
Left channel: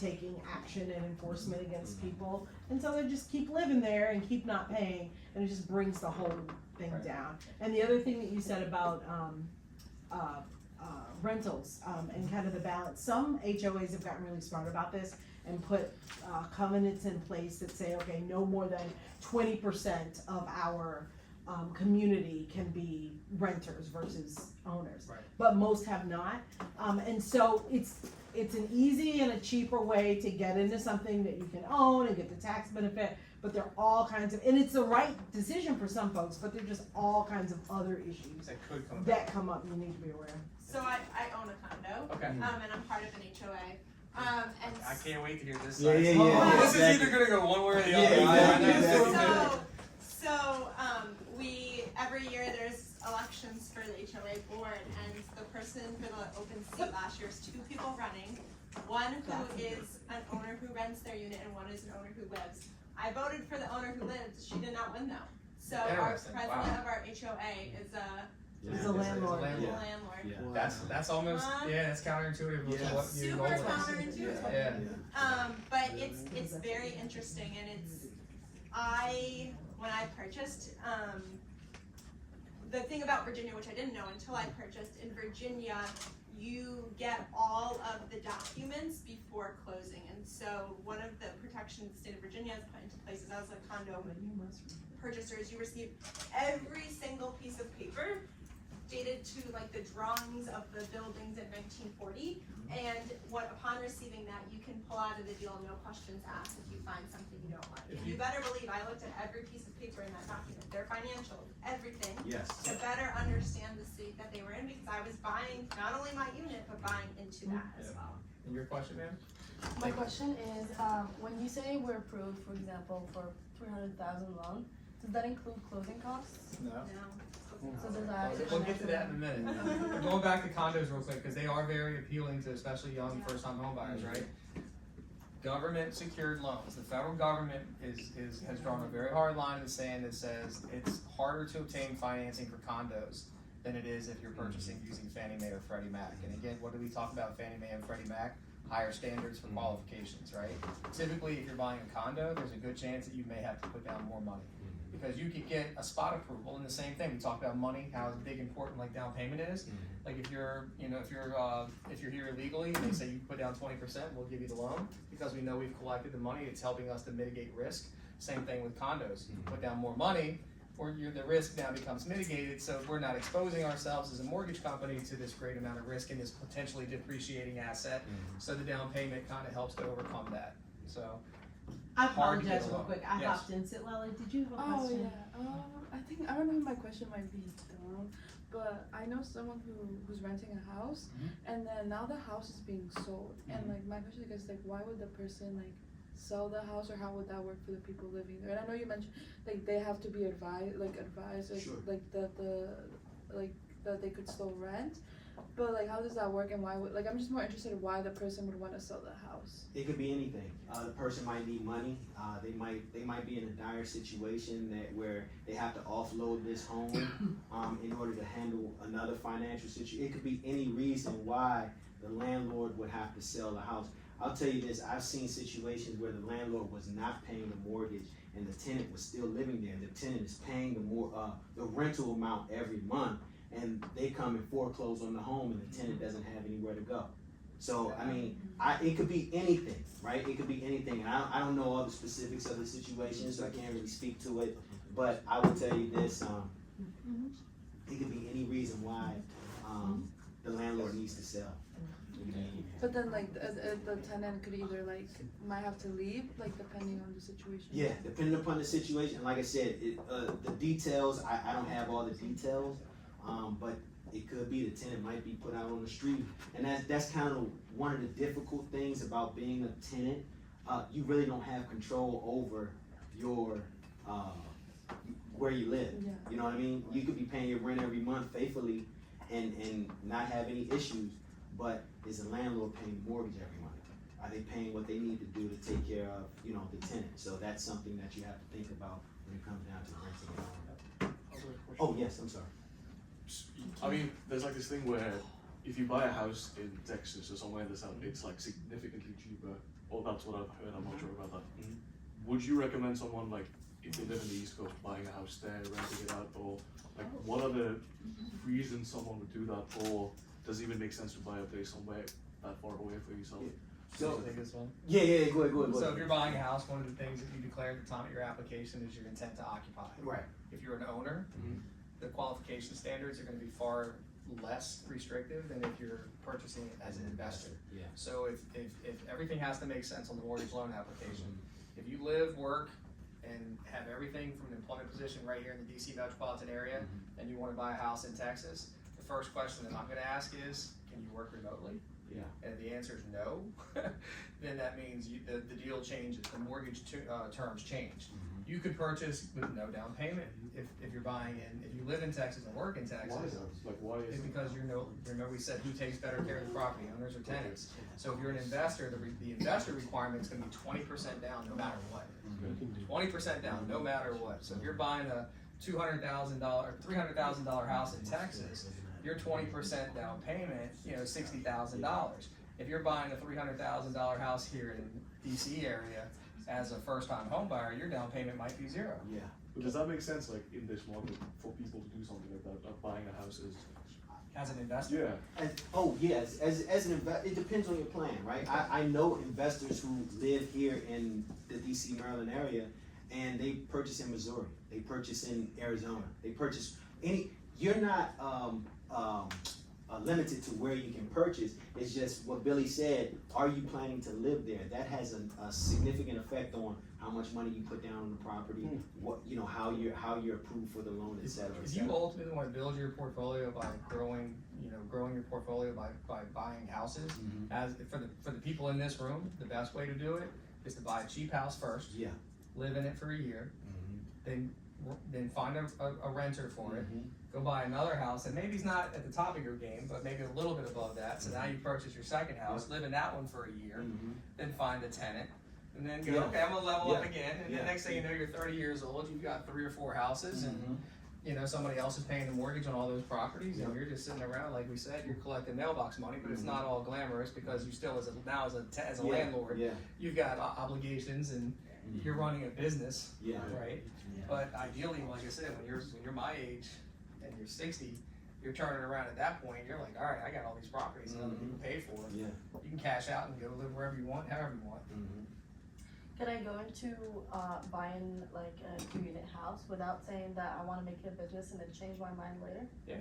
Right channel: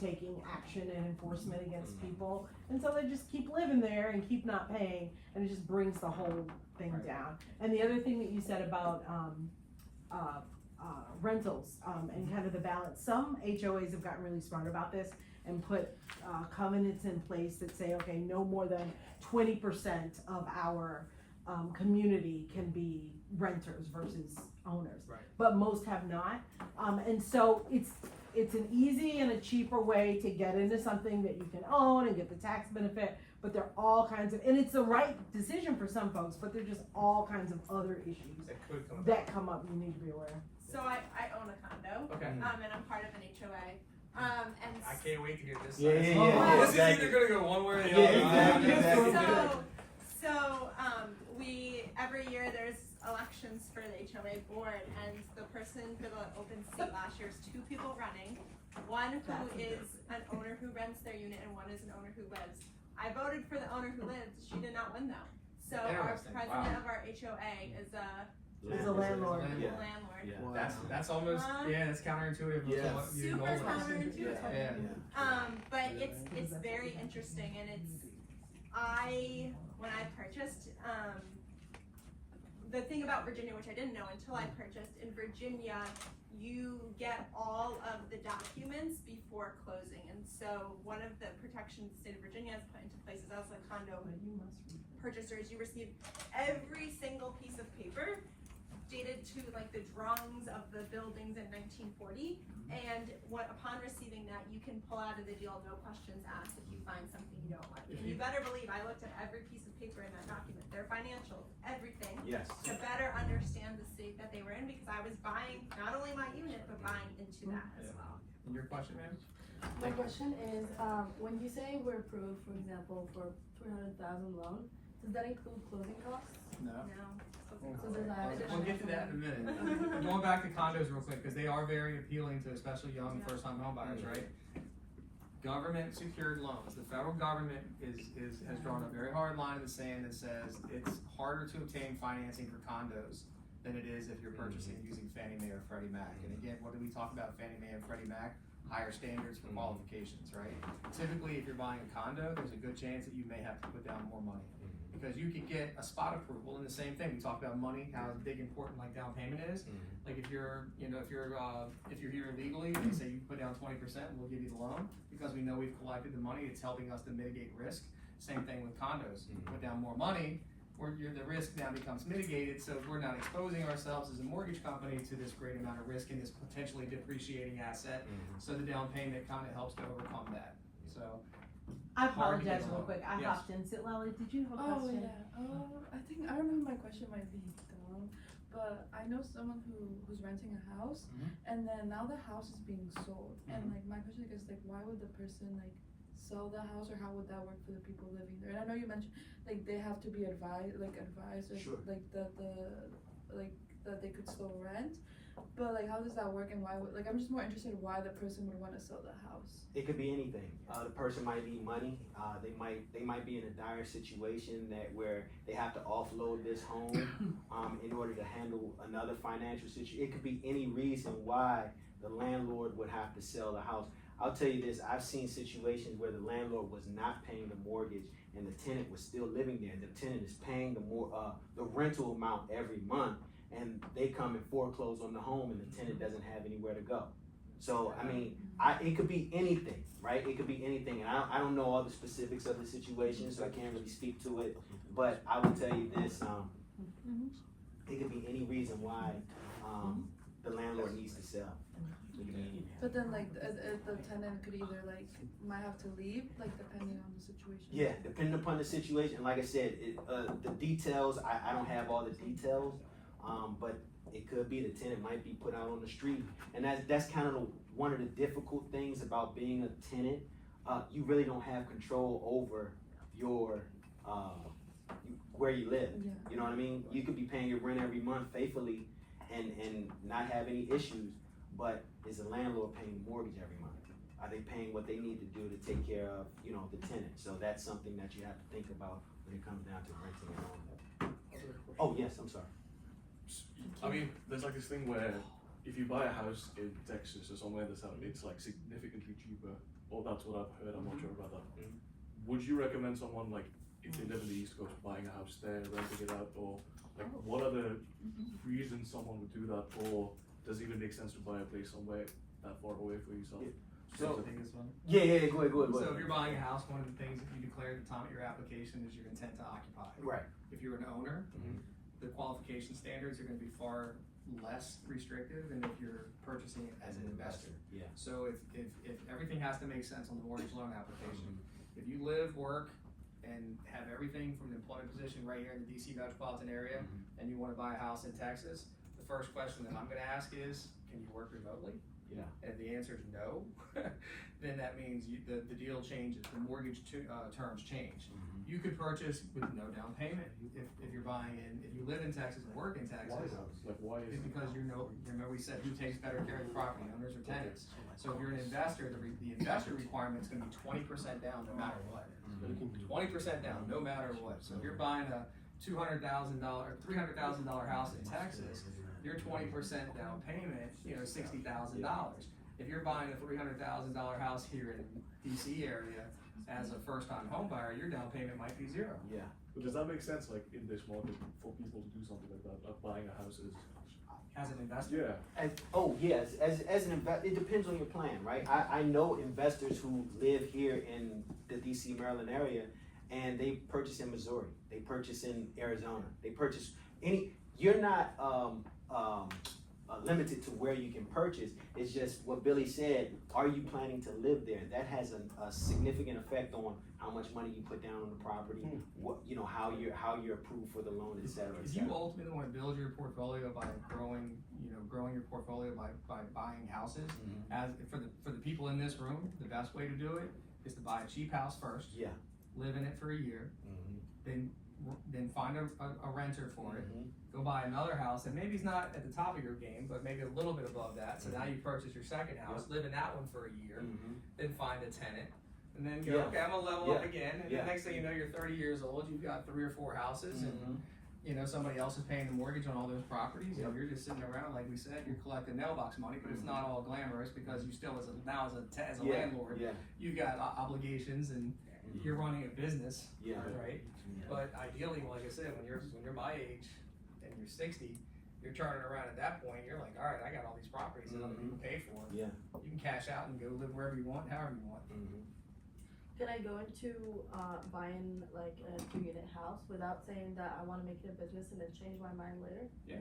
taking action and enforcement against people. And so they just keep living there and keep not paying, and it just brings the whole thing down. And the other thing that you said about rentals and kind of the balance, some HOAs have gotten really smart about this and put covenants in place that say, okay, no more than 20% of our community can be renters versus owners. Right. But most have not. And so it's an easy and a cheaper way to get into something that you can own and get the tax benefit, but there are all kinds of, and it's the right decision for some folks, but there are just all kinds of other issues That could come that come up you need to be aware of. So I own a condo, Okay. and I'm part of an HOA, and I can't wait to hear this. Yeah, side. yeah, yeah. This is either gonna go one way or the other. Yeah, so we every year there's elections for the HOA board, and the person for the open seat last year was two people running, one who is an owner who rents their unit and one is an owner who lives. I voted for the owner who lives. She did not win though. So our Interesting. president of our HOA is a It's a landlord. Yeah. landlord. Yeah. That's almost that's counterintuitive Yeah. to what you Super normally counterintuitive. Yeah. But it's very interesting, and when I purchased, the thing about Virginia, which I didn't know until I purchased, in Virginia, you get all of the documents before closing, and so one of the protections the state of Virginia has put into place is as a condo purchaser is you receive every single piece of paper dated to like the drawings of the buildings in 1940, and upon receiving that, you can pull out of the deal, no questions asked, if you find something you don't like. And you better believe I looked at every piece of paper in that document, their financials, everything, Yes. to better understand the state that they were in, because I was buying not only my unit, but buying into that as well. And your question, ma'am? My question is, when you say we're approved, for example, for 300,000 loan, does that include closing costs? No. No. So does that? We'll get to that in a minute. Going back to condos real quick, because they are very appealing to especially young first-time home buyers, right? Government secured loans. The federal government has drawn a very hard line in the sand that says it's harder to obtain financing for condos than it is if you're purchasing using Fannie Mae or Freddie Mac. And again, what do we talk about Fannie Mae and Freddie Mac? Higher standards for qualifications, right? Typically, if you're buying a condo, there's a good chance that you may have to put down more money. Because you could get a spot approval, and the same thing, we talk about money, how big important like down payment is. Like if you're here illegally, and they say you put down 20%, we'll give you the loan, because we know we've collected the money, it's helping us to mitigate risk. Same thing with condos, you put down more money, or the risk now becomes mitigated, so we're not exposing ourselves as a mortgage company to this great amount of risk in this potentially depreciating asset. So the down payment kind of helps to overcome that, so. I Hard to get apologize real along. quick, I Yes. hopped in. Lala, did you have a Oh question? yeah. I think I don't know if my question might be dumb, but I know someone who's renting a house, and then now the house is being sold, and like my question is like, why would the person like sell the house, or how would that work for the people living there? And I know you mentioned like they have to be advised, or Sure. like that they could still rent, but like how does that work, and why would I'm just more interested in why the person would want to sell the house. It could be anything. The person might need money. They might be in a dire situation where they have to offload this home in order to handle another financial situation. It could be any reason why the landlord would have to sell the house. I'll tell you this, I've seen situations where the landlord was not paying the mortgage and the tenant was still living there. The tenant is paying the rental amount every month, and they come and foreclose on the home and the tenant doesn't have anywhere to go. So, I mean, it could be anything, right? It could be anything. I don't know all the specifics of the situation, so I can't really speak to it, but I will tell you this, it could be any reason why the landlord needs to sell. But then like the tenant could either like might have to leave, like depending on the situation. Yeah, depending upon the situation. Like I said, the details, I don't have all the details, but it could be the tenant might be put out on the street. And that's kind of one of the difficult things about being a tenant. You really don't have control over your where you live. Yeah. You know what I mean? You could be paying your rent every month faithfully, and not have any issues, but is the landlord paying the mortgage every month? Are they paying what they need to do to take care of, you know, the tenant? So that's something that you have to think about when it comes down to renting a home. Oh, yes, I'm sorry. I mean, there's like this thing where if you buy a house in Texas or somewhere in the south, it's like significantly cheaper. Or that's what I've heard. I'm not sure about that. Mhm. Would you recommend someone like if they live in the East Coast buying a house there, renting it out, or like what are the reasons someone would do that, or does it even make sense to buy a place somewhere that far away for yourself? Yeah. So, take this one. Yeah, go ahead. So if you're buying a house, one of the things that you declare at the time of your application is your intent to occupy. Right. If you're an owner, Mhm. the qualification standards are gonna be far less restrictive than if you're purchasing it as an investor. Yeah. So if everything has to make sense on the mortgage loan application, if you live, work, and have everything from an employment position right here in the DC metropolitan area, and you wanna buy a house in Texas, the first question that I'm gonna ask is, can you work remotely? Yeah. And if the answer is no, then that means the deal changes, the mortgage terms change. You could purchase with no down payment if you're buying if you live in Texas and work in Texas. Why is that? Like, why is It's it? because remember we said who takes better care of the property, owners or tenants. So if you're an investor, the investor requirement is gonna be 20% down no matter what. 20% down no matter what. So if you're buying a $200,000, $300,000 house in Texas, your 20% down payment, $60,000. If you're buying a $300,000 house here in the DC area as a first-time home buyer, your down payment might be zero. Yeah. But does that make sense, like in this market, for people to do something like that, like buying a house is? As an investor? Yeah. Yes, as an investor, it depends on your plan, right? I know investors who live here in the DC, Maryland area, and they purchase in Missouri, they purchase in Arizona, they purchase you're not, limited to where you can purchase. It's just what Billy said, are you planning to live there? That has a significant effect on how much money you put down on the property, what, how you're approved for the loan, et cetera. If you ultimately want to build your portfolio by growing your portfolio by buying houses, as for the people in this room, the best way to do it is to buy a cheap house first. Yeah. Live in it for a year, then find a renter for it. Go buy another house, and maybe it's not at the top of your game, but maybe a little bit above that. So now you purchase your second house, live in that one for a year, then find a tenant, and then go, okay, I'm gonna level up again. And the next thing you know, you're 30 years old, you've got 3 or 4 houses, and somebody else is paying the mortgage on all those properties. You're just sitting around, like we said, you're collecting mailbox money, but it's not all glamorous because you still, as a landlord, you've got obligations and you're running a business, right? But ideally, like I said, when you're my age and you're 60, you're turning around at that point. You're like, all right, I got all these properties that other people pay for. Yeah. You can cash out and go live wherever you want, however you want. Can I go into buying like a 2-unit house without saying that I want to make it a business and then change my mind later? Yeah.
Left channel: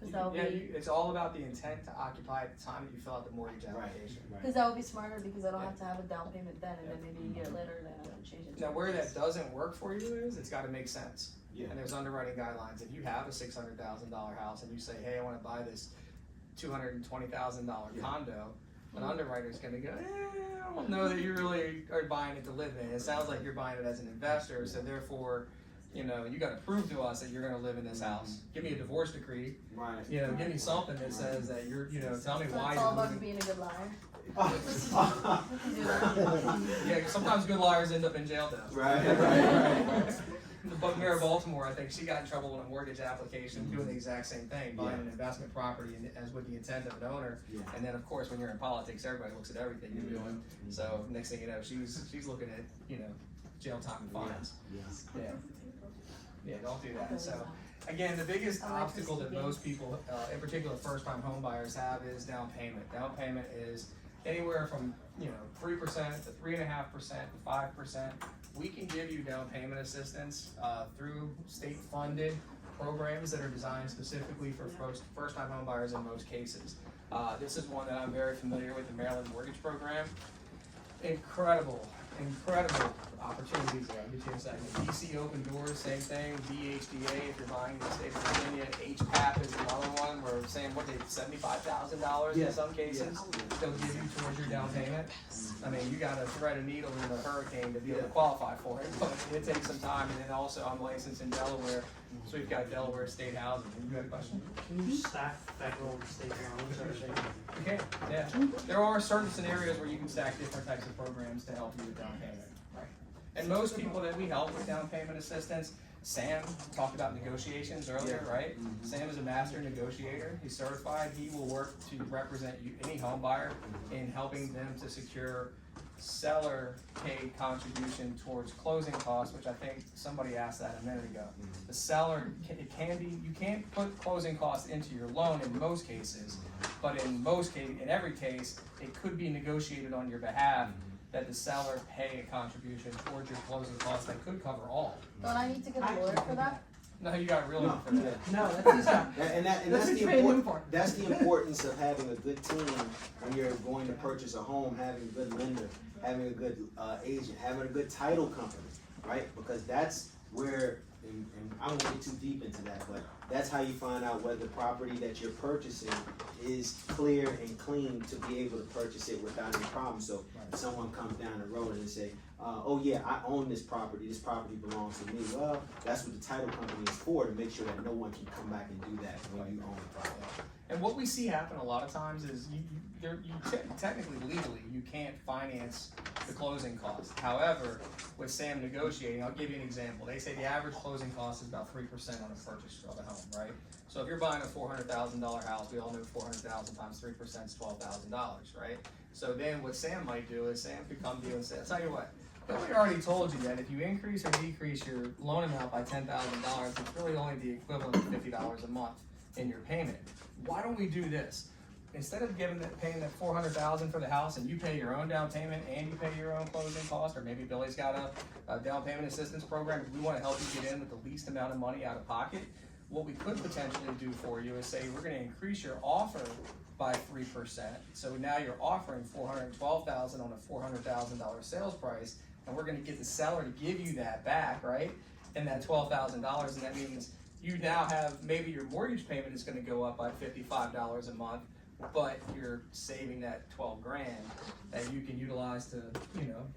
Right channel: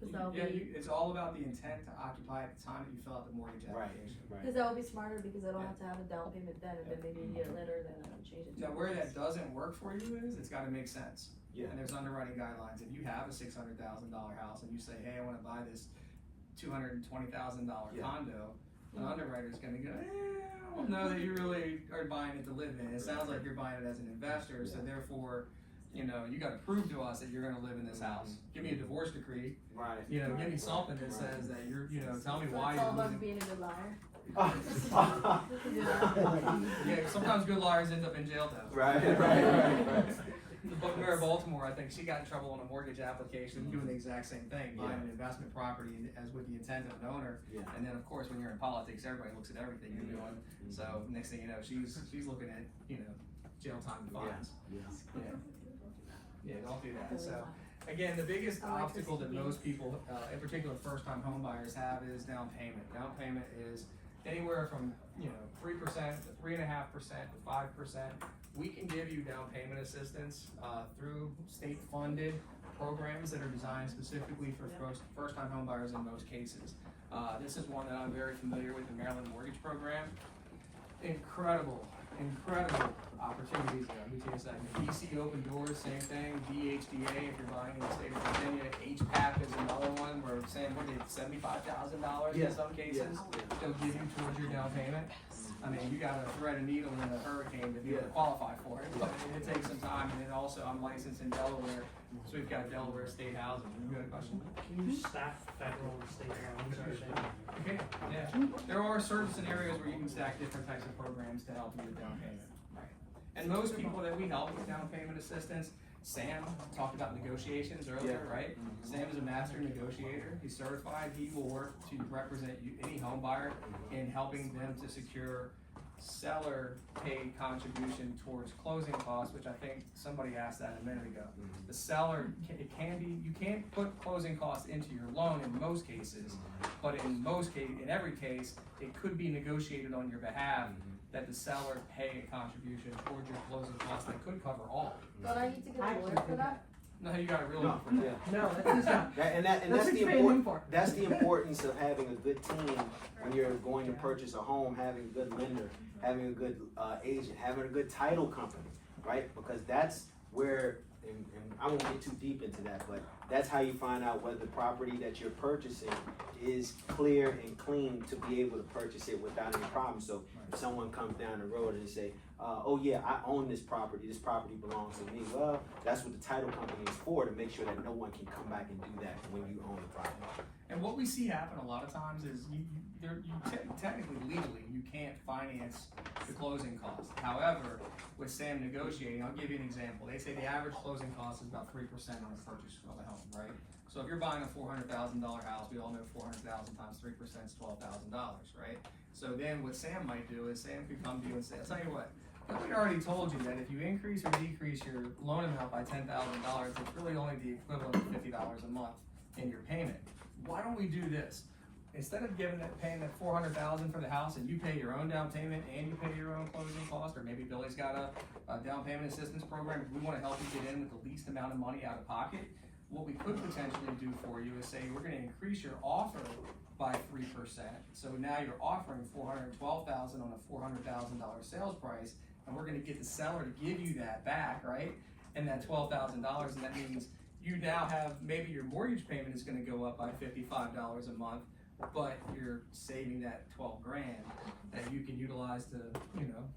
Because that would be. It's all about the intent to occupy at the time that you fill out the mortgage application. Because that would be smarter because I don't have to have a down payment then, and then maybe a year later, then I don't change it. Now, where that doesn't work for you is it's got to make sense. Yeah. And there's underwriting guidelines. If you have a $600,000 house and you say, hey, I want to buy this $220,000 condo, an underwriter's going to go, I don't know that you really are buying it to live in. It sounds like you're buying it as an investor, so therefore, you got to prove to us that you're going to live in this house. Give me a divorce decree. Right. Give me something that says that you're, tell me why It's you're all about moving. being a good liar. Right. We can do that. Yeah, sometimes good liars end up in jail though. Right. The mayor of Baltimore, I think she got in trouble on a mortgage application doing the exact same thing, buying an investment property as with the intent of an owner. And then of course, when you're in politics, everybody looks at everything you're doing. So next thing you know, she's looking at, jail time and fines. Yeah, don't do that. So again, the biggest obstacle that most people, in particular first-time home buyers, have is down payment. Down payment is anywhere from 3% to 3.5% to 5%. We can give you down payment assistance through state-funded programs that are designed specifically for first-time home buyers in most cases. This is one that I'm very familiar with, the Maryland Mortgage Program. Incredible opportunities there. I'll get you in a second. DC Open Doors, same thing. DHDA, if you're buying in the state of Virginia. HPAP is another one where saying, what, $75,000 in some cases, they'll give you towards your down payment. I mean, you gotta thread a needle in a hurricane to be able to qualify for it, so it takes some time, and then also I'm licensed in Delaware, so we've got Delaware state housing. You got a question? Can you stack federal or state loans or something? You can, yeah. There are certain scenarios where you can stack different types of programs to help you with down payment. Right. And most people that we help with down payment assistance, Sam talked about negotiations earlier, right? Sam is a master negotiator. He's certified. He will work to represent you, any home buyer, in helping them to secure seller paid contribution towards closing costs, which I think somebody asked that a minute ago. The seller, it can be, you can't put closing costs into your loan in most cases, but in every case, it could be negotiated on your behalf that the seller pay a contribution towards your closing costs that could cover all. Don't I need to get a lawyer for that? No, you got a real one for that. No, that's his job. That's the importance of having a good team when you're going to purchase a home, having a good lender, having a good agent, having a good title company, right? Because that's where, and I won't get too deep into that, but that's how you find out whether the property that you're purchasing is clear and clean to be able to purchase it without any problem. So if someone comes down the road and say, oh yeah, I own this property belongs to me. Well, that's what the title company is for, to make sure that no one can come back and do that when you own the property. And what we see happen a lot of times is technically, legally, you can't finance the closing costs. However, with Sam negotiating, I'll give you an example. They say the average closing cost is about 3% on a purchase of a home, right? So if you're buying a $400,000 house, we all know 400,000 times 3% is $12,000, right? So then what Sam might do is Sam could come to you and say, I'll tell you what, we already told you that if you increase or decrease your loan amount by $10,000, it's really only the equivalent of $50 a month in your payment. Why don't we do this? Instead of paying that $400,000 for the house and you pay your own down payment and you pay your own closing cost, or maybe Billy's got a down payment assistance program, we want to help you get in with the least amount of money out of pocket. What we could potentially do for you is say we're going to increase your offer by 3%. So now you're offering $412,000 on a $400,000 sales price, and we're going to get the seller to give you that back, right? And that $12,000, and that means you now have, maybe your mortgage payment is going to go up by $55 a month, but you're saving that $12 grand that you can utilize to,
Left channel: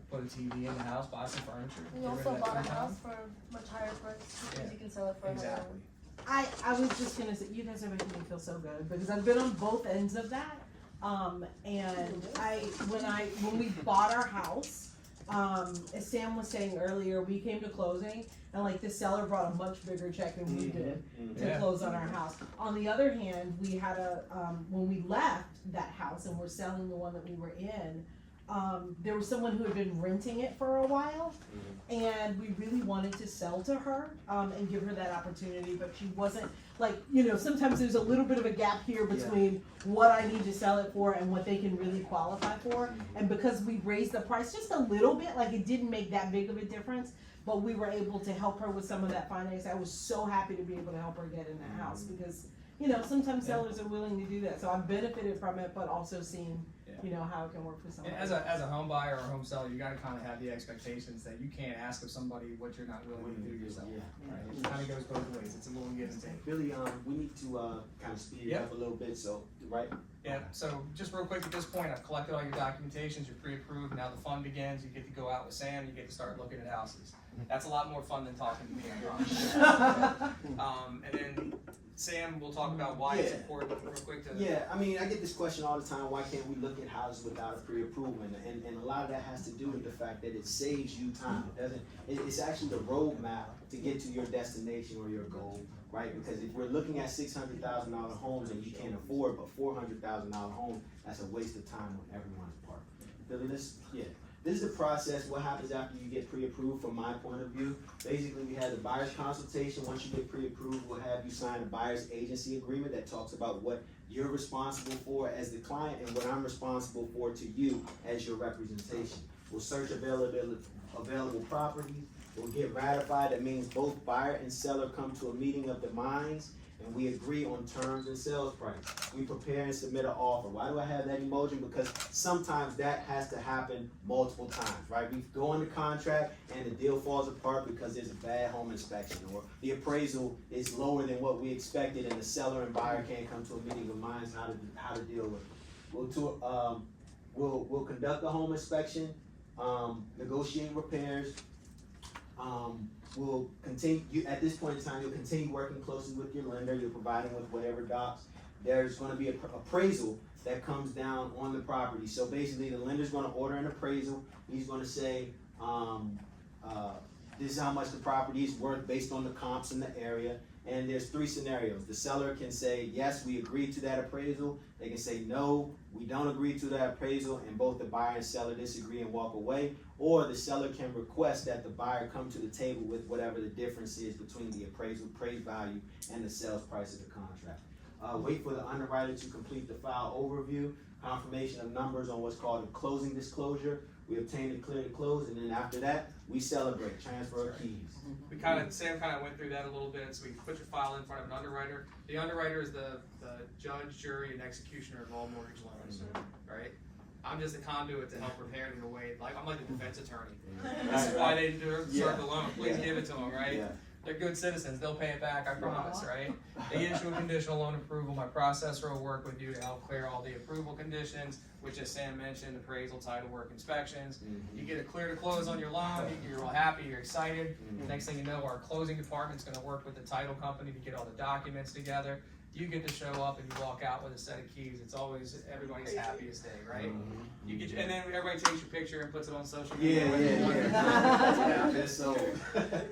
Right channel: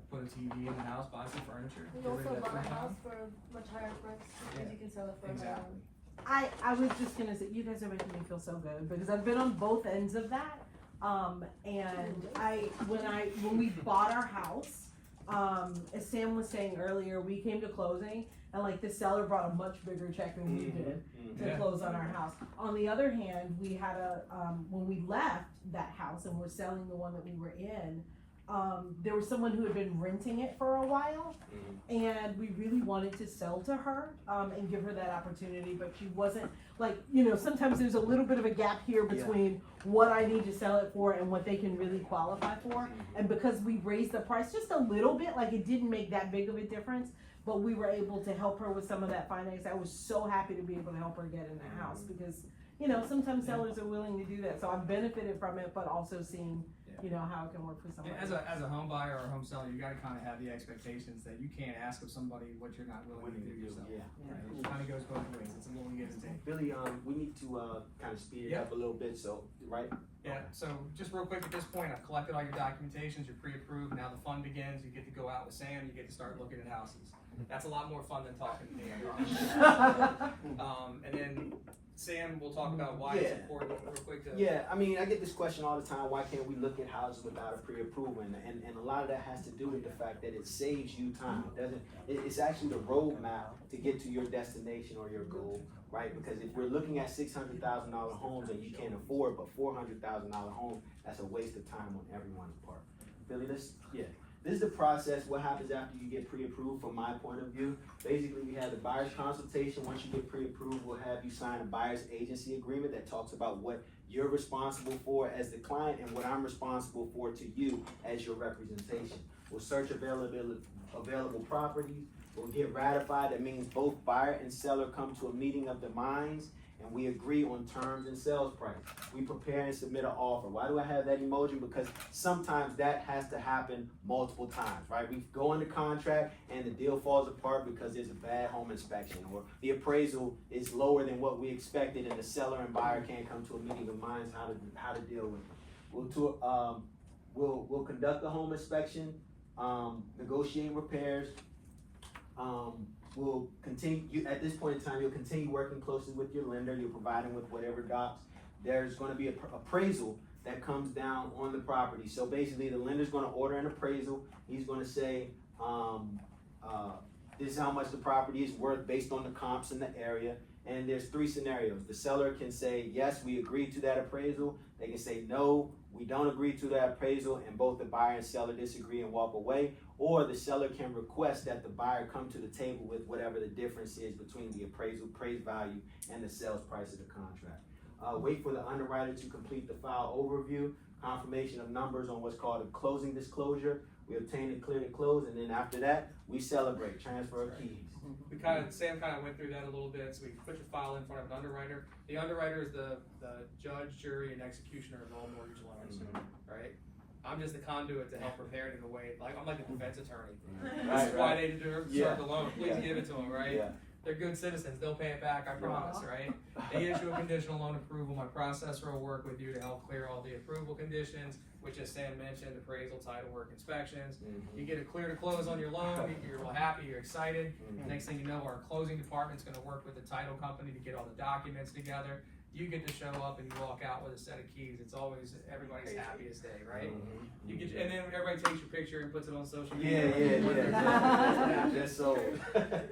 put a TV in the house, buy some furniture. You also bought a house for a much higher price because you can sell it for Exactly. I was just gonna say, you guys are making me feel so good because I've been on both ends of that. And when we bought our house, as Sam was saying earlier, we came to closing and like the seller brought a much bigger check than we did to close on our house. On the other hand, we had when we left that house and we're selling the one that we were in, there was someone who had been renting it for a while, and we really wanted to sell to her and give her that opportunity, but she wasn't, like, sometimes there's a little bit of a gap here between what I need to sell it for and what they can really qualify for. And because we raised the price just a little bit, like it didn't make that big of a difference, but we were able to help her with some of that finance. I was so happy to be able to help her get in that house because sometimes sellers are willing to do that. So I've benefited from it, but also seeing how it can work for somebody. And as a home buyer or home seller, you gotta kind of have the expectations that you can't ask of somebody what you're not willing to do yourself. Right? It kind of goes both ways. It's a little give and take. Billy, we need to kind of speed it up a little bit, so, right? Yeah, so just real quick at this point, I've collected all your documentations, you're pre-approved, now the fun begins, you get to go out with Sam, you get to start looking at houses. That's a lot more fun than talking to me, I promise. And then Sam will talk about why it's important real quick to... Yeah, I mean, I get this question all the time, why can't we look at houses without a pre-approval? And a lot of that has to do with the fact that it saves you time. It's actually the roadmap to get to your destination or your goal, right? Because if we're looking at $600,000 homes and you can't afford but $400,000 home, that's a waste of time on everyone's part. Billy, this is the process. What happens after you get pre-approved from my point of view? Basically, we have the buyer's consultation. Once you get pre-approved, we'll have you sign a buyer's agency agreement that talks about what you're responsible for as the client and what I'm responsible for to you as your representation. We'll search available properties. We'll get ratified. That means both buyer and seller come to a meeting of the minds, and we agree on terms and sales price. We prepare and submit an offer. Why do I have that emoji? Because sometimes that has to happen multiple times, right? We go into contract and the deal falls apart because there's a bad home inspection, or the appraisal is lower than what we expected, and the seller and buyer can't come to a meeting of minds how to deal with it. We'll conduct the home inspection, negotiate repairs. We'll continue, at this point in time, you'll continue working closely with your lender. You're providing with whatever docs. There's gonna be an appraisal that comes down on the property. So basically, the lender's gonna order an appraisal. He's gonna say, this is how much the property is worth based on the comps in the area. And there's 3 scenarios. The seller can say, yes, we agree to that appraisal. They can say, no, we don't agree to that appraisal, and both the buyer and seller disagree and walk away. Or the seller can request that the buyer come to the table with whatever the difference is between the appraised value and the sales price of the contract. Wait for the underwriter to complete the file overview, confirmation of numbers on what's called a closing disclosure. We obtain a clear to close, and then after that, we celebrate, transfer of keys. Sam kind of went through that a little bit, so we put your file in front of an underwriter. The underwriter is the judge, jury, and executioner of all mortgage loans, right? I'm just a conduit to help prepare it in a way, like, I'm like a defense attorney. This is why they deserve the loan, please give it to them, right? Yeah. They're good citizens, they'll pay it back, I promise, right? They issue a conditional loan approval, my processor will work with you to help clear all the approval conditions, which, as Sam mentioned, appraisal, title work, inspections. You get a clear to close on your loan, you're real happy, you're excited. Next thing you know, our closing department's gonna work with the title company to get all the documents together. You get to show up and you walk out with a set of keys. It's always everybody's happiest day, right? You get, and then everybody takes your picture and puts it on social media. Yeah. So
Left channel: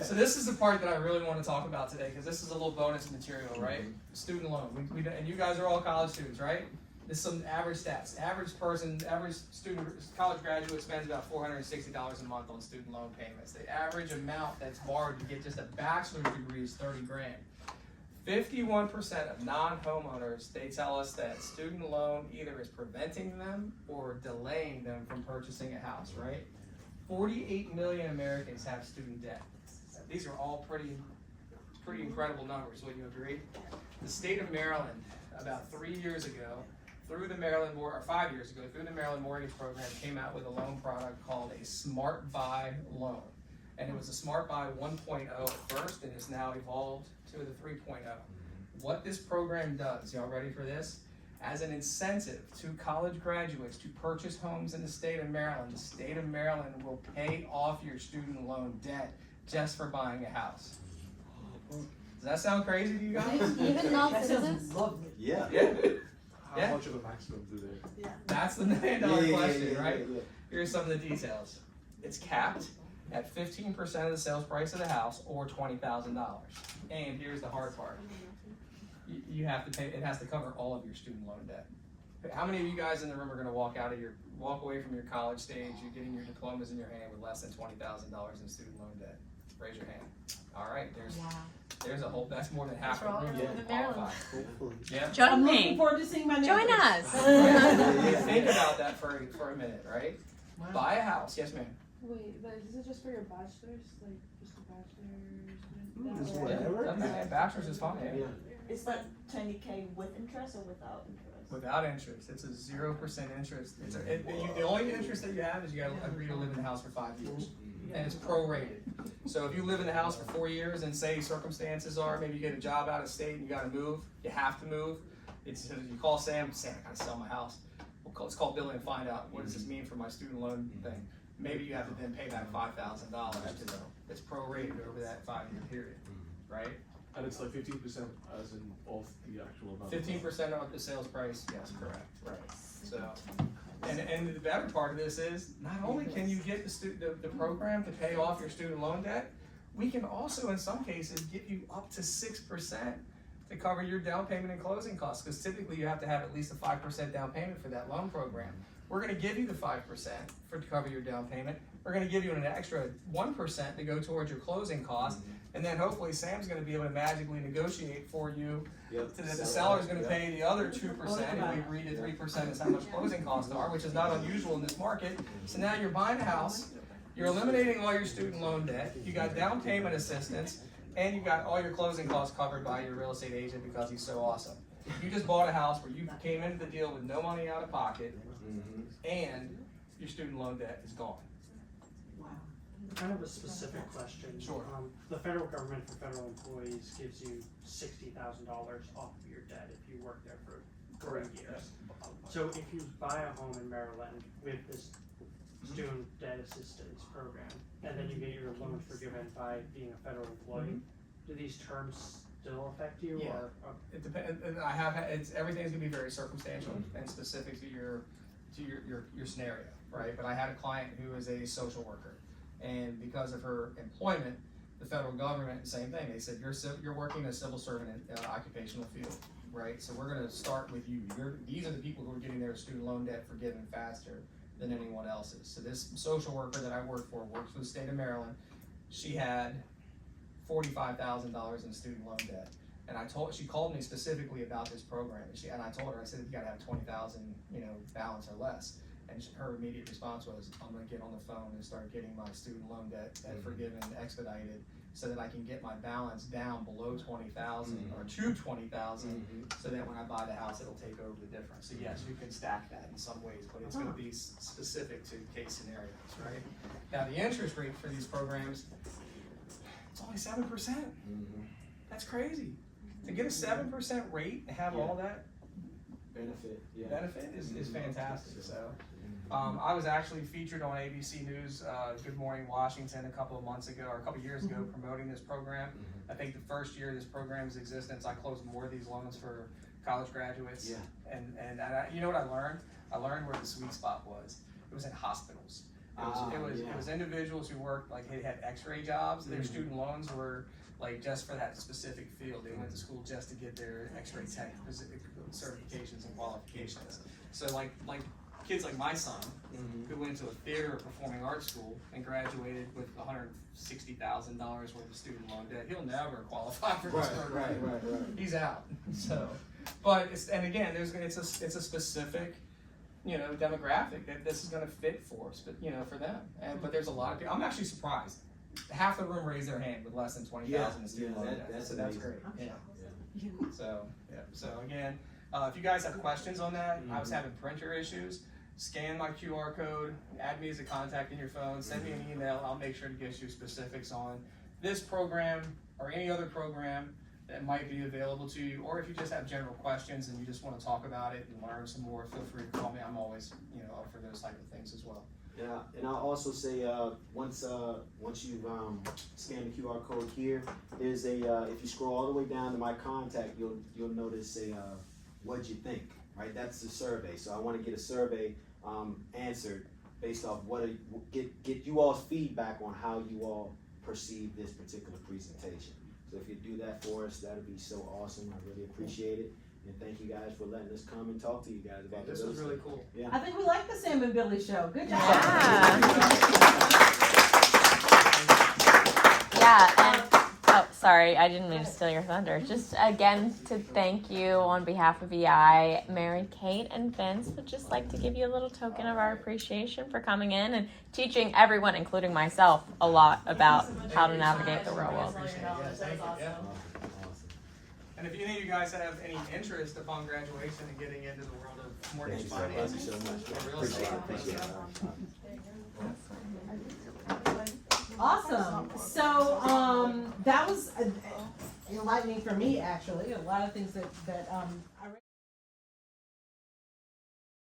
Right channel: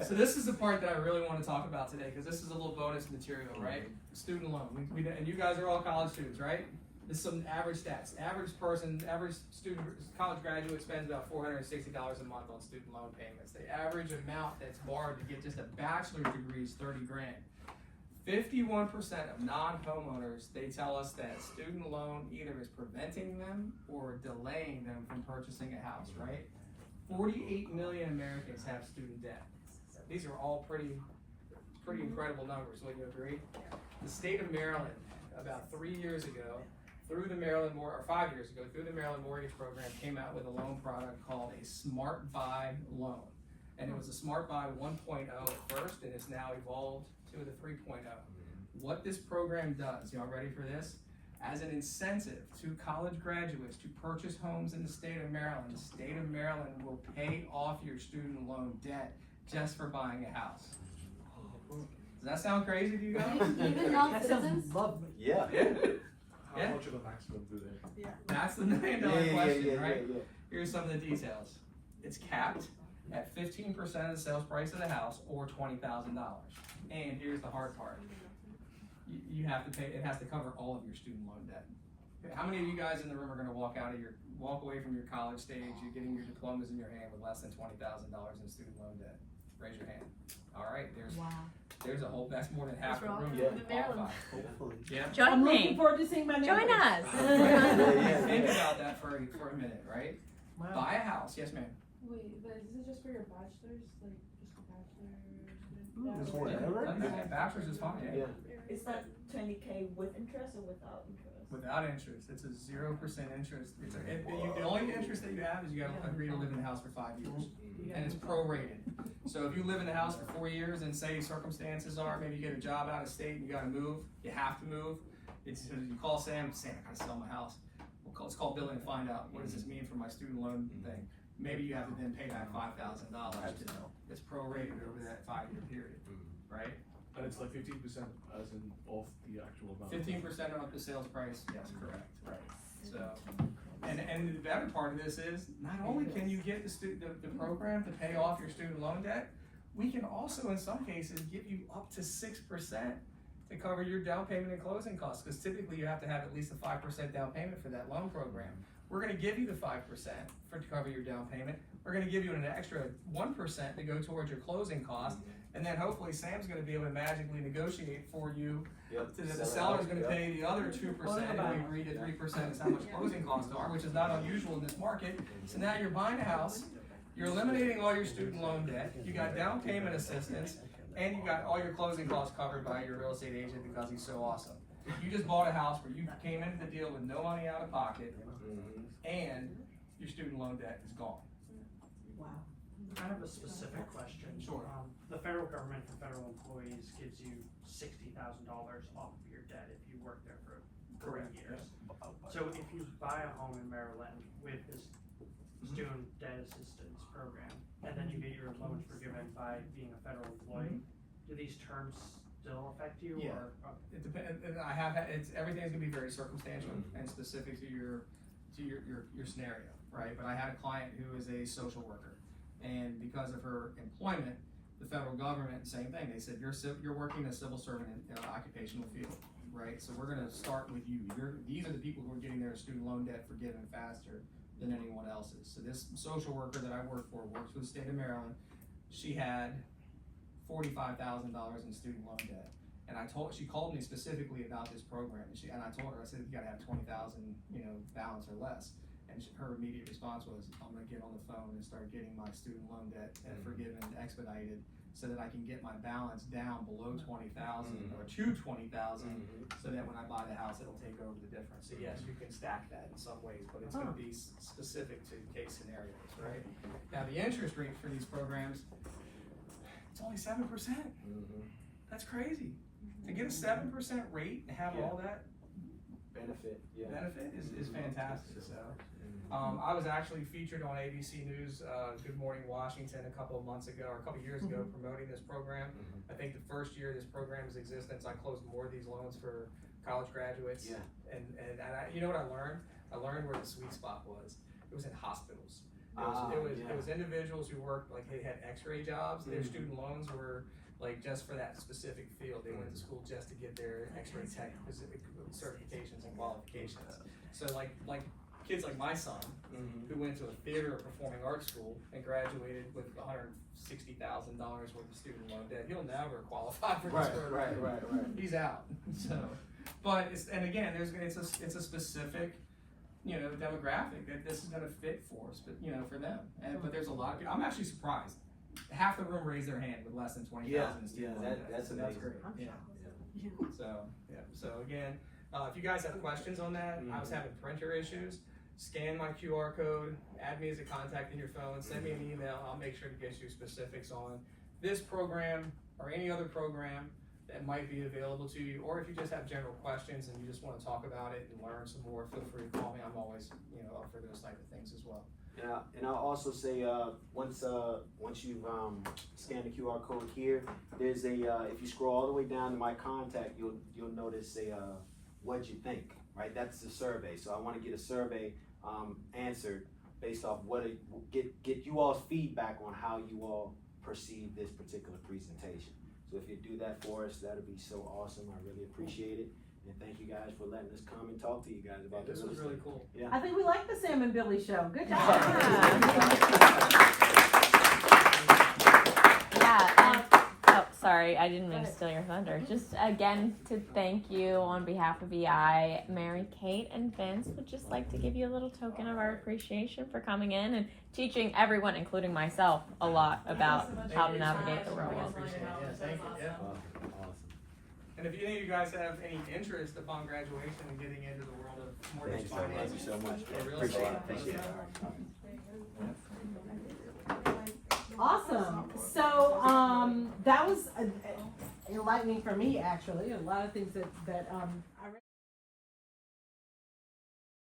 this is the part that I really want to talk about today, because this is a little bonus material, right? Student loan. And you guys are all college students, right? This is some average stats. Average student, college graduate spends about $460 a month on student loan payments. The average amount that's borrowed to get just a bachelor's degree is $30 grand. 51% of non-homeowners, they tell us that student loan either is preventing them or delaying them from purchasing a house, right? 48 million Americans have student debt. These are all pretty incredible numbers, would you agree? The state of Maryland, about 3 years ago, through the Maryland Mortgage Program, came out with a loan product called a Smart Buy loan. And it was a Smart Buy 1.0 at first, and it's now evolved to the 3.0. What this program does, y'all ready for this? As an incentive to college graduates to purchase homes in the state of Maryland will pay off your student loan debt just for buying a house. Does that sound crazy to you guys? Even non-citizens? sounds lovely. yeah. How much of a maximum do they? That's the $1 million question, right? Here's some of the details. It's capped at 15% of the sales price of the house, or $20,000. And here's the hard part. You have to pay, it has to cover all of your student loan debt. How many of you guys in the room are gonna walk away from your college stage, you're getting your diplomas in your hand with less than $20,000 in student loan debt? Raise your hand. All right, there's a whole, that's more than half the room that qualify. Yeah. I'm Join looking me. forward to seeing my Join neighbors. us. Think about that for a minute, right? Wow. Buy a house, yes ma'am. Wait, but is it just for your bachelor's? Like, just a Just bachelor's? whatever. Yeah, bachelor's is fine, yeah. Is that 20K with interest or without interest? Without interest, it's a 0% interest. The only interest that you have is you gotta agree to live in the house for 5 years, and it's prorated. So if you live in the house for 4 years and say circumstances are, maybe you get a job out of state, you gotta move, you have to move. You call Sam, I gotta sell my house. Let's call Billy and find out, what does this mean for my student loan thing? Maybe you have to then pay back $5,000 to know. It's prorated over that 5-year period, right? And it's like 15% as in off the actual amount. 15% of the sales price, yes, correct, right. So, and the better part of this is, not only can you get the program to pay off your student loan debt, we can also, in some cases, give you up to 6% to cover your down payment and closing costs, because typically you have to have at least a 5% down payment for that loan program. We're gonna give you the 5% to cover your down payment. We're gonna give you an extra 1% to go towards your closing costs, and then hopefully Sam's gonna be able to magically negotiate for you so that the seller's gonna pay the other 2%, if we agree to 3% is how much closing costs are, which is not unusual in this market. So now you're buying a house, you're eliminating all your student loan debt, you got down payment assistance, And you got all your closing costs covered by your real estate agent because he's so awesome. You just bought a house where you came into the deal with no money out of pocket, and your student loan debt is gone. Wow. I have a specific question. Sure. The federal government for federal employees gives you $60,000 off of your debt if you work there for 3 years. So if you buy a home in Maryland with this student debt assistance program, and then you get your loan forgiven by being a federal employee, do these terms still affect you? Yeah. Or It depends. Everything's gonna be very circumstantial and specific to your scenario, right? But I had a client who is a social worker, and because of her employment, the federal government, same thing. They said you're working as a civil servant in occupational field, right? So we're gonna start with you. These are the people who are getting their student loan debt forgiven faster than anyone else's. So this social worker that I work for works for the state of Maryland. She had $45,000 in student loan debt. And she called me specifically about this program, and I told her, I said, you gotta have 20,000, balance or less. And her immediate response was, I'm gonna get on the phone and start getting my student loan debt forgiven, expedited, so that I can get my balance down below 20,000 or to 20,000, so that when I buy the house, it'll take over the difference. So yes, you can stack that in some ways, but it's gonna be specific to case scenarios, right? Now, the interest rate for these programs, it's only 7%. That's crazy. To get a 7% rate and have all that benefit is fantastic. So, I was actually featured on ABC News, Good Morning Washington, a couple of years ago, promoting this program. I think the first year of this program's existence, I closed more of these loans for college graduates. Yeah. And you know what I learned? I learned where the sweet spot was. It was in hospitals. It was individuals who worked, like, they had x-ray jobs. Their student loans were like just for that specific field. They went to school just to get their x-ray tech certifications and qualifications. So like kids like my son, who went to a theater or performing arts school and graduated with $160,000 worth of student loan debt, he'll never qualify for this program. Right. He's out. So, but it's a specific, demographic that this is going to fit for us, but for them. But there's a lot of people. I'm actually surprised. Half the room raised their hand with less than 20,000 in student loan debt. That's great. So again, if you guys have questions on that, I was having printer issues. Scan my QR code, add me as a contact in your phone, send me an email. I'll make sure to get you specifics on this program or any other program that might be available to you. Or if you just have general questions and you just want to talk about it and learn some more, feel free to call me. I'm always up for those type of things as well. And I'll also say, once you've scanned the QR code here, there's if you scroll all the way down to my contact, you'll notice what'd you think, right? That's the survey. So I want to get a survey answered based off get you all's feedback on how you all perceive this particular presentation. So if you do that for us, that'd be so awesome. I really appreciate it. And thank you guys for letting us come and talk to you guys about this. This was really cool. Yeah. I think we like the Sam and Billy show. Good job. Sorry, I didn't mean to steal your thunder. Just again to thank you on behalf of EI, Mary Kate and Vince would just like to give you a little token of our appreciation for coming in and teaching everyone, including myself, a lot about how to navigate the real world. And if any of you guys have any interest upon graduation and getting into the world of mortgage finance, Thank you so much. or real estate, Appreciate it. Awesome. So that was enlightening for me, actually. A lot of things that